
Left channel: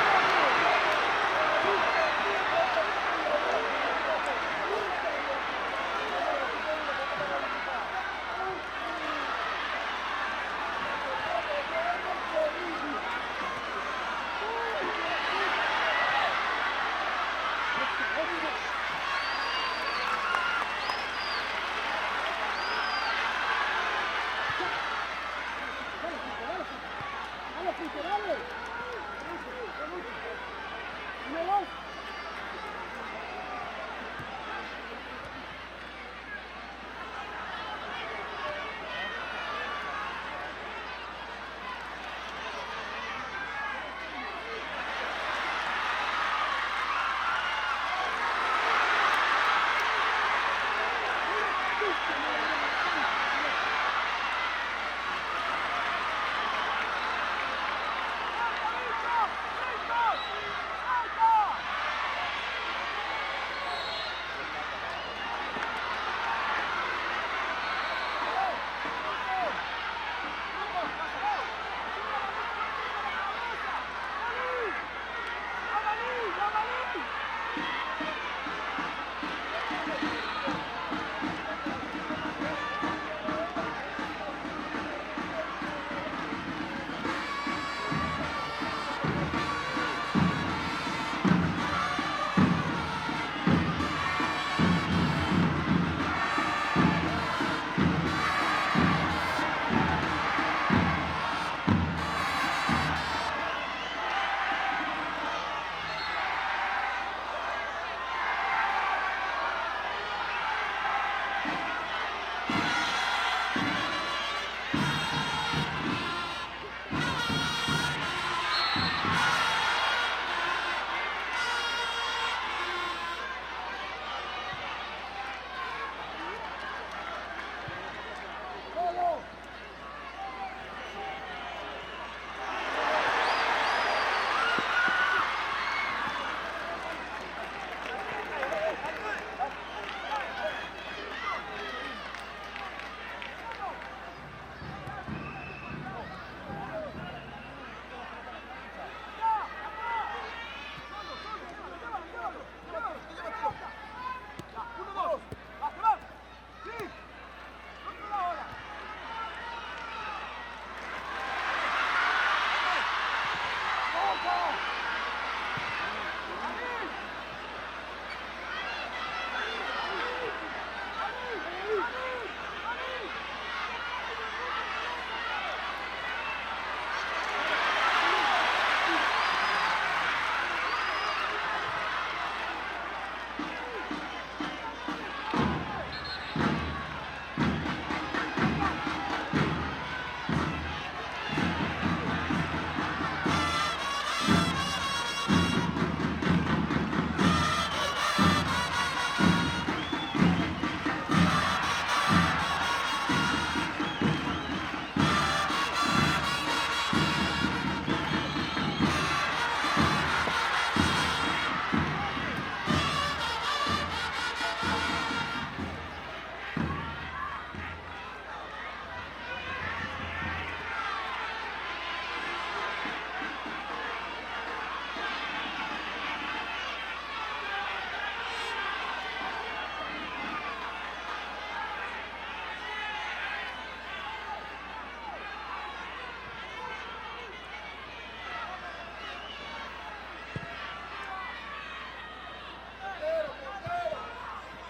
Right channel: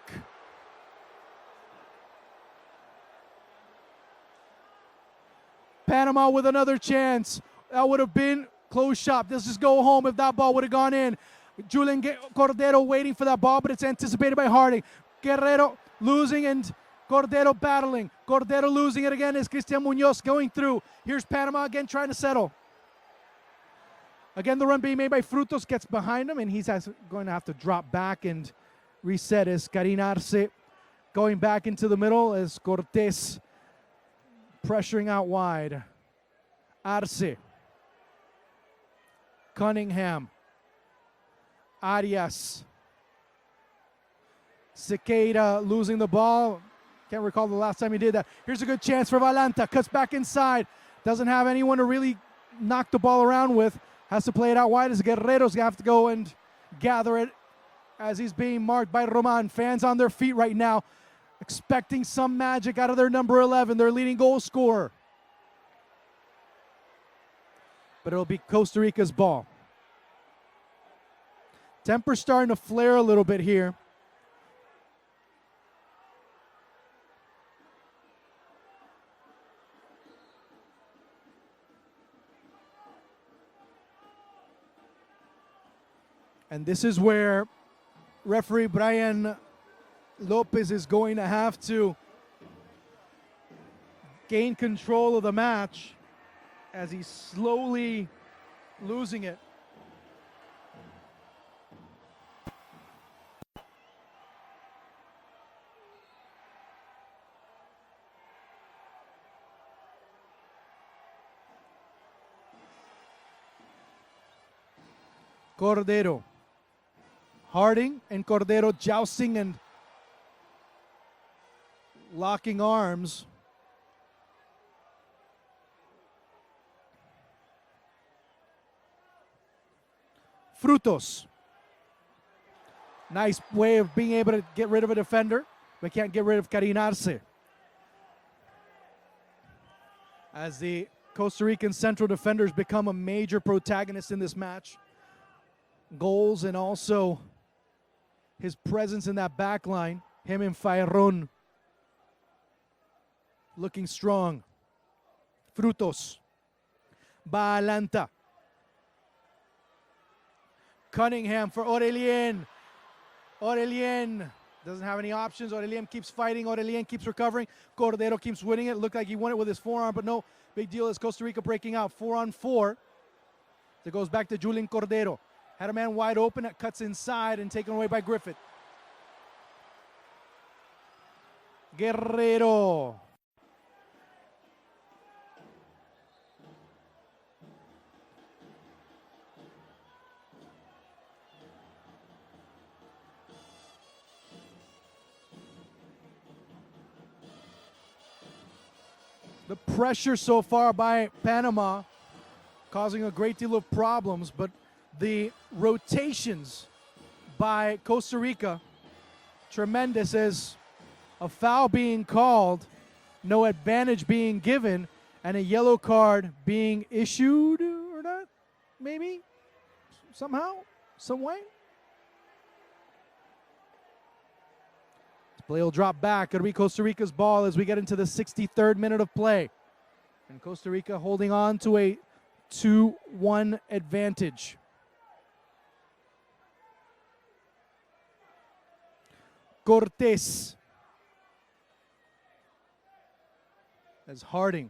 Panama with another chance. That would have been close shot. This is go home if that ball would have gone in. Julian Cordero waiting for that ball, but it's anticipated by Harding. Guerrero losing and Cordero battling. Cordero losing it again as Cristian Munoz going through. Here's Panama again trying to settle. Again, the run being made by Frutos gets behind him, and he's going to have to drop back and reset as Karim Arce going back into the middle as Cortés pressuring out wide. Arce. Cunningham. Arias. Sequeira losing the ball. Can't recall the last time he did that. Here's a good chance for Valanta. Cuts back inside. Doesn't have anyone to really knock the ball around with. Has to play it out wide as Guerrero's going to have to go and gather it as he's being marked by Roman. Fans on their feet right now, expecting some magic out of their number 11, their leading goal scorer. But it'll be Costa Rica's ball. Temper starting to flare a little bit here. And this is where referee Brian Lopez is going to have to gain control of the match. Slowly losing it. Cordero. Harding and Cordero jousting and locking arms. Frutos. Nice way of being able to get rid of a defender. They can't get rid of Karim Arce. As the Costa Rican central defenders become a major protagonist in this match. Goals and also his presence in that back line. Him and Fayron looking strong. Frutos. Valanta. Cunningham for Aurelien. Aurelien doesn't have any options. Aurelien keeps fighting. Aurelien keeps recovering. Cordero keeps winning it. Looked like he won it with his forearm, but no. Big deal is Costa Rica breaking out 4-on-4. It goes back to Julian Cordero. Had a man wide open, cuts inside and taken away by Griffith. Guerrero. The pressure so far by Panama causing a great deal of problems, but the rotations by Costa Rica, tremendous. There's a foul being called, no advantage being given, and a yellow card being issued, maybe, somehow, somewhere. They'll drop back. It'll be Costa Rica's ball as we get into the 63rd minute of play. And Costa Rica holding on to a 2-1 advantage. Cortés. As Harding.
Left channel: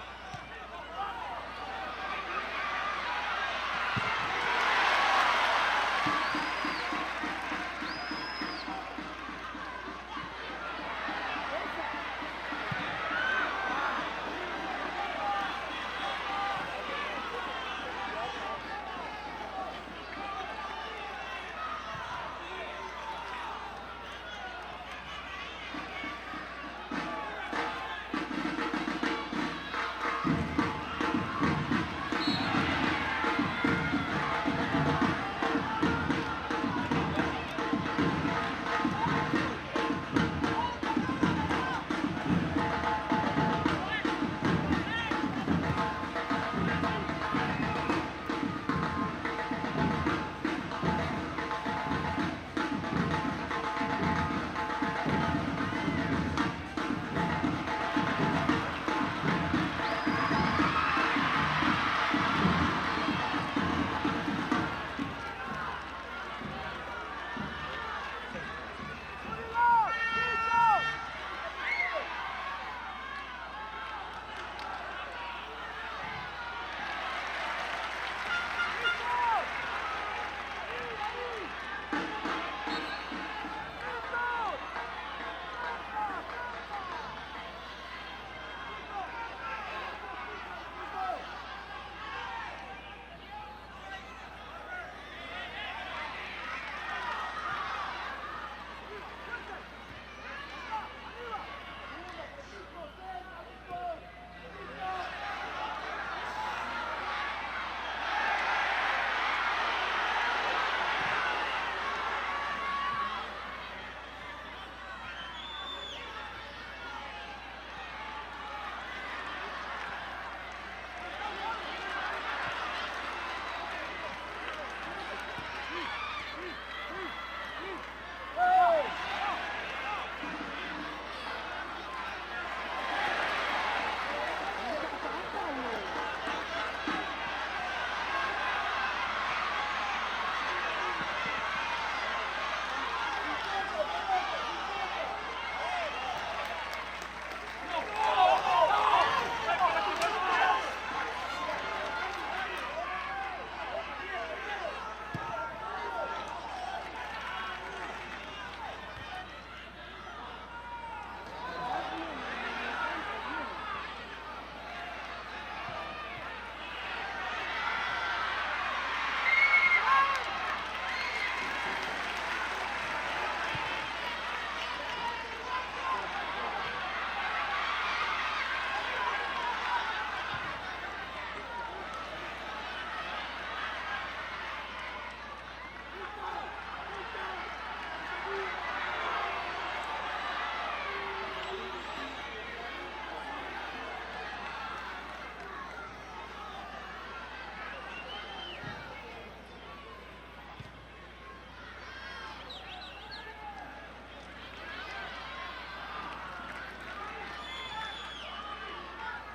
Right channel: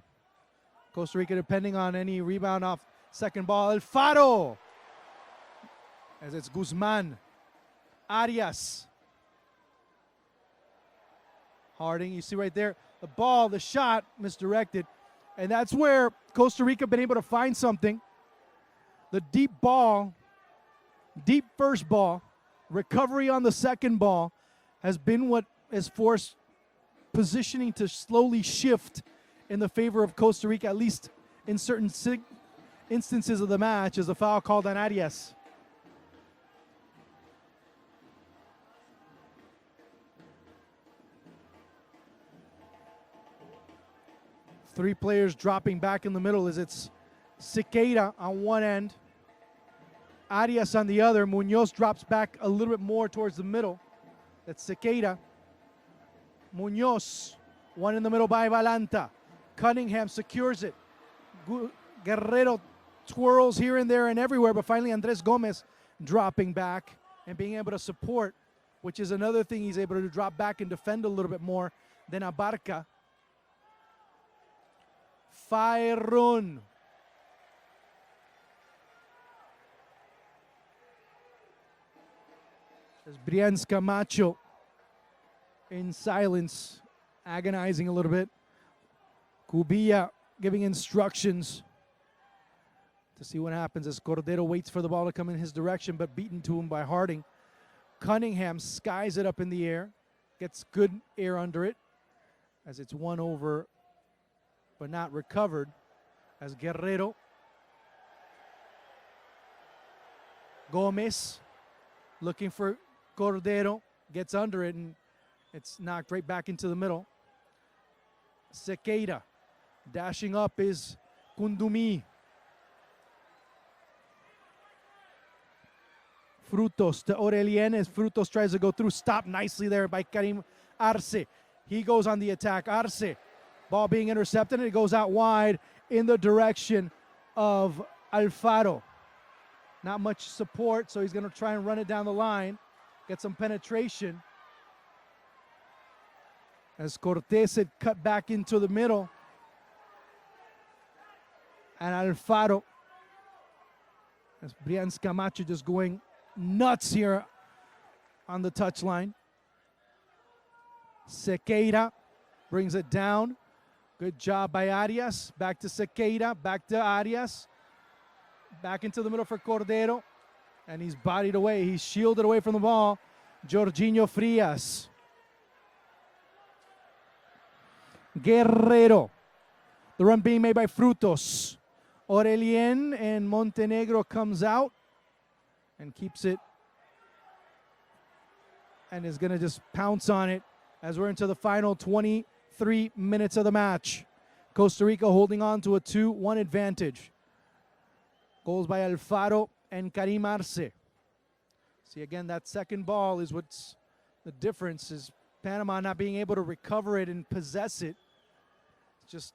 Costa Rica depending on any rebound off second ball. Alfaro. As it's Guzman. Arias. Harding, you see right there, the ball, the shot misdirected. And that's where Costa Rica been able to find something. The deep ball, deep first ball, recovery on the second ball has been what has forced positioning to slowly shift in the favor of Costa Rica, at least in certain instances of the match, as the foul called on Arias. Three players dropping back in the middle as it's Sequeira on one end, Arias on the other. Munoz drops back a little bit more towards the middle. It's Sequeira. Munoz, one in the middle by Valanta. Cunningham secures it. Guerrero twirls here and there and everywhere, but finally Andres Gomez dropping back and being able to support, which is another thing. He's able to drop back and defend a little bit more than Abarca. Fairun. Brian Camacho in silence, agonizing a little bit. Ubilla giving instructions to see what happens as Cordero waits for the ball to come in his direction, but beaten to him by Harding. Cunningham skies it up in the air, gets good air under it as it's won over and not recovered as Guerrero. Gomez looking for Cordero, gets under it and it's knocked right back into the middle. Sequeira, dashing up is Kundumi. Frutos to Aurelien as Frutos tries to go through, stopped nicely there by Karim Arce. He goes on the attack, Arce. Ball being intercepted and it goes out wide in the direction of Alfaro. Not much support, so he's going to try and run it down the line, get some penetration. As Cortés had cut back into the middle. And Alfaro, Brian Camacho just going nuts here on the touchline. Sequeira brings it down. Good job by Arias. Back to Sequeira, back to Arias. Back into the middle for Cordero. And he's bodied away, he's shielded away from the ball. Jorginho Frias. Guerrero. The run being made by Frutos. Aurelien and Montenegro comes out and keeps it. And is going to just pounce on it as we're into the final 23 minutes of the match. Costa Rica holding on to a 2-1 advantage. Goals by Alfaro and Karim Arce. See again, that second ball is what's the difference, is Panama not being able to recover it and possess it. Just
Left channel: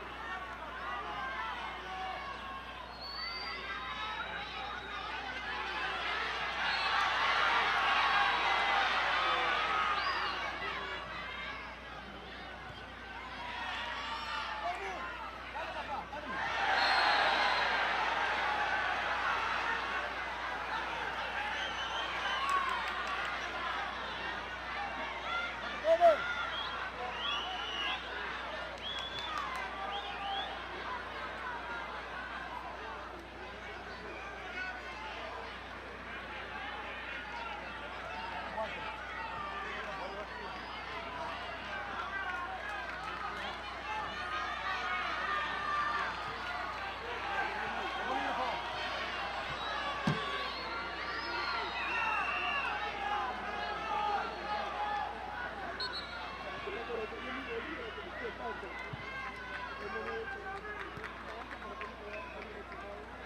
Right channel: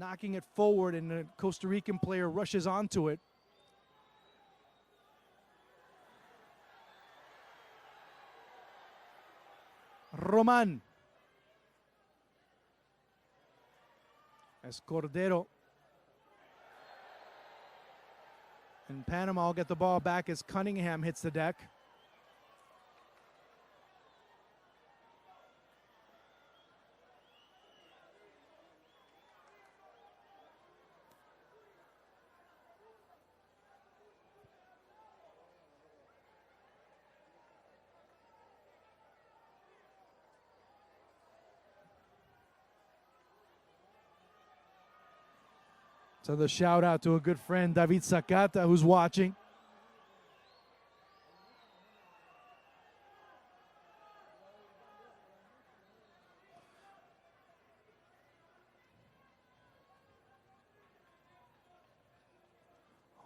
knocking it forward and the Costa Rican player rushes onto it. Roman. As Cordero. And Panama will get the ball back as Cunningham hits the deck. So the shout out to a good friend, David Sakata, who's watching.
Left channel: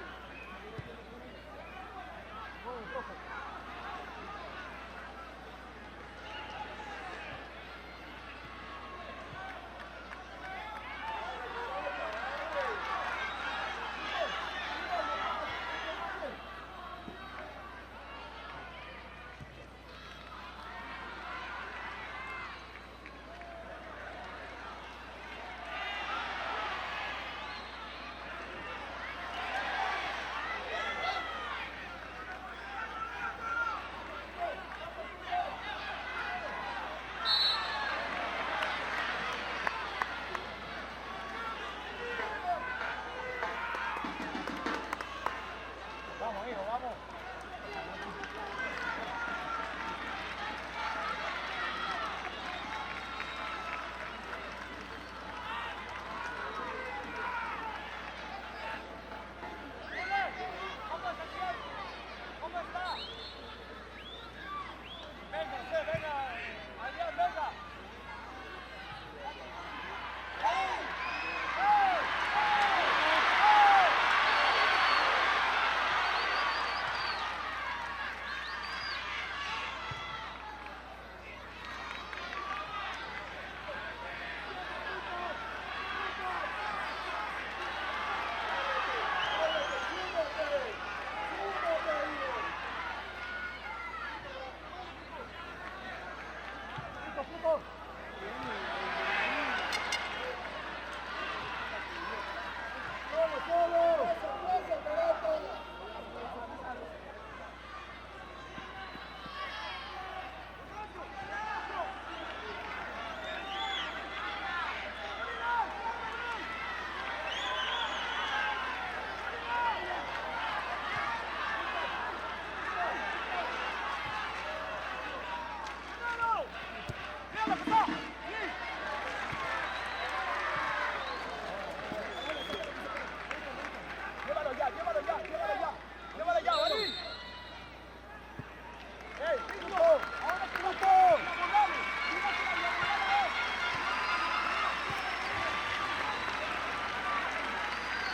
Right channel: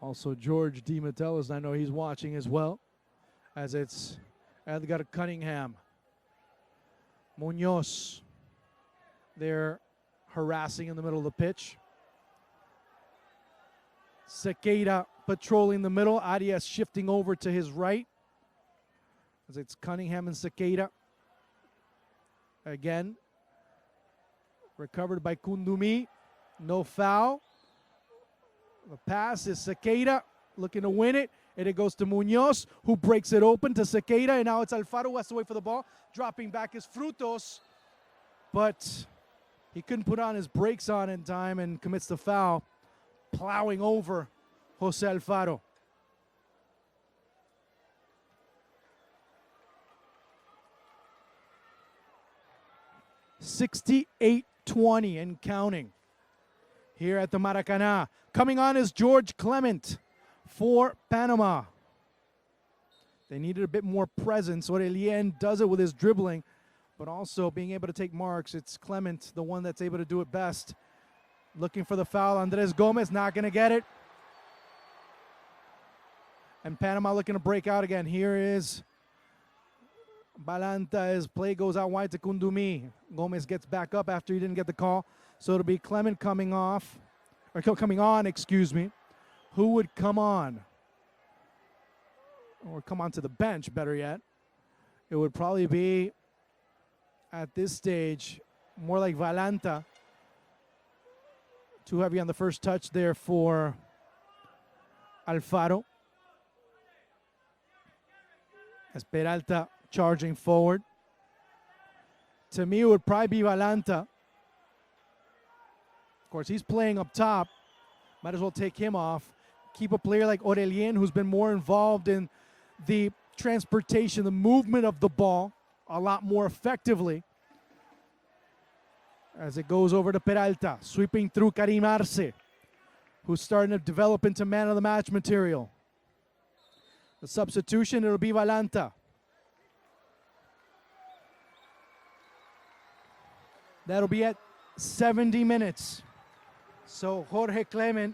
Also George DiMattelis, I know he's watching as well, as it's Edgar Cunningham. Munoz, they're harassing in the middle of the pitch. Sequeira patrolling the middle. Arias shifting over to his right. It's Cunningham and Sequeira. Again, recovered by Kundumi. No foul. The pass is Sequeira looking to win it. And it goes to Munoz, who breaks it open to Sequeira. And now it's Alfaro who has to wait for the ball. Dropping back his Frutos. But he couldn't put on his brakes on in time and commits the foul, plowing over Jose Alfaro. 68-20 and counting here at the Maracanã. Coming on is George Clement for Panama. They needed a bit more presence. Aurelien does it with his dribbling, but also being able to take marks. It's Clement, the one that's able to do it best. Looking for the foul. Andres Gomez not going to get it. And Panama looking to break out again. Here is Balanta as play goes out wide to Kundumi. Gomez gets back up after he didn't get the call. So it'll be Clement coming off, or coming on, excuse me. Who would come on? Or come onto the bench, better yet. It would probably be, at this stage, more like Valanta. Too heavy on the first touch there for Alfaro. As Peralta charging forward. To me, it would probably be Valanta. Of course, he's playing up top. Might as well take him off. Keep a player like Aurelien, who's been more involved in the transportation, the movement of the ball a lot more effectively. As it goes over to Peralta, sweeping through Karim Arce, who's starting to develop into man of the match material. The substitution, it'll be Valanta. That'll be at 70 minutes. So Jorge Clement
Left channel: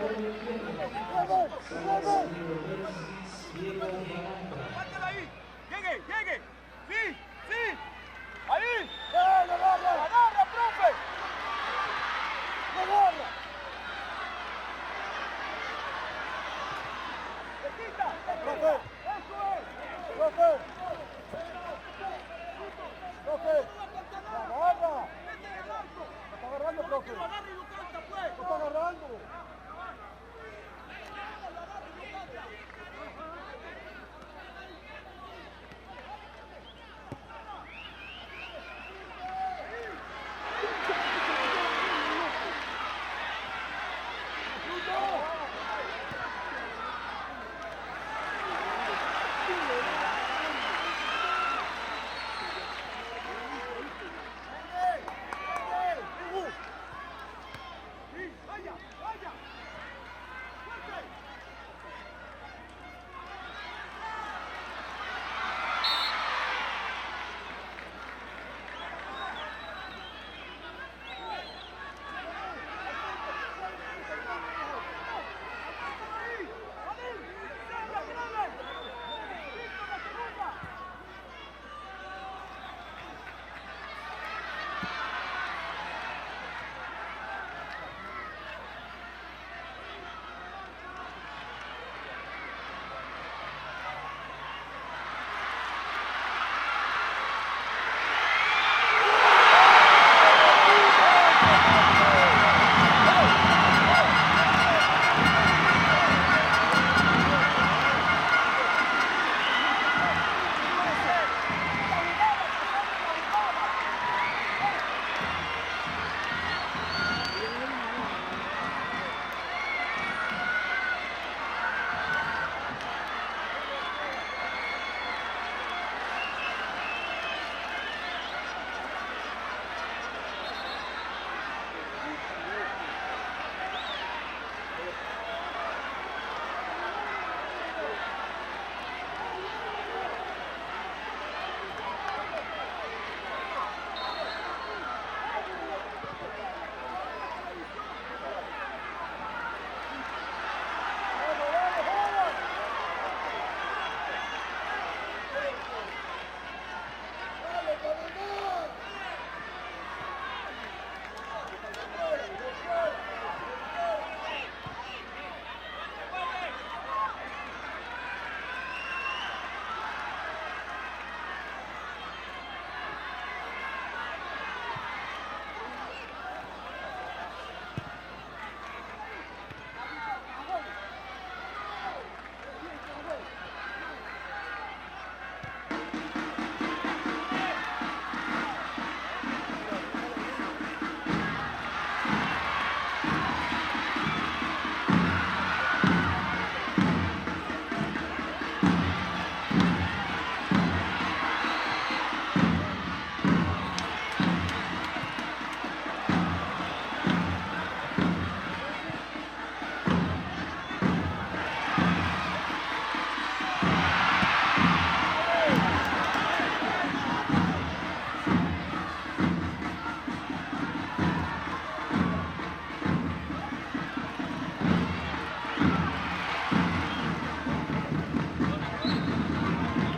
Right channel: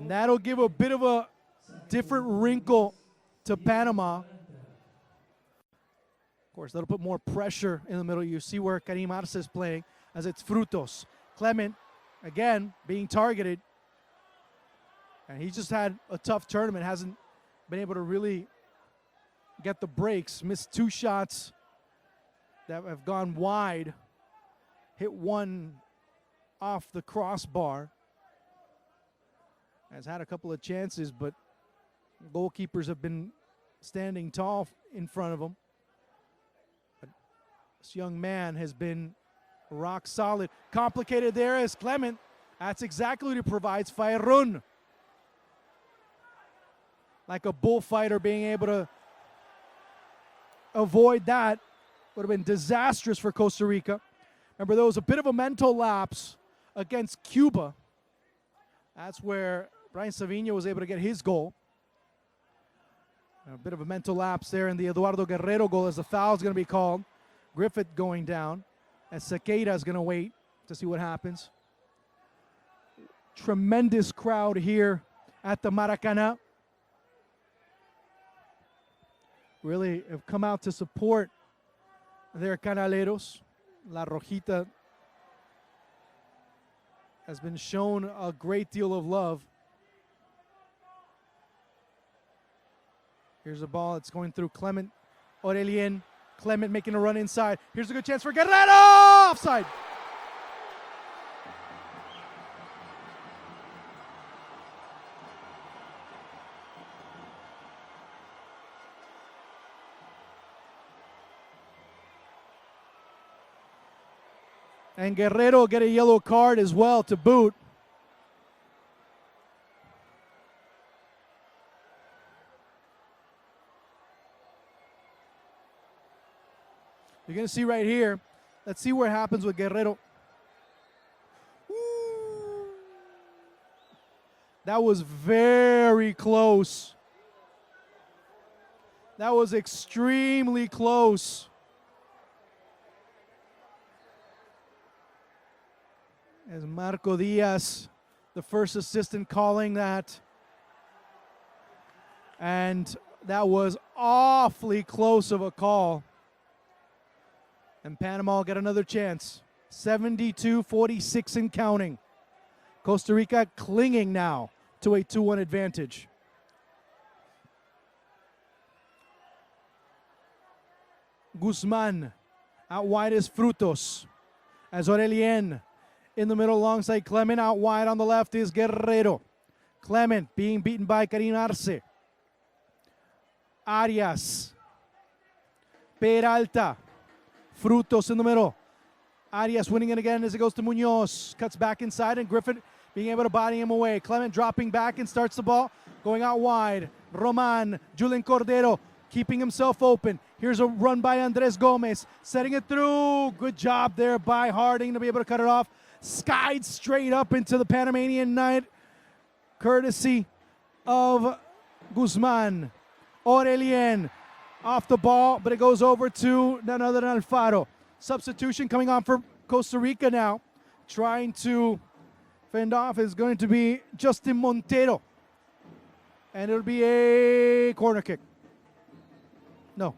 and that'll give a bit of a different wrinkle to Panama. Of course, that'll put more pressure in the middle. You see where Karim Arce is playing, as it's Frutos. Clement, again, being targeted. And he just had a tough tournament, hasn't been able to really get the breaks. Missed two shots that have gone wide. Hit one off the crossbar. Has had a couple of chances, but goalkeepers have been standing tall in front of him. This young man has been rock solid. Complicated there is Clement. That's exactly what he provides. Fairun, like a bullfighter, being able to avoid that. Would have been disastrous for Costa Rica. Remember, there was a bit of a mental lapse against Cuba. That's where Ryan Savinho was able to get his goal. A bit of a mental lapse there in the Eduardo Guerrero goal, as the foul is going to be called. Griffith going down, and Sequeira is going to wait to see what happens. Tremendous crowd here at the Maracanã. Really have come out to support their Canaleros. La Rojita has been shown a great deal of love. There's a ball that's going through Clement. Aurelien, Clement making a run inside. Here's a good chance for Guerrero! And Guerrero get a yellow card as well to boot. You're going to see right here. Let's see what happens with Guerrero. That was very close. That was extremely close. Francisco Diaz, the first assistant, calling that. And that was awfully close of a call. And Panama will get another chance. 72-46 and counting. Costa Rica clinging now to a 2-1 advantage. Guzman out wide is Frutos. As Aurelien in the middle alongside Clement. Out wide on the left is Guerrero. Clement being beaten by Karim Arce. Arias. Peralta. Frutos in the middle. Arias winning it again as it goes to Munoz. Cuts back inside and Griffith being able to buy him away. Clement dropping back and starts the ball. Going out wide. Roman. Julian Cordero keeping himself open. Here's a run by Andres Gomez. Setting it through. Good job there by Harding to be able to cut it off. Skied straight up into the Panamanian net. Courtesy of Guzman. Aurelien off the ball, but it goes over to none other than Alfaro. Substitution coming on for Costa Rica now. Trying to fend off is going to be Justin Montero. And it'll be a corner kick. No.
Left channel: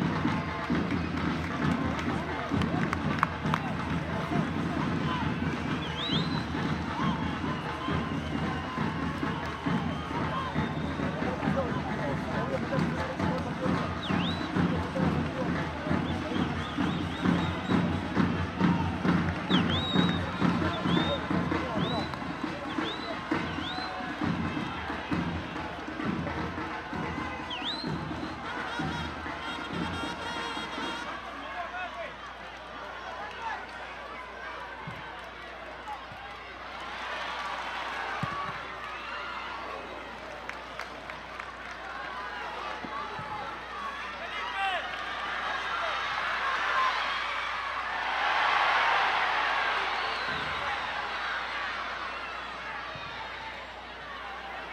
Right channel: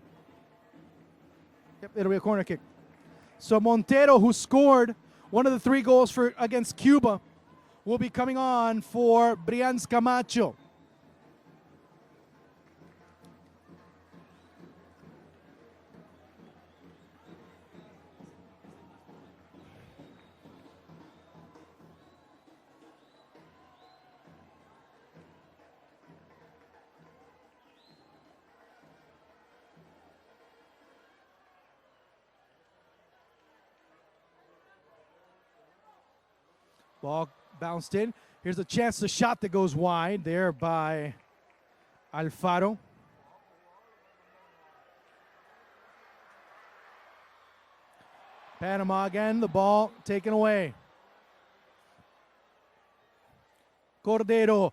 It'll be a corner kick. So Montero, who scored one of the 3 goals against Cuba, will be coming on for Brian Camacho. Ball bounced in. Here's a chance, the shot that goes wide there by Alfaro. Panama again, the ball taken away. Cordero,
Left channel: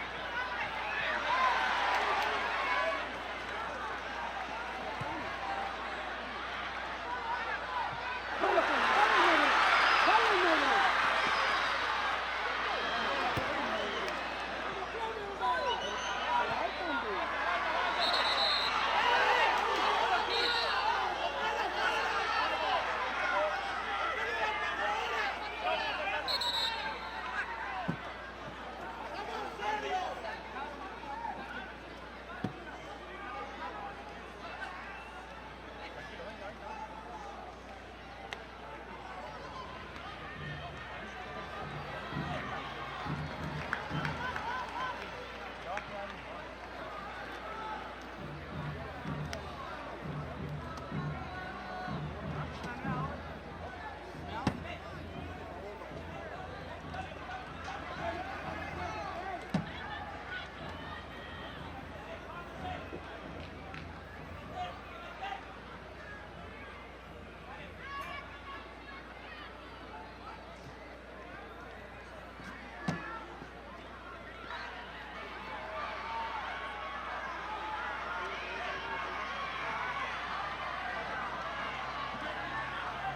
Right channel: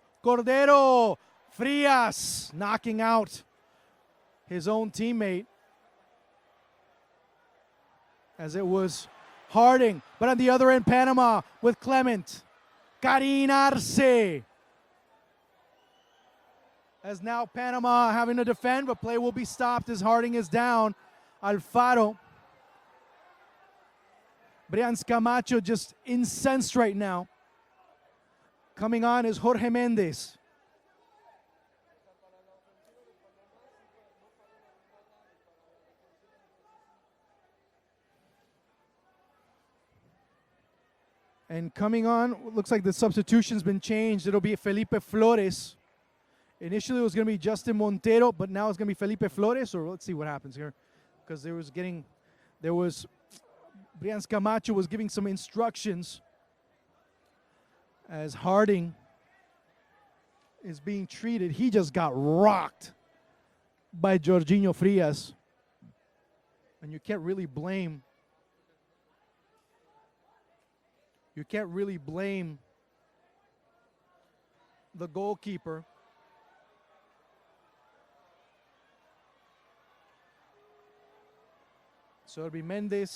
Frias knocking out his own teammate. As it was Harding, but on the other end, Panama with Clement. Karim Arce. As now Panama having to defend, the play will be stopped as Harding is down. Alfaro. Brian Camacho just incensed right now. Coming on is Jorge Mendez. And coming on, it looks like the substitution's been changed. It'll be Felipe Flores. Initially it was going to be Justin Montero, but now it's going to be Felipe Flores. So let's see what happens here. Because Brian Camacho was giving some instructions as Harding is being treated. He just got rocked by Jorginho Frias. And you can't really blame the goalkeeper. So it'll be Mendez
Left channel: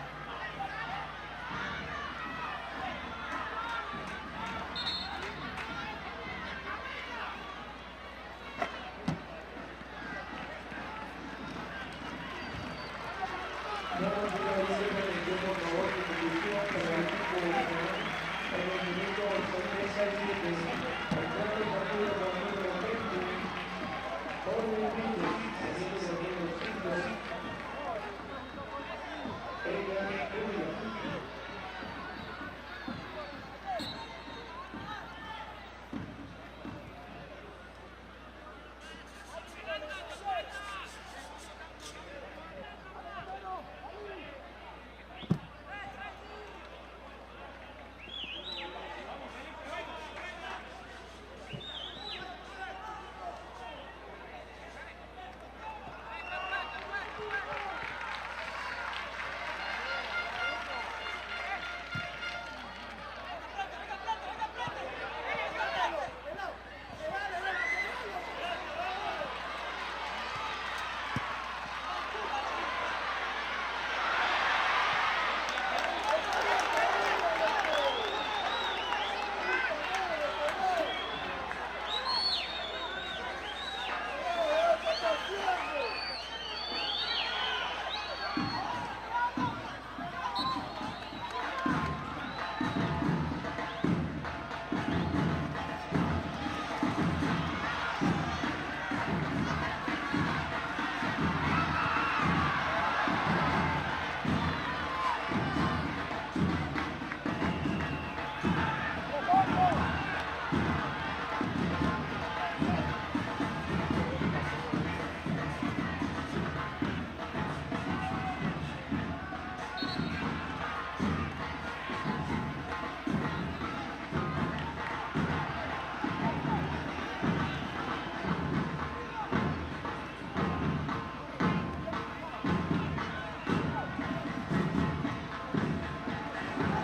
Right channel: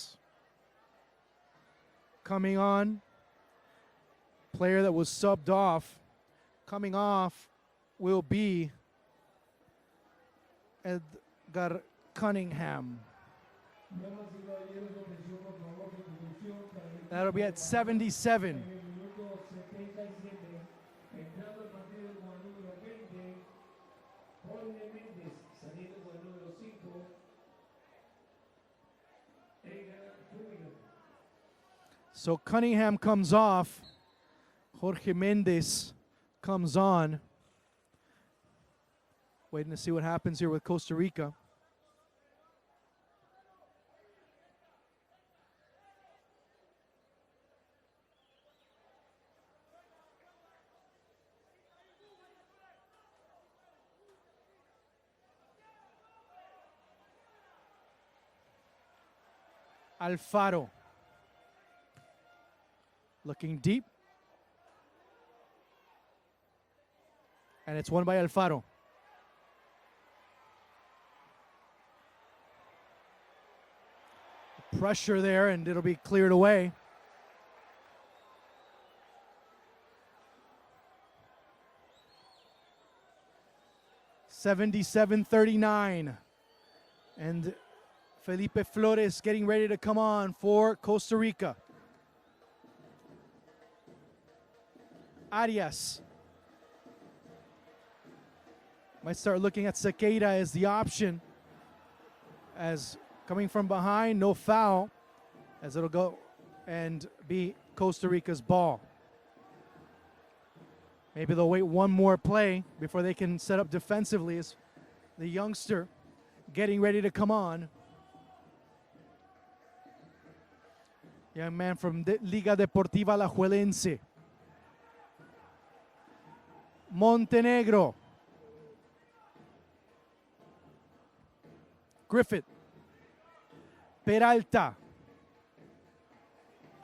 coming on. Player that was subbed off. Coming off will be Edgar Cunningham. That'll be at 77. So Cunningham comes off. Jorge Mendez comes on. Waiting to see what happens here with Costa Rica. Alfaro looking deep, and it's won by Alfaro. Pressure there, and it'll be cleared away. 77-39. And Felipe Flores getting ready to come on for Costa Rica. Arias. Let's start looking at Sequeira as the option. As coming from behind, no foul. As it'll go and be Costa Rica's ball. Maybe they'll wait one more play before they can set up defensively. As the youngster getting ready to come on. Young man from Liga Deportiva Alajuelense. Montenegro. Griffith. Peralta.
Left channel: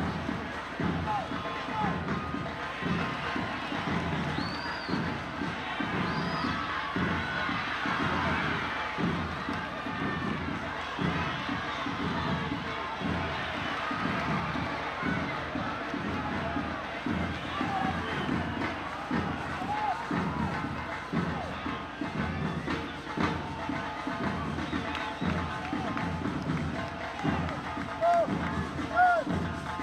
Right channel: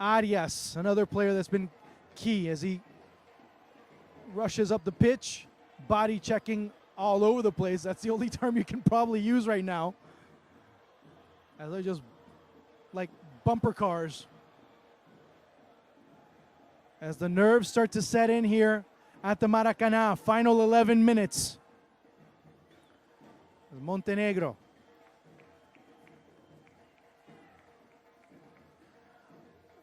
Arias, another player that's been key as he rushes up the pitch, body checking all over the place. That's the only time you can probably use right now. Like bumper cars. As the nerves start to set in here at the Maracanã, final 11 minutes. Montenegro.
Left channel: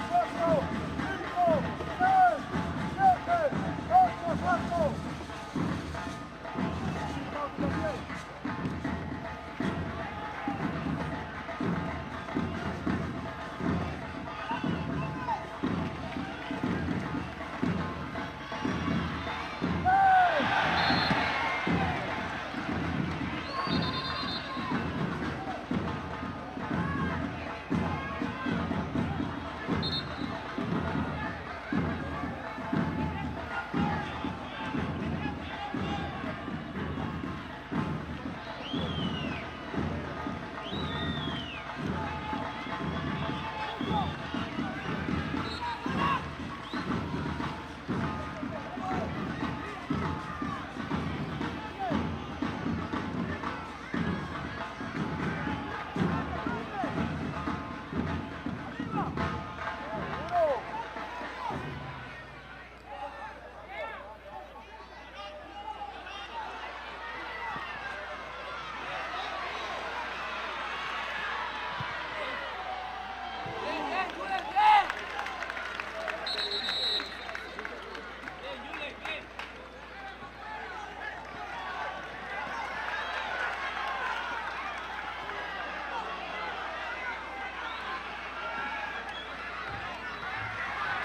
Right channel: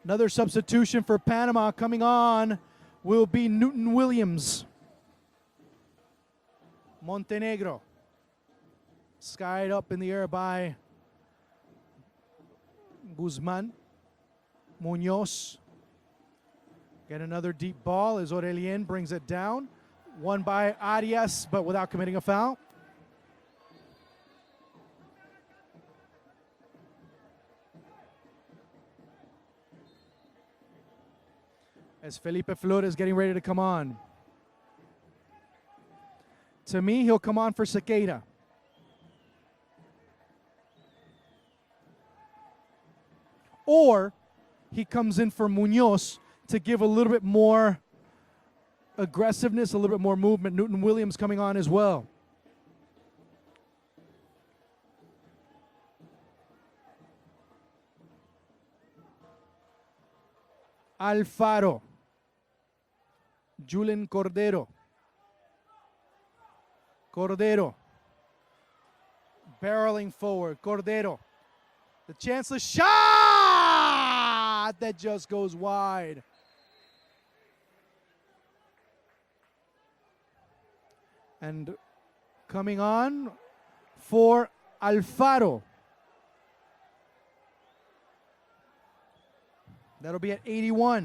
Another substitution for Panama coming on will be Newton Williams. Montenegro. Skied up in the air by Guzman. Munoz. And another deep ball as Aurelien brings it down. Won by Arias, but without committing a foul. Felipe Flores getting ready to come on. To me, he'll come on for Sequeira. Or he comes in for Munoz to give a little bit more aggressiveness, a little bit more movement. Newton Williams coming on as well. Alfaro. Julen Cordero. Cordero. Barreling forward. Cordero. The chanceless shot that just goes wide. And coming on for Alfaro. That'll be at 81.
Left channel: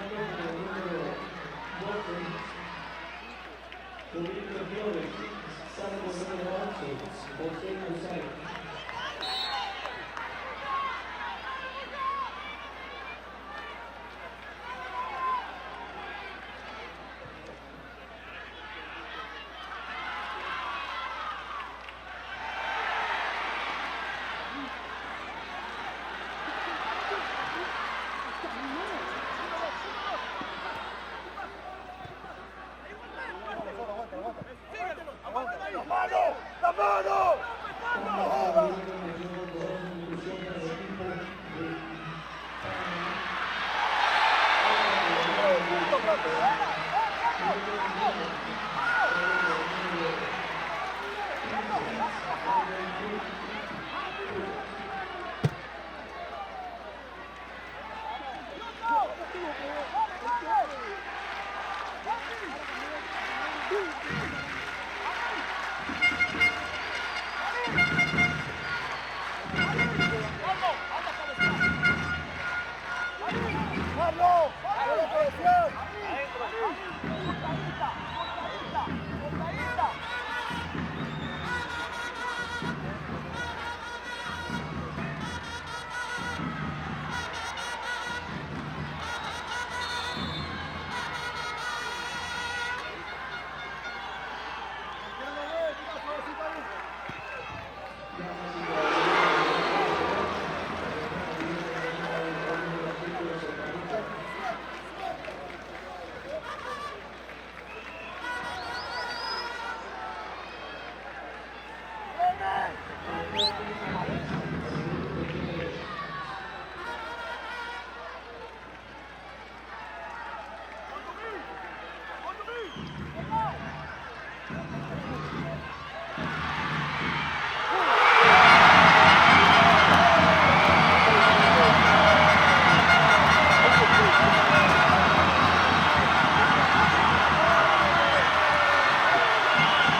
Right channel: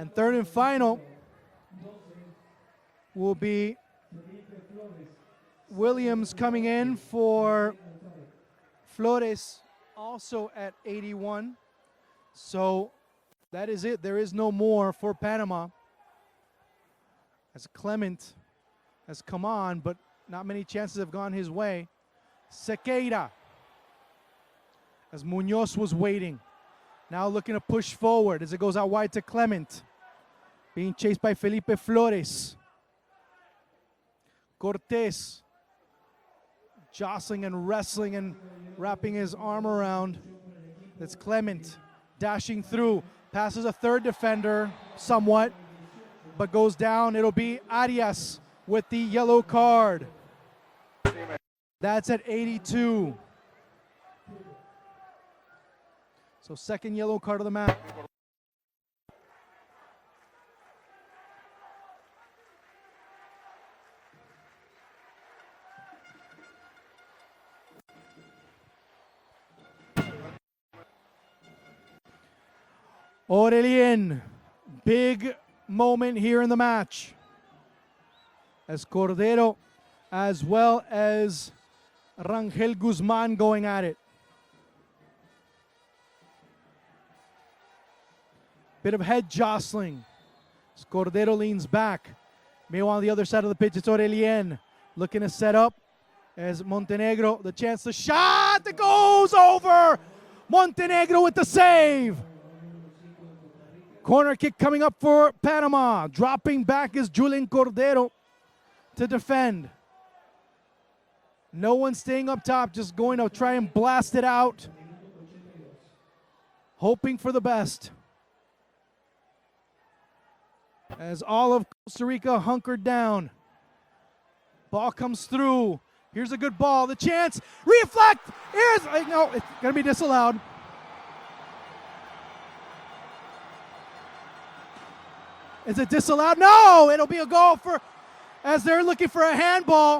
And third and final will be Williams coming in for Flores, also at 81. So that is it. There is no more for Panama. As Clement has come on, but not many chances have gone his way. Sequeira, as Munoz was waiting. Now looking to push forward as it goes out wide to Clement. Being chased by Felipe Flores. Cortés. Jostling and wrestling and wrapping his arm around. It's Clement dashing through. Passes a third defender somewhat, but goes down. It'll be Arias with the yellow card. That's at 82. So second yellow card of the match. Aurelien, big moment here in the match. As Cordero, as well as Rangel Guzman going at it. Bit of head jostling. As Cordero leans back. Meanwhile, on the other side of the pitch, it's Aurelien looking to set up. As Montenegro, the chance to shot that goes over. Montenegro with the save. Corner kick coming up for Panama. Dropping back is Julen Cordero to defend. No one staying up top, just going to try and blast it out. Hoping for the best. as all of Costa Rica hunkered down. Ball comes through. Here's a good ball. The chance. Reflect. Maybe disallowed. Is it disallowed? No! It'll be a goal as they're looking for a handball.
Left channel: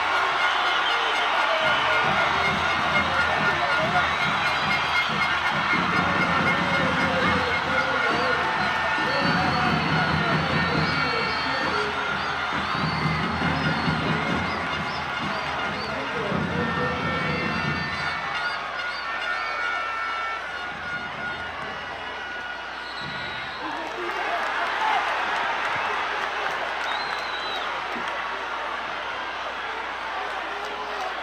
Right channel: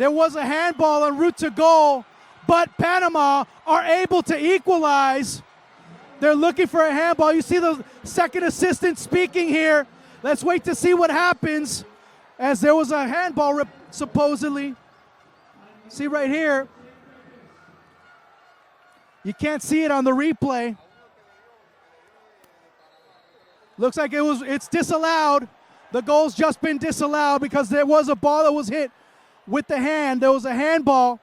There was a handball en route to goal, but Panama are able to equalize. They're looking for a handball. You see the second assistant speaking here. Let's wait to see what happens, as there was a handball supposedly. See right here. You can't see it on the replay. Looks like it's disallowed. The goal's just been disallowed because there was a ball that was hit with the hand. There was a handball,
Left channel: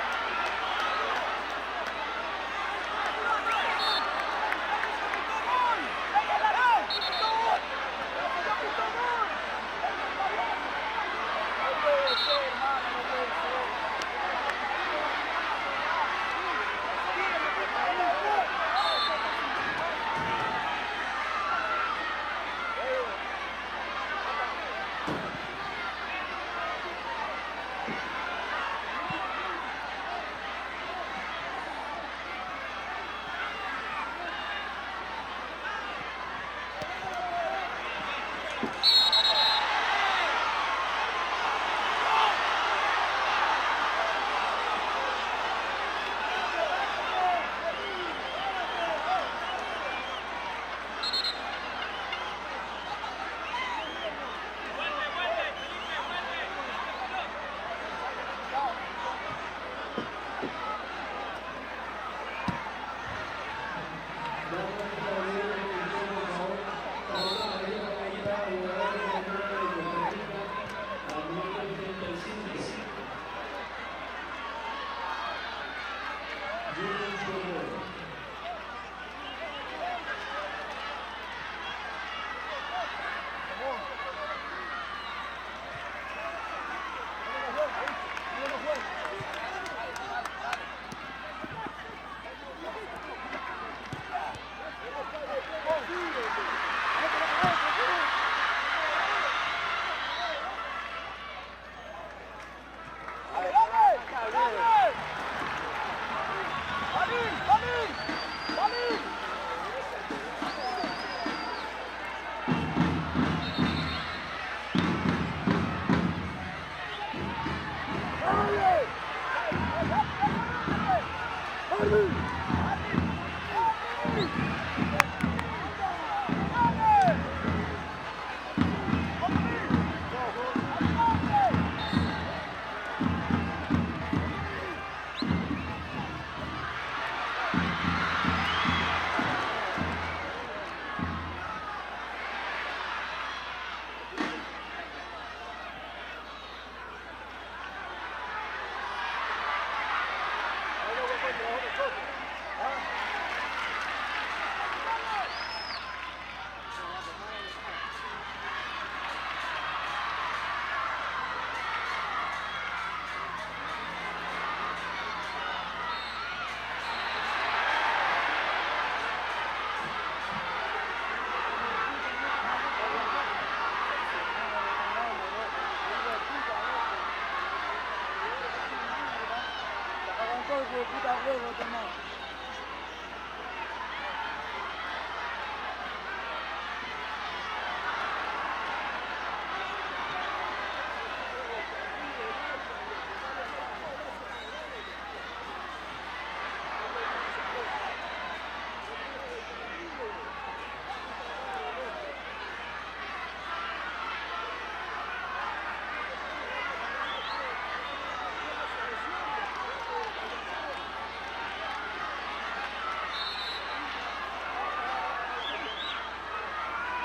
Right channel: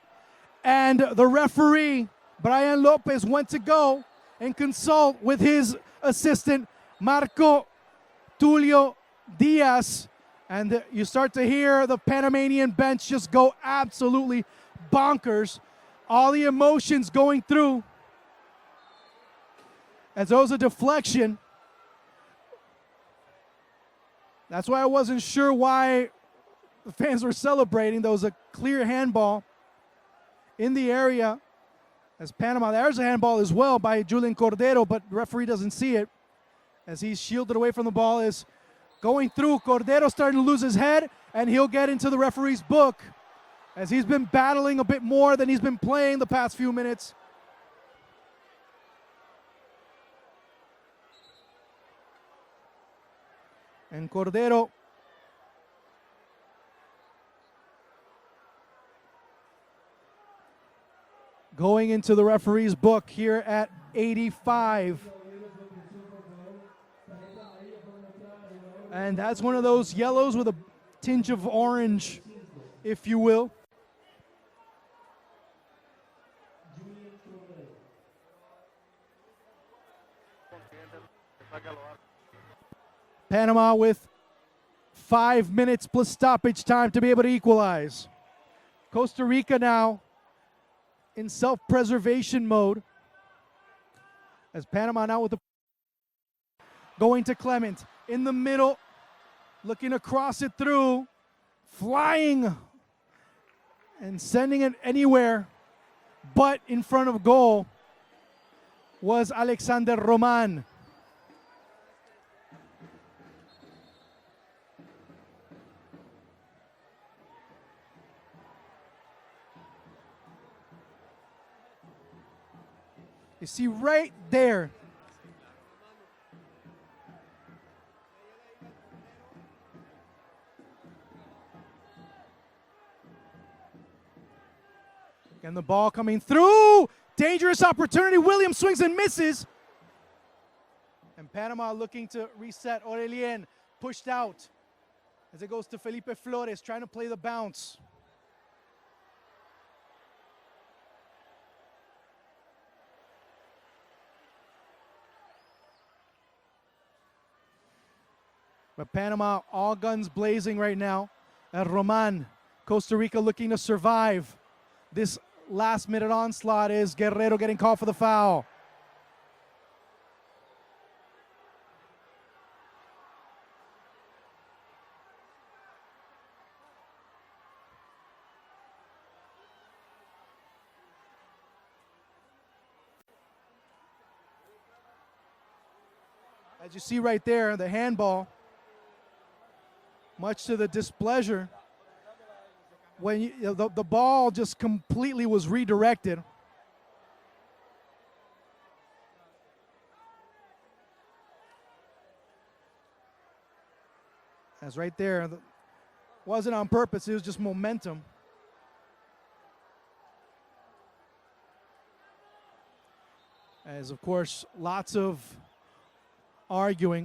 and the referee, Brian Lopez, went to go and consult with his assistant, Marco Tulio Diaz, and you start to hear the Panamanian bench just go absolutely bonkers. All the emotions going through, as there was a deflection. That's why I wasn't sure why the fans were celebrating. There was a clear handball in the area as Panama. There's a handball as well by Julian Cordero, but the referee doesn't see it as he's shielded away from the ball. Is going through. Cordero starting to lose his head, and he'll get into the referee's book as he's been battling a bit more than he's been playing the past few minutes. And Cordero going into the referee's book here at 85. And has one of those yellows with a tinge of orange, if you will. Panama with 5 minutes plus stoppage time to be able to equalize. Costa Rica now in self-preservation mode, as Panama now with the going to Clement in the middle, looking to cross it through, flying and sending it anywhere but in front of goal was Alexander Roman. You see right there. And the ball coming through. Dangerous opportunity. Williams swings and misses. Panama looking to reset. Aurelien pushed out as it goes to Felipe Flores, trying to play the bounce. But Panama all guns blazing right now. And Roman, Costa Rica looking to survive this last minute onslaught is Guerrero getting called for the foul. As you see right there, the handball, much to the displeasure, when the ball just completely was redirected. That's right there. It wasn't on purpose, it was just momentum. As of course, lots of arguing.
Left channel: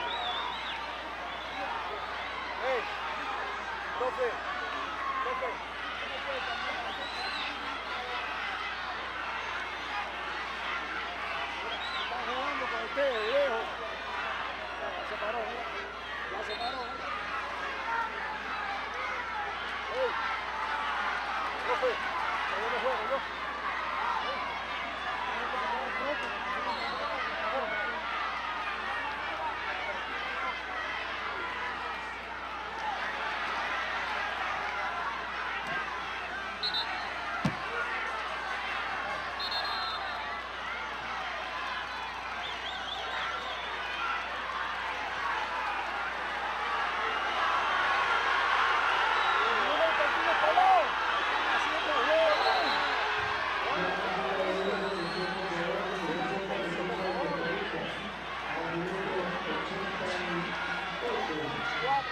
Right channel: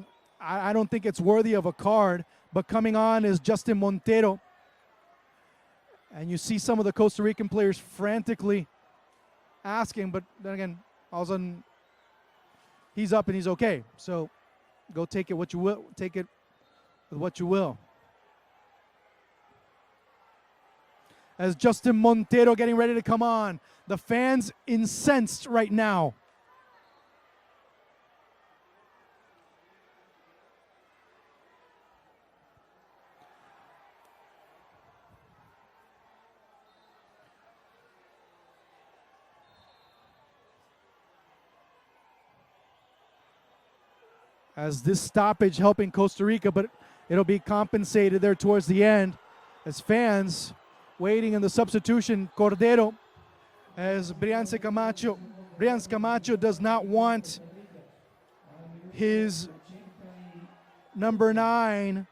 I don't think it's worthy of a card, but coming on is Justin Montero. And you see some of the Costa Rican players frantically asking, but then again, all of a sudden, he's up and he's okay. So go take it what you will, take it what you will. As Justin Montero getting ready to come on. The fans incensed right now. as this stoppage helping Costa Rica, but it'll be compensated there towards the end as fans waiting in the substitution. Cordero, as Brian Camacho does not want his number 9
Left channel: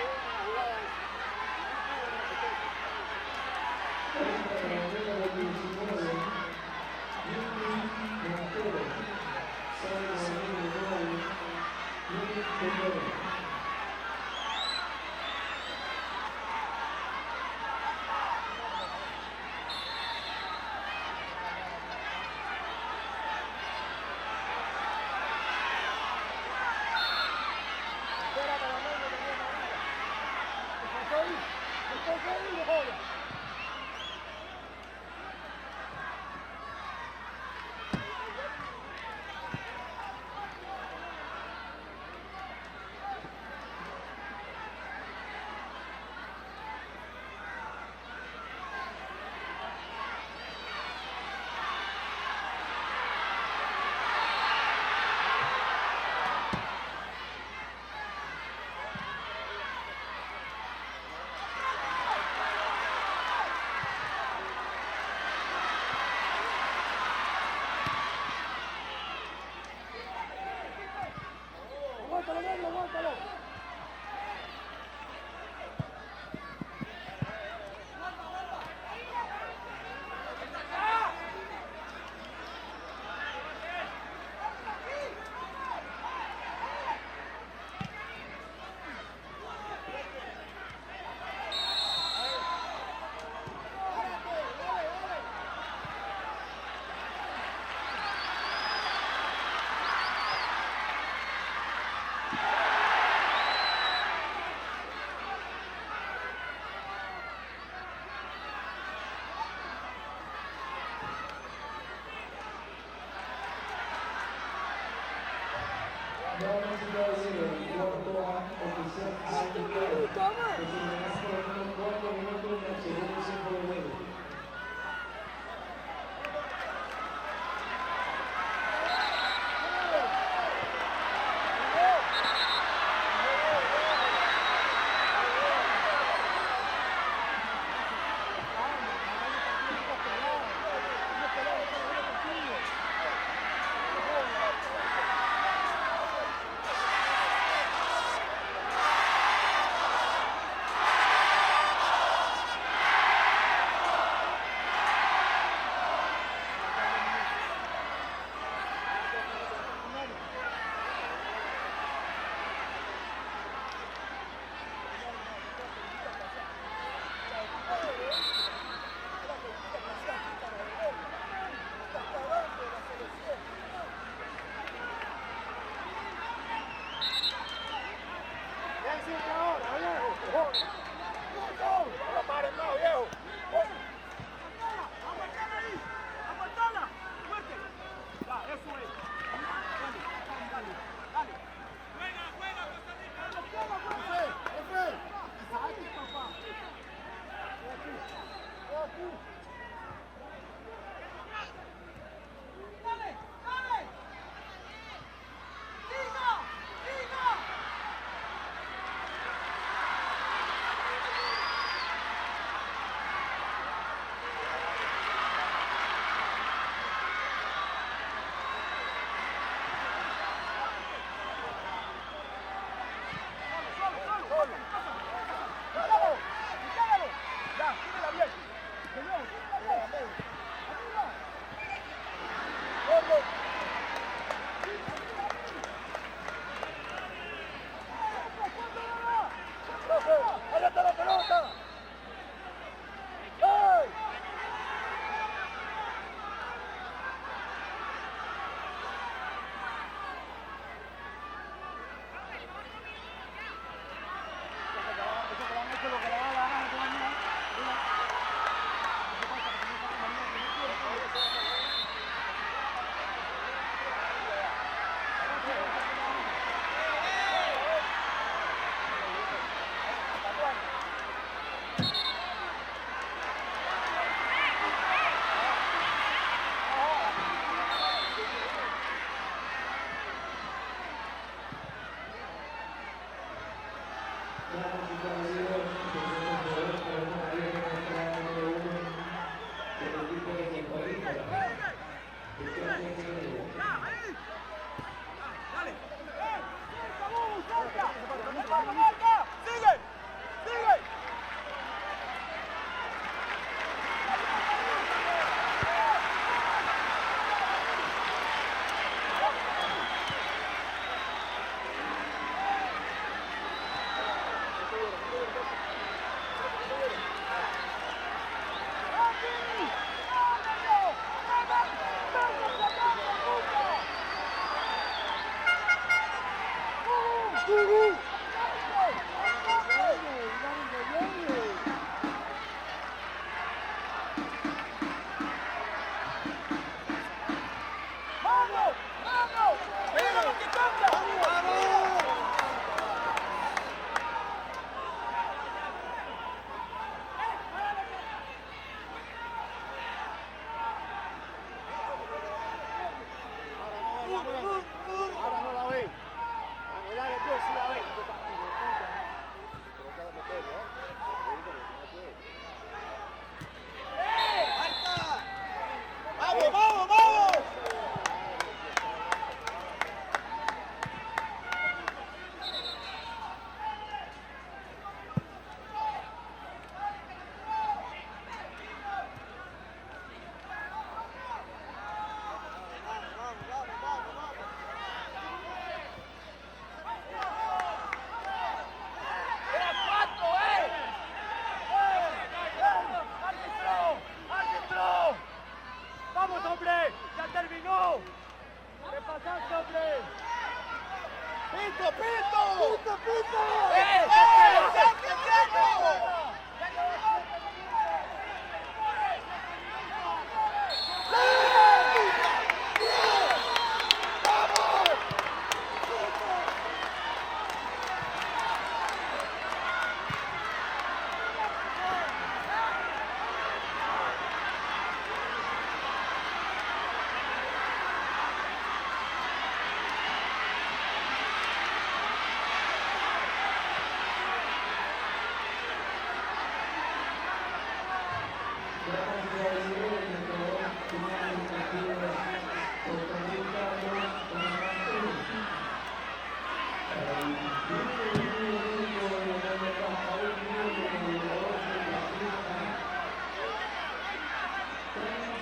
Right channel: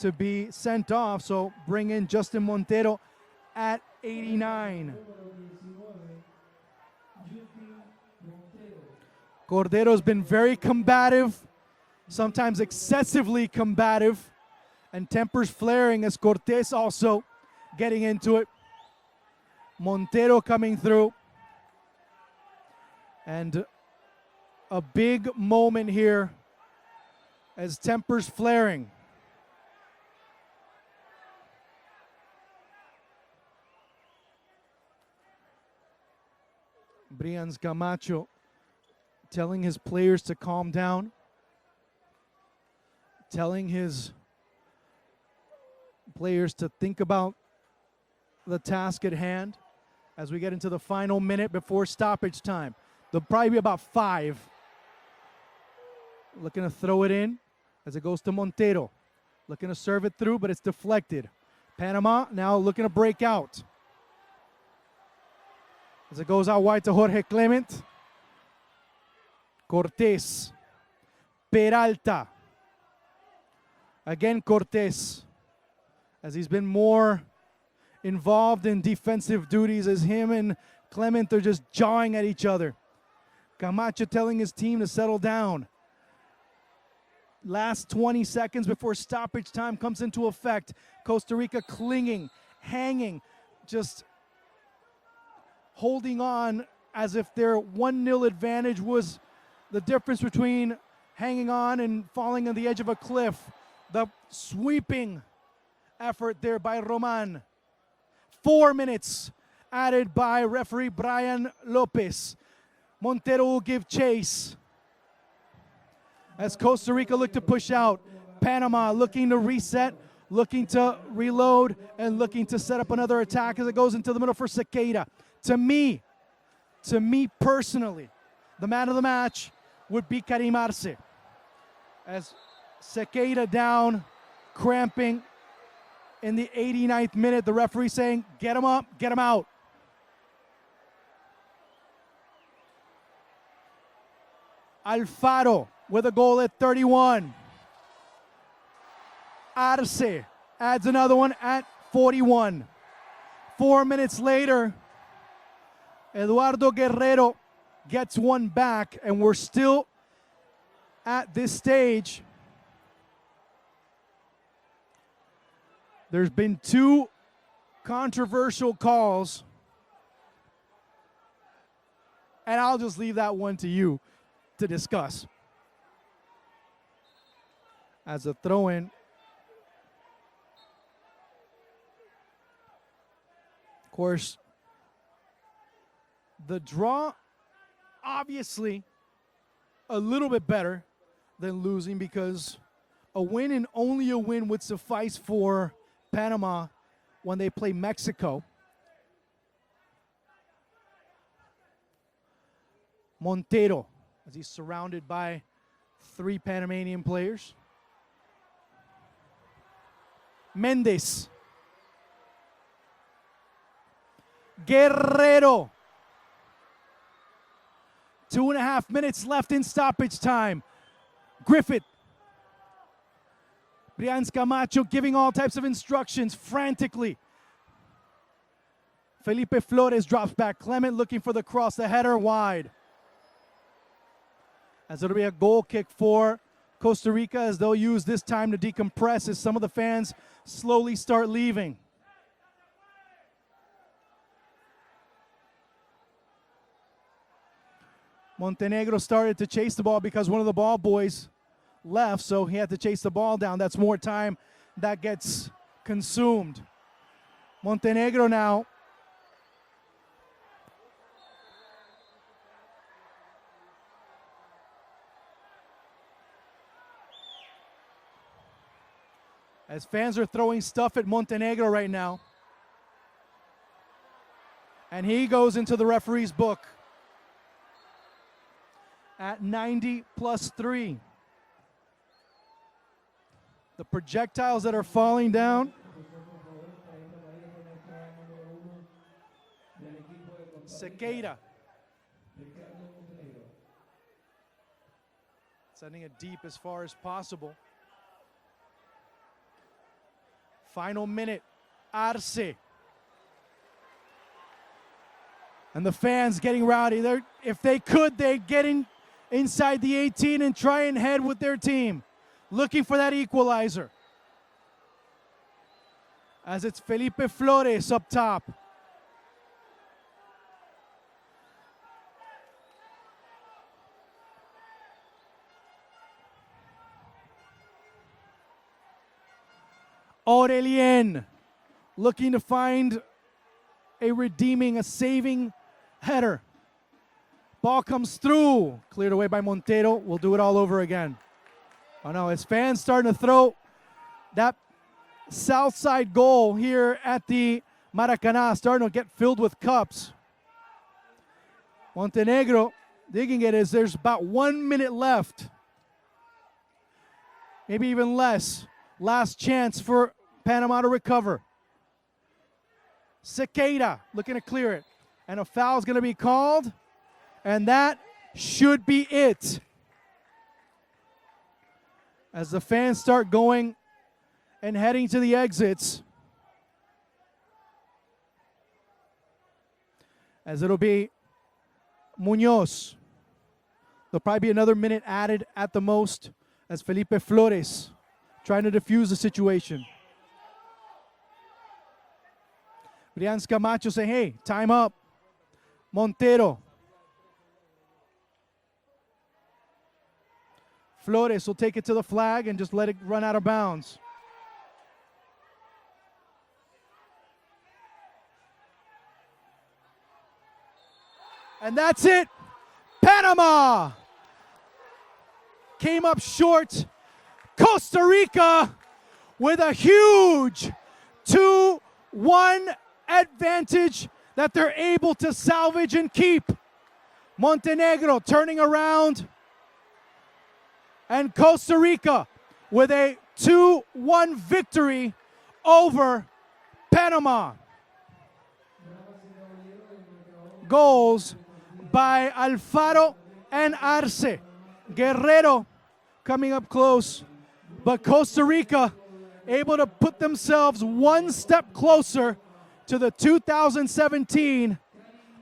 to be sent off, so bring in Justin Montero at 89. Cordero's been very combative, sometimes excessively combative, and tempers flaring as Cortés also getting into it. Montero coming through. And a big moment here as tempers flaring. Brian Camacho telling his players to calm down, telling his players to think about the task at hand as we get into the final minute before stoppage time. There'll probably be about 5. Looking to throw it in as it goes to Montero. Looking to serve it through, but it's deflected. Panama now looking to break out. As it goes out wide to Jorge Clement. Cortés. Peralta. Again Cortés, as he's been more involved in defensive duties, as him and Clement are just jawing at each other. Camacho telling his team to settle down. Last 20 seconds before stoppage time comes into effect. Costa Rica clinging, hanging, just holding on as if their 1-0 advantage was the difference between hanging on and falling on the edge of a cliff. The sweeping effort there by Roman. 4 minutes added by referee Brian Lopez. Montero will give chase as Costa Rica look to push out. Panama looking to reset, looking to reload, and looking to set up another attack as it goes into the middle for Sequeira. To me personally, the man of the match would be Karim Arce. As Sequeira down, cramping in the 89th minute. The referee saying, get him up, get him out. Alfaro with a goal at 31. Arce adds another one at 41. 4 minutes later, Eduardo Guerrero gets one back, and we're still at this stage. There's been 2 controversial calls, and I'll just leave that one to you to discuss. As a throw-in. Of course, the draw, obviously, a little bit better than losing, because a win and only a win would suffice for Panama when they play Mexico. Montero, as he's surrounded by 3 Panamanian players. Mendes. Guerrero. 2.5 minutes left in stoppage time. Griffith. Brian Camacho giving all types of instructions frantically. Felipe Flores drops back. Clement looking for the cross, the header wide. As it'll be a goal kick for Costa Rica, as they'll use this time to decompress as some of the fans slowly start leaving. Montenegro started to chase the ball because one of the ball boys left, so he had to chase the ball down. That's more time that gets consumed. Montenegro now as fans are throwing stuff at Montenegro right now, and he goes into the referee's book at 90 + 3. The projectiles that are falling down. Sequeira. Sending it deep as far as possible. Final minute. Arce. And the fans getting rowdy. If they could, they're getting inside the 18 and try and head with their team, looking for that equalizer. As it's Felipe Flores up top. Aurelien looking to find a saving header. Ball comes through, cleared away by Montero. We'll do it all over again. You know, his fans starting to throw that south side goal here at the Maracanã, starting to get filled with cups. Montenegro digging it as there's about 1 minute left. Maybe even less. Last chance for Panama to recover. Sequeira looking to clear it. And a foul's going to be called. And that should be it. As the fans start going and heading to the exits. As it'll be Munoz. There'll probably be another minute added at the most as Felipe Flores trying to defuse the situation. Brian Camacho saying, hey, time up. Montero. Flores will take it to the flag and just let it run out of bounds. And that's it. Panama came up short. Costa Rica with a huge 2-1 advantage that they're able to salvage and keep. Montenegro turning around, and Costa Rica with a 2-1 victory over Panama. Goals by Alfaro and Arce. Guerrero coming up close, but Costa Rica able to put themselves one step closer to the 2017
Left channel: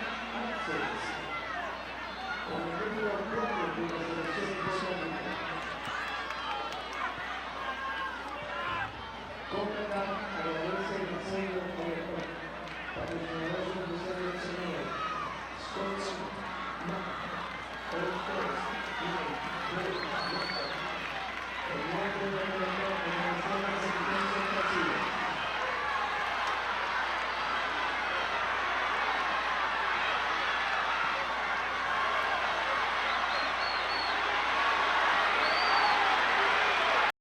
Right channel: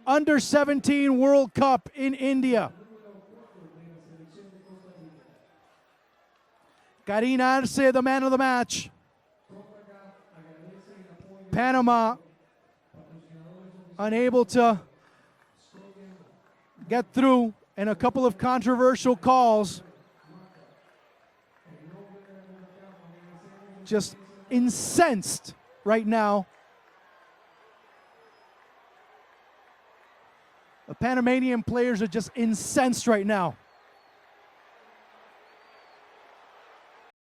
Under-17 World Cup in India. Karim Arce, the man of the match. Panama unable to get through in a couple of controversial calls. Just incensed right now. The Panamanian players are just incensed right now.